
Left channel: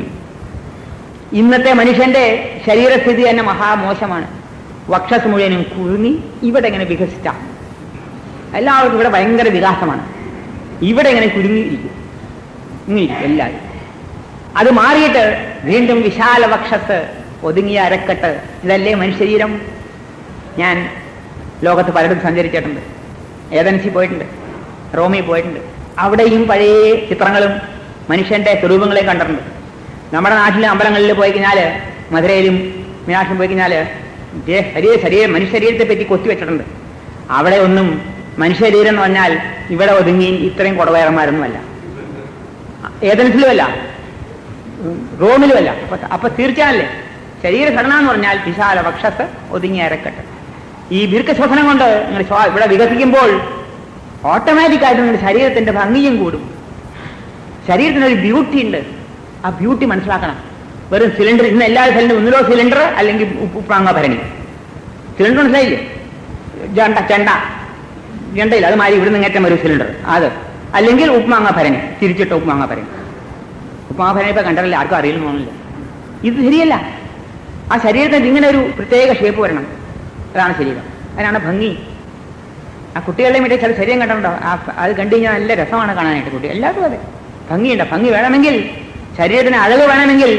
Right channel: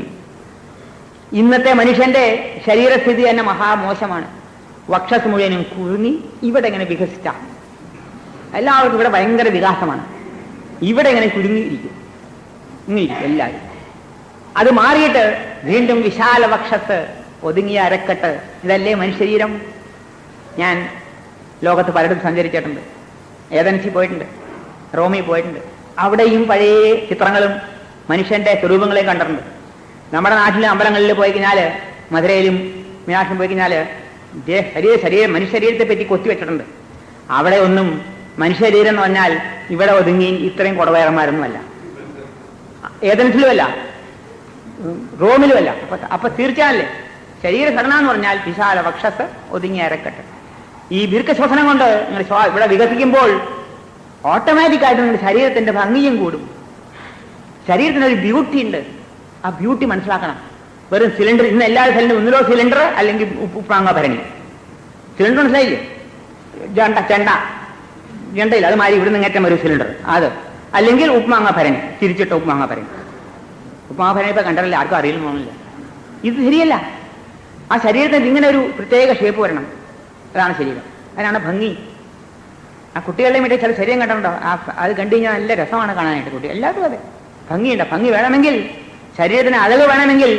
ഇന്നത്തെ മനുഷ്യന്റെ ശരീരസ്ഥിതി തന്നെ മഹാമോശമാണ്. വക്ഷസ് മുഴുവനും കുഴുങ്ങി ഇവിടെ ഇങ്ങനെ വികസിച്ച എല്ലാവർക്കും ഇവിടെ ഭയങ്കര വികാസമാണ്. ഇവിടെ ഇങ്ങനെ ചുരുങ്ങിയിരിക്കും, ഇങ്ങനെയിരിക്കും എല്ലാവരും. അത് മാറിയിട്ട് വീണ്ടും വിശാല വക്ഷസ്, ഒതുങ്ങിയ അരക്കെട്ട്. ഇതല്ലേ മനുഷ്യശരീരം. ഞാൻ ലോകത്ത് പലയിടത്തും സഞ്ചരിച്ചിട്ടുണ്ട്. ഏതൻസിൽ പോയിട്ടുണ്ട്, റോമിൽ പോയിട്ടുണ്ട്. അവിടെയും പഴയ ചിത്രങ്ങളും മനുഷ്യന്റെ സ്വരൂപങ്ങളെയും കണ്ടിട്ടുണ്ട്. നമ്മുടെ നാട്ടിലെ അമ്പലങ്ങളിൽ പോയി കഴിഞ്ഞാൽ, മധുരയിലും മീനാക്ഷിലും പോയി കഴിഞ്ഞാൽ മനുഷ്യ ശരീരത്തെ പറ്റി കൊത്തിവെച്ചിട്ടുണ്ട്. അവിടെ ഒന്നും മനുഷ്യ ശരീരം എന്ന് പറഞ്ഞാൽ ഇവിടെ ഒതുങ്ങി ഇത്രയും കുടവയറന്മാരൊന്നുമല്ല, ഏതൻസിലുമല്ല, റോമിലുമല്ല. അപ്പൊ തീർച്ചയായല്ലേ ശരീരഘടന എന്ന് പറഞ്ഞാൽ വിശാല വക്ഷസ്, ഒതുങ്ങിയ അരക്കെട്ട്. ഈ ദീർഘശ്വസനം കൊണ്ട് നിങ്ങൾ ഇവിടെ വികസിക്കുമ്പോൾ ഓട്ടോമാറ്റിക്കായിട്ട് നിങ്ങളുടെ ശരീരത്തിന്റെ ഭംഗിയും കൂടും. ശരീരത്തിനൊരു ബ്യൂട്ടി ഉണ്ട്. ആ ബ്യൂട്ടി മനസ്സിലാക്കണം. വെറും സിലിണ്ടർ, ഇന്ന് എല്ലാ സിലിണ്ടർ ഒന്നിലോ സിലിണ്ടർ അല്ലെങ്കിൽ ഉപ്പാങ്ങ ഭരണി. സിലിണ്ടർ മനസ്സിലായില്ലേ? ചെണ്ടയില്ല, അത് മാറി ഇവിടെ നിങ്ങേറ്റം ഒരു സിലിണ്ടർ അത്, അല്ലെങ്കിൽ ഉപ്മാങ്ങ ഭരണി, തിരിച്ചിട്ട ഉപ്മാങ്ങ ഭരണി. ഉപ്മാങ്ങ ഭരണി ഇപ്പൊ കണ്ടല്ലേ, ആർക്കും അറിയില്ലെന്ന് തോന്നില്ല. ഇത് ശരിയല്ല. ആ ശരീരത്തിന് ഇങ്ങനെ ഒരു പ്രത്യേക ഷേപ്പ് വരണം. അതാണ് ശരീരം, അതിനാണ് ഭംഗി. ആ കുട്ടികളുടെ മറ്റേ ചില ശരീരം കണ്ടിട്ടുണ്ടോ? അത് കണ്ടു കഴിഞ്ഞാൽ നല്ല രസമാണ് കാണാനായിട്ട്. കുട്ടി എല്ലാവർക്കും അതെ ഭംഗിയുണ്ട്. ഭംഗി വേണമെങ്കിൽ, ശരീരത്തിന് അഴക് വേണമെങ്കിൽ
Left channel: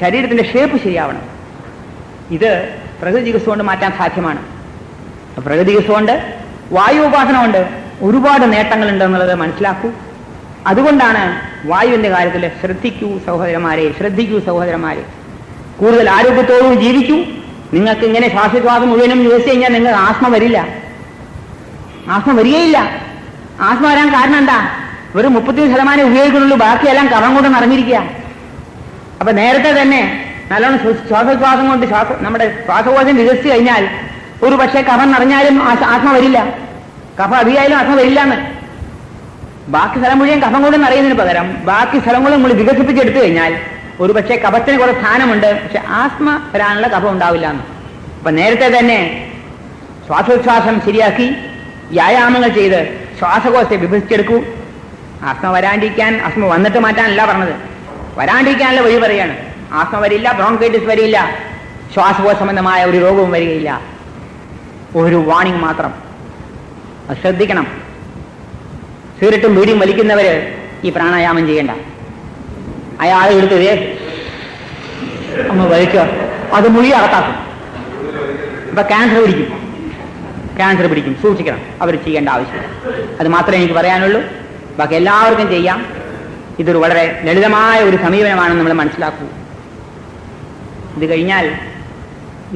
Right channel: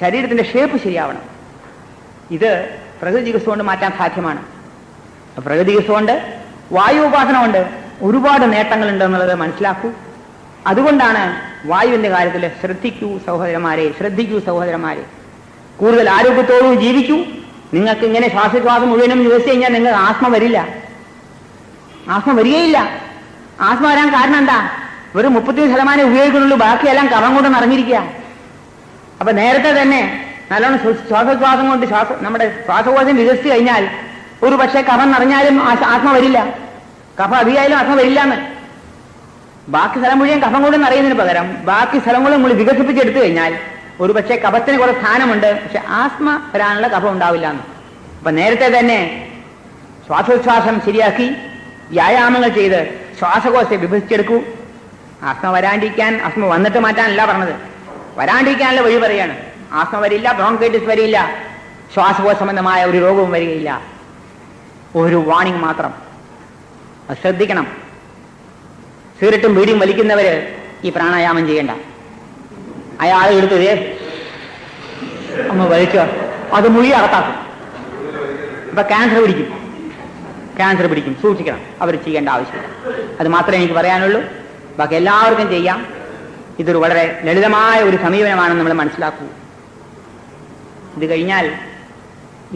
ശരീരത്തിന്റെ ഷേപ്പ് ശരിയാവണം. ഇത് പ്രകൃതി ചികിത്സ കൊണ്ട് മാറ്റാൻ സാധ്യമാണ്. പ്രകൃതി ചികിത്സ കൊണ്ട്, വായു ഉപാസന കൊണ്ട് ഒരുപാട് നേട്ടങ്ങളുണ്ട് എന്നുള്ളത് മനസ്സിലാക്കൂ. അതുകൊണ്ടാണ് വായുവിന്റെ കാര്യത്തിൽ ശ്രദ്ധിക്കൂ സഹോദരന്മാരെ. കൂടുതൽ ആരോഗ്യത്തോടും ജീവിക്കൂ. നിങ്ങൾക്ക് ഇങ്ങനെ ശ്വാസോച്ഛ്വാസം മുഴുവനും യൂസ് കഴിഞ്ഞാൽ നിങ്ങൾക്ക് ആസ്മ വരികയില്ല. ആസ്മ വരാൻ കാരണം എന്താ? വെറും 30% ഉപയോഗിക്കുന്നുള്ളൂ, ബാക്കിയെല്ലാം കഫം കൊണ്ട് നിറഞ്ഞിരിക്കുക. അപ്പൊ നേരത്തെ തന്നെ നല്ലോണം ശ്വാസോച്ഛ്വാസം കൊണ്ട് നമ്മുടെ ശ്വാസകോശം വികസിച്ചു കഴിഞ്ഞാൽ ഒരു പക്ഷേ കഫം നിറഞ്ഞാലും ആസ്മ വരില്ല, കഫം അധികമായാലും ആസ്മ വരില്ലാന്ന്. ബാക്കി സ്ഥലം മുഴുവൻ കഫം കൊണ്ട് നിറയുന്നതിന് പകരം ബാക്കി സ്ഥലങ്ങളും നമ്മൾ വികസിപ്പിച്ചെടുത്തു കഴിഞ്ഞാൽ ഒരു പക്ഷേ കഫത്തിന് കുറെ സ്ഥാനമുണ്ട്, പക്ഷെ ആസ്മ വരാനുള്ള കഫം ഉണ്ടാവില്ല എന്ന്. അപ്പൊ നേരത്തെ തന്നെ ശ്വാസോച്ഛ്വാസം ശരിയാക്കി വ്യായാമങ്ങൾ ചെയ്ത് ശ്വാസകോശത്തെ വിഭജിച്ചെടുക്കൂ. ആസ്മ വരാണ്ടിരിക്കാൻ, ആസ്മ വന്നിട്ട് മാറ്റാനല്ല പറഞ്ഞത്, വരാണ്ടിരിക്കാനുള്ള വഴി പറയാണ്. ആസ്മ വരില്ല, ബ്രോങ്കൈറ്റിസ് വരില്ല, ശ്വാസകോശ സംബന്ധമായ ഒരു രോഗവും വരികയില്ല. ഒരു വാണിംഗ് മാത്രം, അത് ശ്രദ്ധിക്കണം. സിഗരറ്റും ബീഡിയും വലിക്കുന്നവര് ഈ പ്രാണായാമം ചെയ്യണ്ട. അയാൾ എടുത്തതേ ഒന്ന് വലിക്കുക, അത് മുഴുവൻ അകത്താക്കും. അപ്പൊ ക്യാൻസർ പിടിക്കും, സൂക്ഷിക്കണം. അവർ ചെയ്യേണ്ട ആവശ്യമില്ല. അത് മാത്രമേ എനിക്ക് പറയാനുള്ളൂ. ബാക്കി എല്ലാവർക്കും ചെയ്യാം. ഇതൊരു വളരെ ലളിതമായ ഒരു സമീപനമാണെന്ന് നമ്മൾ മനസ്സിലാക്കൂ. ഇത് കഴിഞ്ഞാൽ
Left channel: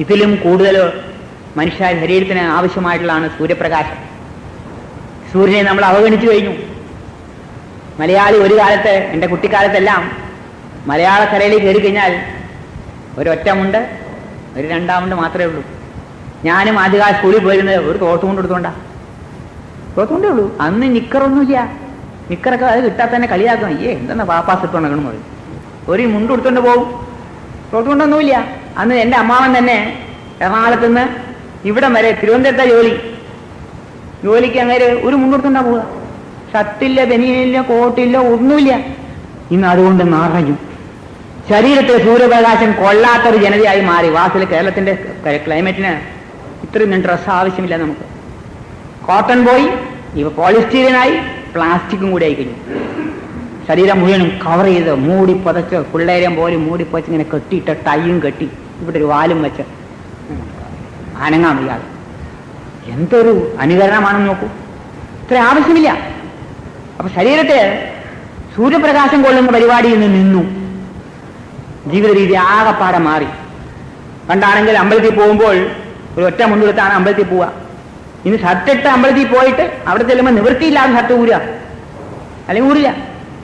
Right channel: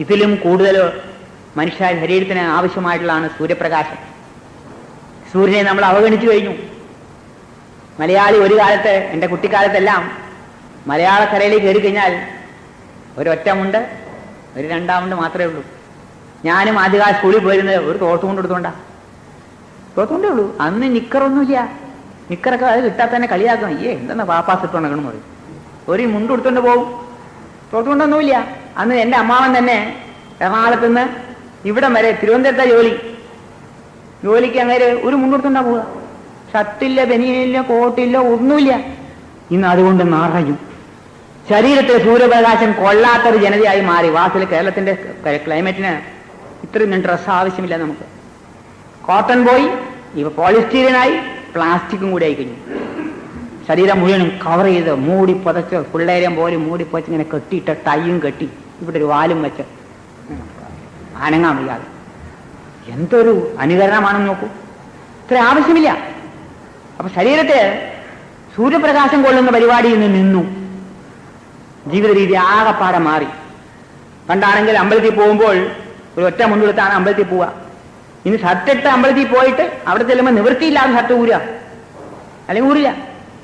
ഇതിലും കൂടുതൽ മനുഷ്യ ശരീരത്തിന് ആവശ്യമായിട്ടുള്ളതാണ് സൂര്യപ്രകാശം. സൂര്യനെ നമ്മൾ അവഗണിച്ചു കഴിഞ്ഞു. മലയാളി ഒരു കാലത്ത്, എൻ്റെ കുട്ടിക്കാലത്തെല്ലാം മലയാളക്കരയിൽ കയറി കഴിഞ്ഞാൽ ഒരൊറ്റമുണ്ട്, ഒരു രണ്ടാമുണ്ട് മാത്രമേ ഉള്ളൂ. ഞാനും ആദ്യകാല സ്കൂളിൽ പോയിരുന്നത് ഒരു തോർത്തുകൊണ്ട് എടുത്തോണ്ടേ ഉള്ളൂ. അന്ന് നിക്കറൊന്നുമില്ല. നിക്കറൊക്കെ അത് കിട്ടാത്ത തന്നെ കളിയാക്കും. എന്തെന്നാ പാപ്പാസ് ഇട്ടുണ്ടെന്ന് പറയും. ഒരു മുണ്ട് എടുത്തോണ്ട് പോകും, തോർത്തുകൊണ്ടൊന്നുമില്ല. അന്ന് എൻ്റെ അമ്മാവൻ തന്നെ എറണാകുളത്ത് നിന്ന് ഇവിടം വരെ തിരുവനന്തപുരത്തെ ജോലിക്ക് അങ്ങനെ ഒരു മുണ്ടെടുത്തോണ്ടാ പോവുക. ഷർട്ടില്ല, ബനിയനില്ല, കോട്ടില്ല, ഒന്നുമില്ല. ഇന്ന് അതുകൊണ്ട് നിറയും. ശരീരത്തിൽ സൂര്യപ്രകാശം കൊള്ളാത്തൊരു ജനതയായി മാറി. വാസിൽ കേരളത്തിന്റെ ക്ലൈമറ്റിന് ഇത്രയും ഡ്രസ്സ് ആവശ്യമില്ല നമുക്ക്. കോട്ടൺ പോയി, ഇപ്പൊ പോളിസ്റ്റീരിയനായി, പ്ലാസ്റ്റിക്കും കൂടി ആയിക്കഴിഞ്ഞു. ശരീരം മുഴുവനും കവർ ചെയ്ത് മൂടി പുതച്ച്, പിള്ളേരം പോലെ മൂടി പുതച്ച് ഇങ്ങനെ കെട്ടിയിട്ട് ടൈയും കെട്ടി ഇവിടെ ഒരു വാലും വെച്ച് അനങ്ങാൻ വയ്യാതെ. എന്തൊരു അനുകരണമാണെന്ന് നോക്കൂ. ഇത്ര ആവശ്യമില്ല. അപ്പൊ ശരീരത്തെ സൂര്യപ്രകാശം കൊള്ളുന്ന പരിപാടിയിൽ നിന്ന് നിന്നു. ജീവിത രീതി ആകെപ്പാടെ മാറി. പണ്ടാണെങ്കിൽ അമ്പലത്തിൽ പോകുമ്പോൾ ഒരു ഒറ്റ മുണ്ടെടുത്താണ് അമ്പലത്തിൽ പോവുക. ഇനി ഷർട്ടിട്ട് അമ്പലത്തിൽ പോയിട്ട് അവിടെ ചെല്ലുമ്പോൾ നിവൃത്തിയില്ലാതെ ഷർട്ട് ഊരുക, അല്ലെങ്കിൽ ഊരില്ല.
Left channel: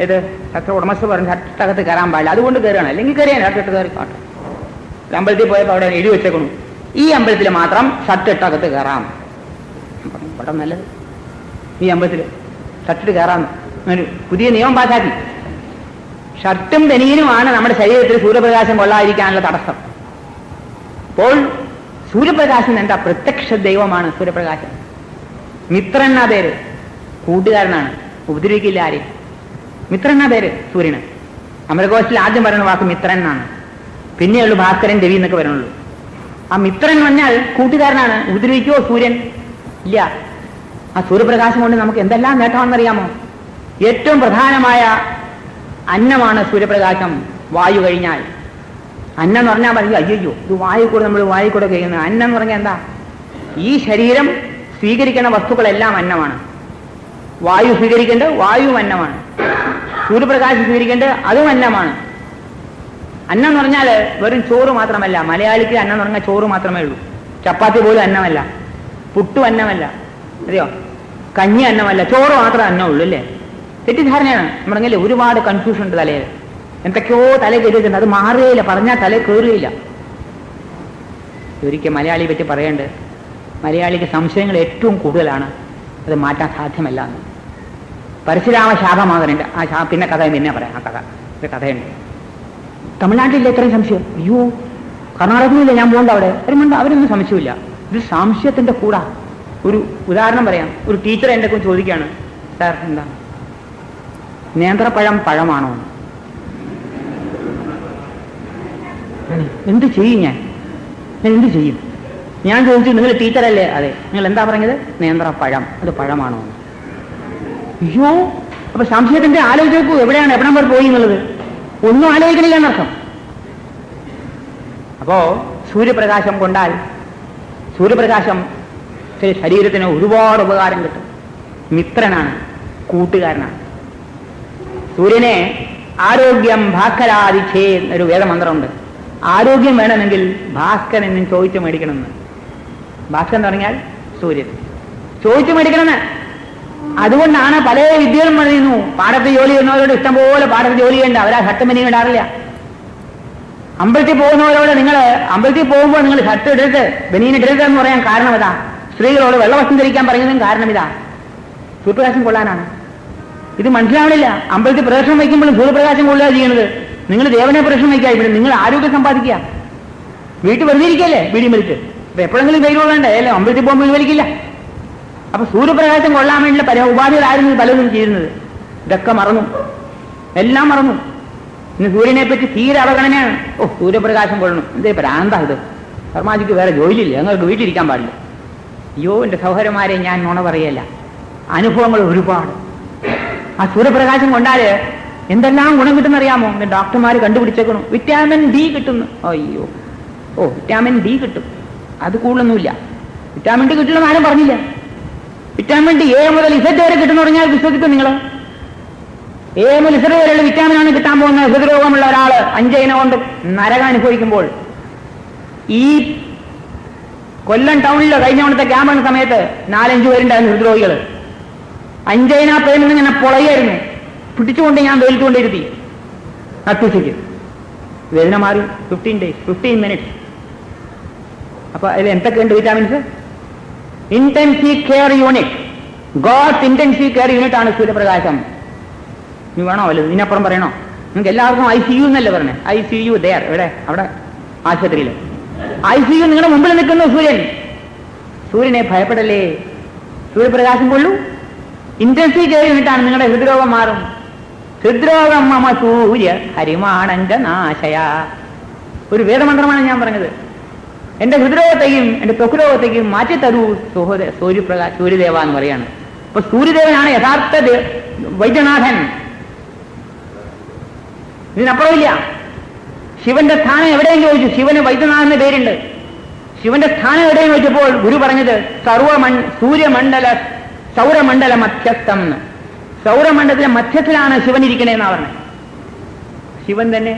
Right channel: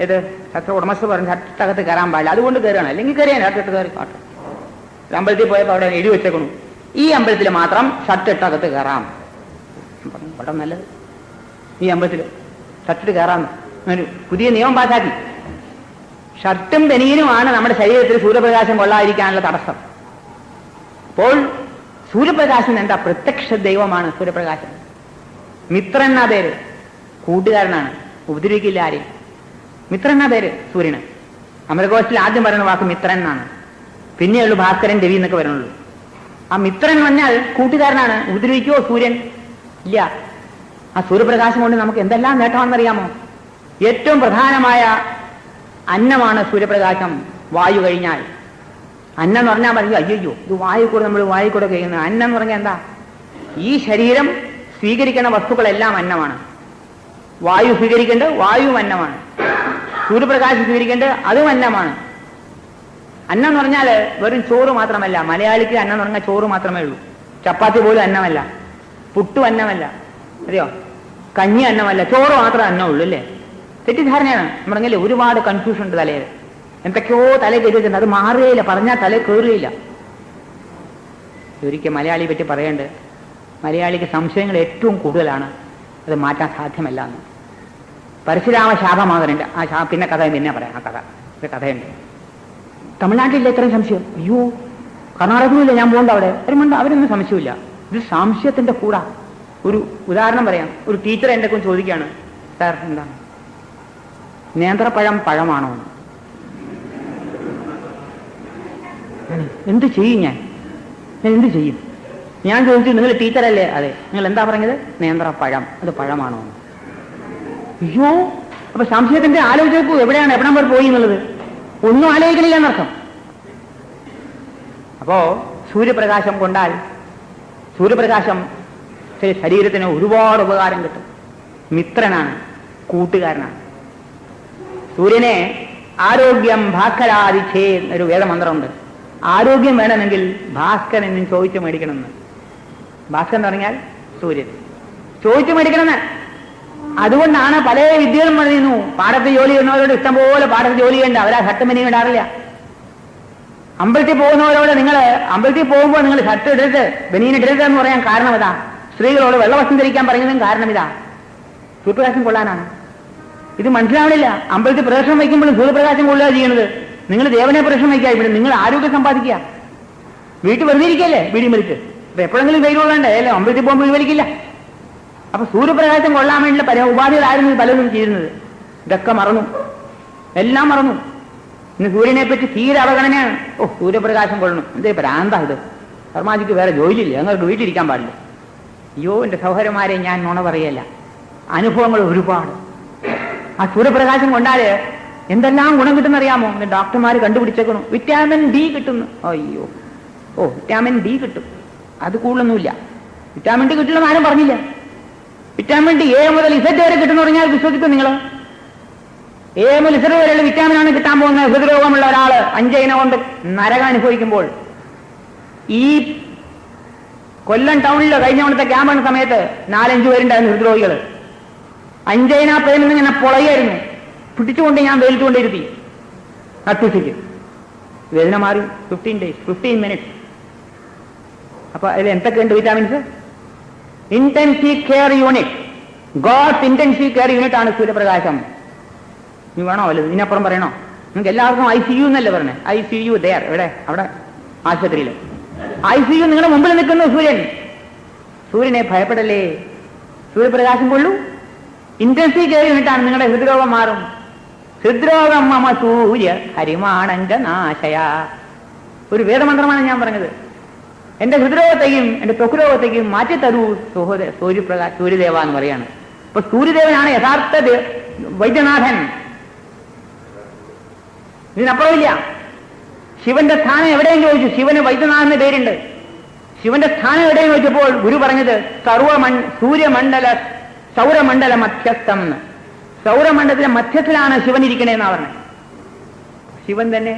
ഏത് ഷർട്ട് ഉടമസ്ഥ പറഞ്ഞ് ഷർട്ടകത്ത് കയറാൻ പാടില്ല, അതുകൊണ്ട് കയറുകയാണ്. അല്ലെങ്കിൽ കയറിയാണ് ഷർട്ടിട്ട് കയറി കാട്ടും. അമ്പലത്തിൽ പോയപ്പോൾ അവിടെ എഴുതി വെച്ചേക്കണം, ഈ അമ്പലത്തിൽ മാത്രം ഷർട്ടിട്ടകത്ത് കയറാം. ഇവിടെ നല്ലത് ഈ അമ്പലത്തിൽ ഷർട്ടിട്ട് കയറാമെന്ന് പുതിയ നിയമം പാസാക്കി. ഷർട്ടും ബനിയനുമാണ് നമ്മുടെ ശരീരത്തിൽ സൂര്യപ്രകാശം കൊള്ളാതിരിക്കാനുള്ള തടസ്സം. അപ്പോൾ സൂര്യപ്രകാശം എന്താ? പ്രത്യക്ഷ ദൈവമാണ് സൂര്യപ്രകാശം. മിത്രൻ എന്നാ പേര്, കൂട്ടുകാരനാണ്, ഉപദ്രവിക്കില്ല ആരെയും. മിത്രൻ എന്നാ പേര് സൂര്യന്. അമരകോശത്തിൽ ആദ്യം പറയുന്ന വാക്ക് മിത്രൻ എന്നാണ്. പിന്നെയുള്ളൂ ഭാസ്കരൻ, രവി എന്നൊക്കെ വരുന്നുള്ളൂ. ആ മിത്രൻ പറഞ്ഞാൽ കൂട്ടുകാരനാണ്. ഉപദ്രവിക്കുവോ സൂര്യൻ? ഇല്ല. ആ സൂര്യപ്രകാശം കൊണ്ട് നമുക്ക് എന്തെല്ലാം നേട്ടമാണെന്നറിയാമോ? ഏറ്റവും പ്രധാനമായ അന്നമാണ് സൂര്യപ്രകാശം. വായു കഴിഞ്ഞാൽ അന്നം എന്ന് പറഞ്ഞാൽ മതി. അയ്യോ, ഇത് വായു കൂടെ നമ്മൾ വായു കൂടെ കഴിയുന്നത്. അന്നം എന്ന് പറഞ്ഞാൽ എന്താ? ഈ ശരീരം സ്വീകരിക്കുന്ന വസ്തുക്കളെല്ലാം അന്നമാണ്. വായു സ്വീകരിക്കേണ്ടത് വായുവും അന്നമാണ്. സൂര്യപ്രകാശം സ്വീകരിക്കേണ്ടത് അതും അന്നമാണ്. അന്നം എന്ന് പറഞ്ഞാൽ വെറും ചോറ് മാത്രമല്ല. മലയാളിക്ക് അന്നം എന്ന് പറഞ്ഞാൽ ചോറ് മാത്രമേ ഉള്ളൂ. ചപ്പാത്തി പോലും അന്നമല്ല, പുട്ടും അന്നമല്ല, അറിയോ? കഞ്ഞി അന്നമല്ല, ചോറ് മാത്രമേ അന്നമുള്ളൂ അല്ലേ? തെറ്റിദ്ധാരണയാണ്. നമ്മളെങ്കിലേ ഒരുപാട് കൺഫ്യൂഷൻ ഉണ്ട് തലയിൽ. എന്തൊക്കെയോ തലയിൽ കയറിയിട്ടുണ്ട്. അത് മാറുകയില്ല, പറഞ്ഞാൽ തലയിൽ കയറുകയില്ല. ഒരിക്കൽ മലയാളിയെ പറ്റി പറയേണ്ടത്, മലയാളിക്ക് സംശയങ്ങൾ ഏറ്റവും കൂടുതലാണ്. അത് മാറ്റാൻ സാധ്യമല്ല എന്ന്. പരശുരാമ ശാപമാകനുണ്ട്. പിന്നെ കഥ പിന്നെ പറയാം. ആ കഥയുണ്ട്. തമിഴ്നാട്ടിലെ എത്രയും സംശയം. അയ്യോ, കർണാടകയിലില്ല, ഞാൻ പോകണ്ട അവിടെ. അവരൊന്നും സംശയമില്ല. ഇത് സംശയത്തിന്റെ കൂടാ. ഒരു ഉദാഹരണം പറയാം. ഒരു ടീച്ചർ എൻ്റെ കൊണ്ട് ചോദിക്കുകയാണ്, സാർ എന്താ നേന്ത്രപ്പഴം പഴമാണോ? എന്ത് ചെയ്യും ഞാൻ എന്ത് ചെയ്യും? ഞാൻ ചോദിച്ചു, നിങ്ങൾ ടീച്ചറല്ലേ? അതെ. നിങ്ങൾ എന്താ പറഞ്ഞത്? നേന്ത്രപ്പഴം, അത് പഴമാണോ? അയ്യോ, അപ്പൊ സംശയത്തിന്റെ ആലോചിച്ചു എവിടെയാണ് എവിടം വരെ പോയി എന്നുള്ളത് ഒന്നും ആലോചിക്കണില്ല എന്നർത്ഥം. അപ്പോ സൂര്യപ്രകാശം കൊണ്ടാൽ സൂര്യപ്രകാശം ശരീരത്തിന് ഒരുപാട് ഉപകാരം കിട്ടും. മിത്രനാണ്, കൂട്ടുകാരനാണ്. സൂര്യനെ ആരോഗ്യം ഭാസ്കരാദിച്ഛേ എന്നൊരു വേദമന്ത്രമുണ്ട്. ആരോഗ്യം വേണമെങ്കിൽ ഭാസ്കരൻ നിന്ന് ചോദിച്ചു മേടിക്കണമെന്ന്. ഭാസ്കരൻ എന്ന് പറഞ്ഞാൽ സൂര്യൻ. ചോദിച്ചു മേടിക്കണമെന്ന്. അതുകൊണ്ടാണ് പല വിദ്യകളും പറയുന്നു. പാടത്ത് ജോലി ചെയ്യുന്നവരോട് ഇഷ്ടംപോലെ പാടത്ത് ജോലി ചെയ്യണ്ട, അവരാ ഷർട്ട് മിനി ഇടാറില്ല. അമ്പലത്തിൽ പോകുന്നവരോട് നിങ്ങൾ അമ്പലത്തിൽ പോകുമ്പോൾ നിങ്ങൾ ഷർട്ട് ഇടരുത്, ബനീൻ ഇടരുത് എന്ന് പറയാൻ കാരണം ഇതാ. സ്ത്രീകളോട് വെള്ളവസ്ത്രം ധരിക്കാൻ പറയുന്നതും കാരണം ഇതാ. സൂര്യപ്രകാശം കൊള്ളാനാണ്. ഇത് മനസ്സിലാവണില്ല. അമ്പലത്തിൽ പ്രദർശനം വയ്ക്കുമ്പോഴും സൂര്യപ്രകാശം കൊള്ളുക ചെയ്യുന്നത്. നിങ്ങൾ ദേവനെ പ്രദർശനം വയ്ക്കുക, ഇവിടെ നിങ്ങൾ ആരോഗ്യം സമ്പാദിക്കുക. വീട്ടിൽ വെറുതെ ഇരിക്കല്ലേ വീടിയും വലിച്ച്. അപ്പൊ എപ്പോഴെങ്കിലും വെയിൽ കൊള്ളണ്ടേ? അല്ലെ, അമ്പലത്തിൽ പോകുമ്പോൾ വലിക്കില്ല. അപ്പൊ സൂര്യപ്രകാശം കൊള്ളാൻ വേണ്ടിയുള്ള പല ഉപാധികളായിരുന്നു പലതും ചെയ്യുന്നത്. ഇതൊക്കെ മറന്നു, എല്ലാം മറന്നു. ഇന്ന് സൂര്യനെ പറ്റി തീരെ അവഗണനയാണ്. സൂര്യപ്രകാശം കൊള്ളണം, എന്തേ ഭ്രാന്താ ഇത്? ശർമാജിക്ക് വേറെ ജോലിയില്ല, ഞങ്ങൾക്ക് വീട്ടിലിരിക്കാൻ പാടില്ല. അയ്യോ, എന്റെ സഹോദരന്മാരെ, ഞാൻ നുണ പറയല്ല. അനുഭവങ്ങൾ ഒരുപാട്. ആ സൂര്യപ്രകാശം കൊണ്ടാല് എന്തെല്ലാം ഗുണം കിട്ടുന്നറിയാമോ? ഡോക്ടർമാർ കണ്ടുപിടിച്ചേക്കണം. വിറ്റാമിൻ ഡി കിട്ടുന്നു. അയ്യോ, വിറ്റാമിൻ ഡി കിട്ടും. അത് കൂടുതലൊന്നുമില്ല. വിറ്റാമിൻ ഡി കിട്ടുമെന്ന് ആരും പറഞ്ഞില്ല. വിറ്റാമിൻ ഡി എ മുതൽ ഇസഡ് വരെ കിട്ടുന്ന പറഞ്ഞാൽ വിശ്വസിക്കും നിങ്ങൾ? എ മുതൽ ഇസഡ് വരെയുള്ള വിറ്റാമിനാണ് കിട്ടാൻ പോകുന്നത്. ഹൃദ്രോഗമുള്ള ഒരാള് 5 ഇനം കൊണ്ട് നരകം അനുഭവിക്കുമ്പോൾ. ഈ കൊല്ലം ടൗണിൽ കഴിഞ്ഞ തവണത്തെ ക്യാമ്പ് സമയത്ത് 4-5 പേരുണ്ടായിരുന്നു ഹൃദ്രോഗികൾ. 5 ഇനം പേരിൽ ഇങ്ങനെ പൊളയായിരുന്നു. പിടിച്ചുകൊണ്ട് ഞാൻ വെയിൽക്കൊണ്ടിരുത്തി. അത്യുച്ചയ്ക്ക് വേദന മാറി. 15 days, 15 minutes. അപ്പൊ അതിൽ എന്തൊക്കെയുണ്ട് vitamins? Intensive care unit. God's intensive care unit ആണ് സൂര്യപ്രകാശം. നീ വേണോ വല്ലതും ഇതിനപ്പുറം പറയണോ? നിങ്ങൾക്ക് എല്ലാവർക്കും ICU എന്നല്ലേ പറഞ്ഞേ? ICU ദയർ എവിടെ? അവിടെ ആശുപത്രിയിൽ ICU. നിങ്ങളുടെ മുമ്പിൽ നിൽക്കുന്ന സൂര്യൻ. സൂര്യനെ ഭയപ്പെടല്ലേ? സൂര്യപ്രകാശം കൊള്ളൂ. ഇന്റൻസീവ് കെയർ യൂണിറ്റാണ്. നിങ്ങളുടെ ഹൃദ്രോഗം മാറും. ഹൃദ്രോഗം മമ സൂര്യ ഹരിമാണഞ്ച നാശയ. ഒരു വേദമന്ത്രമാണ് ഞാൻ പറഞ്ഞത്. എന്റെ ഹൃദ്രോഗത്തെയും എന്റെ ത്വക്രോഗത്തെയും മാറ്റിത്തരൂ സൂര്യദേവ എന്ന് പറയാണ്. അപ്പൊ സൂര്യദേവനാണ് യഥാർത്ഥ വൈദ്യനാഥൻ. ഇതിനപ്പുറമില്ല. ശിവന്റെ സ്ഥാനം എവിടെയും ചോദിച്ചു. ശിവന് വൈദ്യനാഥന്റെ പേരുണ്ട്. ശിവന്റെ സ്ഥാനം എവിടെയും ചോദിച്ചപ്പോൾ ഗുരു പറഞ്ഞത് സൗരമണ്ഡല മധ്യസ്ഥം എന്ന്. സൗരമണ്ഡലത്തിലെ മധ്യത്തിലാണ് ശിവൻ ഇരിക്കണേന്നാ പറഞ്ഞത്. ശിവൻ തന്നെ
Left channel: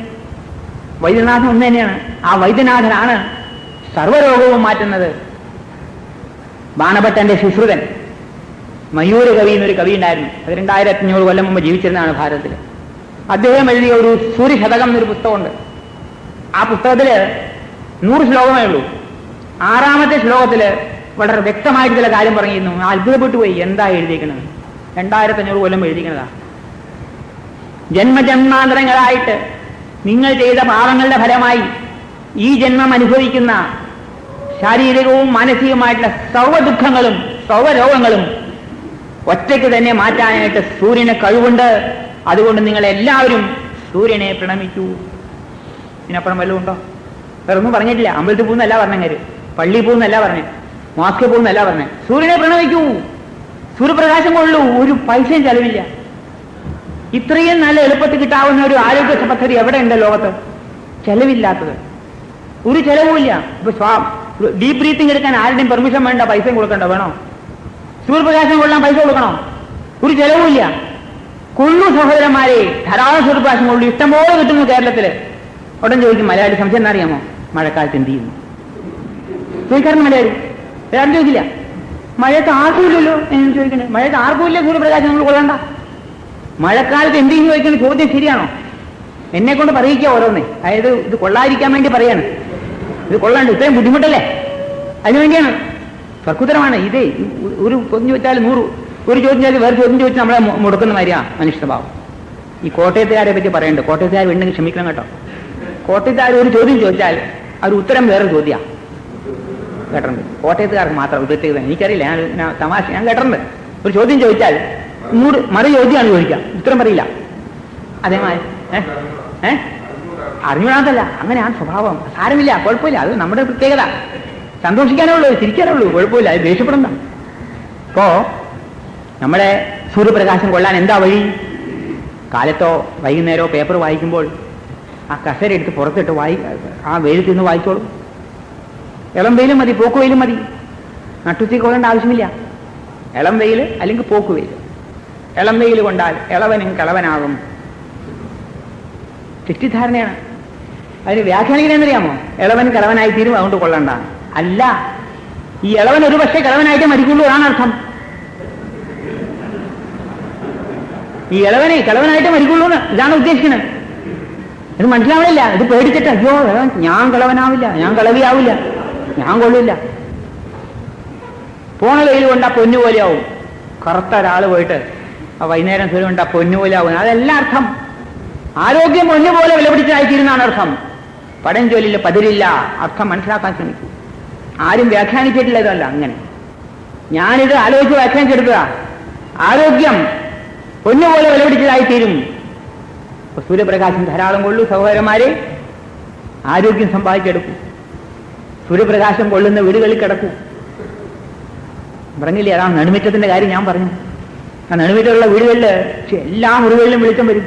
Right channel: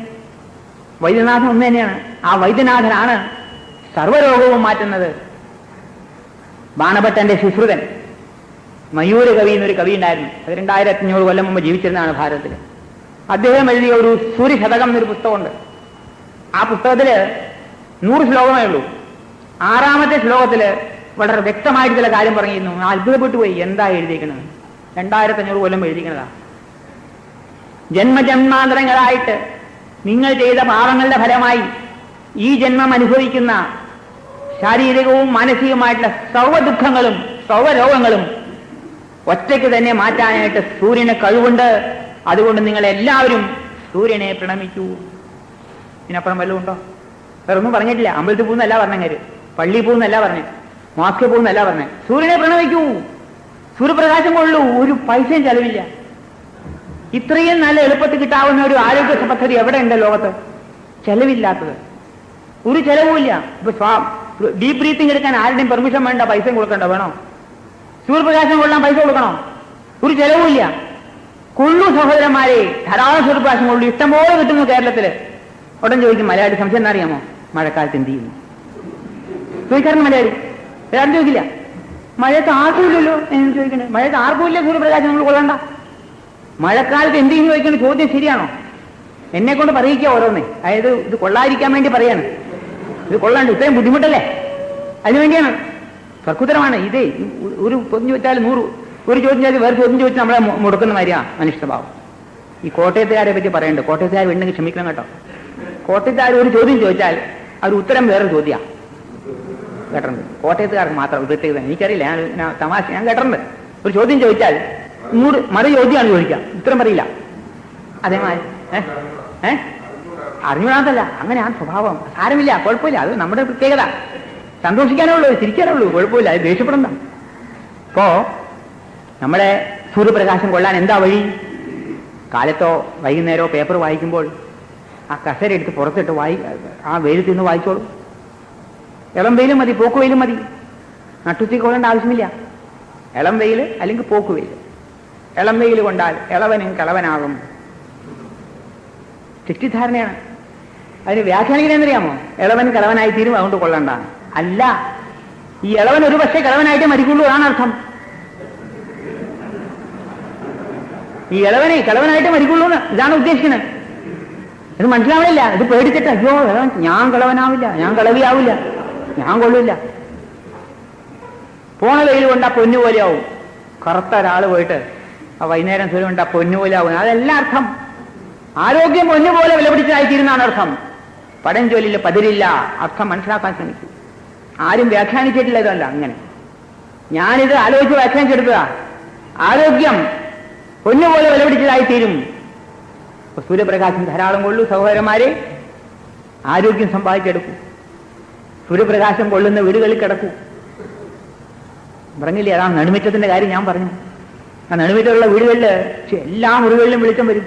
വൈദ്യനാഥൻ ഒന്ന് തന്നെയാണ്. ആ വൈദ്യനാഥനാണ് സർവരോഗവും മാറ്റുന്നത്. ബാണഭട്ടന്റെ സുശ്രുതൻ മയൂര കവി എന്നൊരു കവി ഉണ്ടായിരുന്നു. അത് 2500 കൊല്ലം മുമ്പ് ജീവിച്ചിരുന്നതാണ് ഭാരതത്തിൽ. അദ്ദേഹം എഴുതിയ ഒരു സൂര്യശതകം എന്നൊരു പുസ്തകമുണ്ട്. ആ പുസ്തകത്തില് 100 ശ്ലോകമേ ഉള്ളൂ. 6ാമത്തെ ശ്ലോകത്തില് വളരെ വ്യക്തമായിട്ട് ചില കാര്യം പറഞ്ഞിരുന്നു. അത്ഭുതപ്പെട്ടു പോയി. എന്താ എഴുതിയിരിക്കുന്നത്? 2500 കൊല്ലം എഴുതിക്കുന്നതാ. ജന്മജന്മാന്തരങ്ങളായിട്ട് നിങ്ങൾ ചെയ്ത പാപങ്ങളുടെ ഫലമായി ഈ ജന്മം അനുഭവിക്കുന്ന ശാരീരികവും മാനസികവുമായിട്ടുള്ള സർവ്വദുഃഖങ്ങളും സർവ്വരോഗങ്ങളും ഒറ്റയ്ക്ക് തന്നെ മാറ്റാനായിട്ട് സൂര്യന് കഴിവുണ്ട്. അതുകൊണ്ട് നിങ്ങൾ എല്ലാവരും സൂര്യനെ പ്രണമിക്കൂ. ഇതിനപ്പുറം വല്ലതും ഉണ്ടോ? വേറൊന്നും പറഞ്ഞിട്ടില്ല. അമ്പലത്തിൽ പോകുന്നല്ല പറഞ്ഞത്, പള്ളിയിൽ പോകുന്നല്ല പറഞ്ഞത്, മാസ്ക് പോകുന്നല്ല പറഞ്ഞത്. സൂര്യനെ പ്രണമിക്കൂ. സൂര്യപ്രകാശം കൊള്ളു, ഒരു പൈസയും ചെലവില്ല. ഇത്രയും നല്ല എളുപ്പത്തിൽ കിട്ടാവുന്ന ഒരു ആരോഗ്യ പദ്ധതി എവിടെയുണ്ട് ലോകത്ത്? ചെലവില്ലാത്തത്, ഒരു ചെലവുമില്ല. ഇപ്പൊ ഡീപ് ബ്രീത്തിങ് എടുക്കാൻ ആരുടെയും പെർമിഷൻ വേണ്ട, പൈസയും കൊടുക്കണ്ട. വേണോ? സൂര്യപ്രകാശം കൊള്ളാൻ പൈസ കൊടുക്കണോ? ഒരു ചെലവുമില്ല. കൊള്ളു സഹോദരന്മാരെ, ധാരാളം സൂര്യപ്രകാശം കൊള്ളു, ഇഷ്ടംപോലെ കിട്ടുന്നു കേരളത്തില്. ഉടൻ ചോദിക്കും മലയാളി, സംശയം എന്താ അറിയാമോ? മഴക്കാലത്ത് എന്ത് ചെയ്യുന്നു ചോദിക്കാറുണ്ട് മലയാളി. വേറെ ചോദിക്കില്ല. മഴയത്ത് ആർക്കുമില്ലല്ലോ എന്ന് ചോദിക്കുന്നത്. മഴയത്ത് ആർക്കുമില്ല സൂര്യപ്രകാശം നമ്മൾ കൊള്ളണ്ട. മഴക്കാലത്ത് എന്ത് ചെയ്യുന്നു ചോദിക്കുന്ന ചോദ്യം ശരിയാണോ? എന്നെ കൊണ്ട് പറയിക്കുക ഓരോന്ന്. അതായത് ഇത് കൊള്ളാതിരിക്കാൻ വേണ്ടി പറയാണ്. ഇത് കൊള്ളാണ്ട്, ഇത്രയും ബുദ്ധിമുട്ടല്ലേ, അതിനുവേണ്ടിയാണ്. തർക്കുത്തരമാണ് ഇത്. ഒരു ചോദ്യം ചോദിച്ചാൽ 100, ഒരു ചോദ്യം ചോദിച്ചാൽ വേറെ ചോദ്യം ചോദിച്ചാൽ നമ്മളെ മുടക്കുന്ന മാതിരിയാണ് മനുഷ്യഭാവം. ഈ കോട്ടയത്തുകാരെ പറ്റി പറയുന്നുണ്ട്. കോട്ടയത്തുകാർ ഉണ്ടെങ്കിൽ ക്ഷമിക്കണം കേട്ടോ. കോട്ടയത്തുകാർ ഒരു ചോദ്യം ചോദിച്ചാൽ അവർ ഉത്തരം വേറെ ചോദ്യമാണ്. കേട്ടിട്ടുണ്ട്. കോട്ടയത്തുകാർക്ക് മാത്രം ഉദ്ദേശിച്ചത് എനിക്കറിയില്ല, ഞാൻ തമാശ ഞാൻ കേട്ടിട്ടുണ്ട്. ഒരു ചോദ്യം ചോദിച്ചാൽ മറു ചോദ്യമാണ് ചോദിക്കുക, ഉത്തരം പറയില്ല. അതേമായി അറിഞ്ഞുകൂടാത്തല്ല, അങ്ങനെയാണ് സ്വഭാവം. സാരമില്ല, കുഴപ്പമില്ല, അത് നമ്മുടെ പ്രത്യേകത. സന്തോഷിക്കാനുള്ളൂ, ചിരിക്കാനുള്ളൂ, കുഴപ്പമില്ല, അത് ദേഷ്യപ്പെടണ്ട. ഇപ്പോ നമ്മുടെ സൂര്യപ്രകാശം കൊള്ളാൻ എന്താ വഴി? കാലത്തോ വൈകുന്നേരമോ പേപ്പർ വായിക്കുമ്പോൾ ആ കസേര എടുത്ത് പുറത്തിട്ട് ആ വെയിലത്ത് നിന്ന് വായിച്ചോളൂ. ഇളം വെയിലും മതി, പോക്ക് വെയിലും മതി. നട്ടുച്ചയ്ക്ക് കൊള്ളേണ്ട ആവശ്യമില്ല. ഇളം വെയിൽ അല്ലെങ്കിൽ പോക്ക് വെയിൽ. ഇളം വെയിൽ കൊണ്ടാൽ ഇളവനും കളവനാകും. തെറ്റിദ്ധാരണയാണ്. അതിന് വ്യാഖ്യാനിക്കണമെന്നറിയാമോ? ഇളവൻ കളവനായി തീരും, അതുകൊണ്ട് കൊള്ളണ്ടാണ്. അല്ല, ഈ ഇളവൻ ഒരു പക്ഷേ കളവനായിട്ടേ മരിക്കുള്ളൂ, അതാണ് അർത്ഥം. ഈ ഇളവനെ കളവനായിട്ട് മരിക്കുള്ളൂ, ഇതാണ് ഉദ്ദേശിക്കുന്നത്. ഇത് മനസ്സിലാവില്ല. ഇത് പേടിക്കട്ടെ, അയ്യോ ഞാൻ കളവനാവില്ല, ഞാൻ കളവിയാവില്ല, ഞാൻ കൊള്ളില്ല. പോണ വെയിൽ കൊണ്ടാ പൊന്നുപോലെയാവും. കറുത്ത ഒരാൾ പോയിട്ട് ആ വൈകുന്നേരം സൂര്യ കൊണ്ടാ പൊന്നുപോലെയാവും. അതല്ല അർത്ഥം. ആരോഗ്യം പൊന്നുപോലെ വിലപിടിച്ചായിത്തീരുന്നതാണ് അർത്ഥം. പടംചൊല്ലില്ല പതിരില്ല. അർത്ഥം മനസ്സിലാക്കാൻ ശ്രമിക്കും. ആരും വ്യാഖ്യാനിച്ചിട്ടില്ല ഇതല്ല. അങ്ങനെ ഞാനിത് ആലോചിച്ച് വ്യാഖ്യാനിച്ചെടുത്തതാ. ആരോഗ്യം പൊന്നുപോലെ വിലപിടിച്ചതായിത്തീരും. സൂര്യപ്രകാശം ധാരാളം കൊള്ളൂ സഹോദരന്മാരെ, ആരോഗ്യം സമ്പാദിച്ചെടുക്കും. സൂര്യപ്രകാശം കൊള്ളുന്ന വീടുകളിൽ കിടക്കൂ. പറഞ്ഞില്ലേ, അതാ നെടുമുറ്റത്തിന്റെ കാര്യം ഞാൻ പറഞ്ഞു. ആ നെടുമുറ്റമുള്ള വീടുകളിൽ എല്ലാ മുറികളിലും വെളിച്ചം വരും.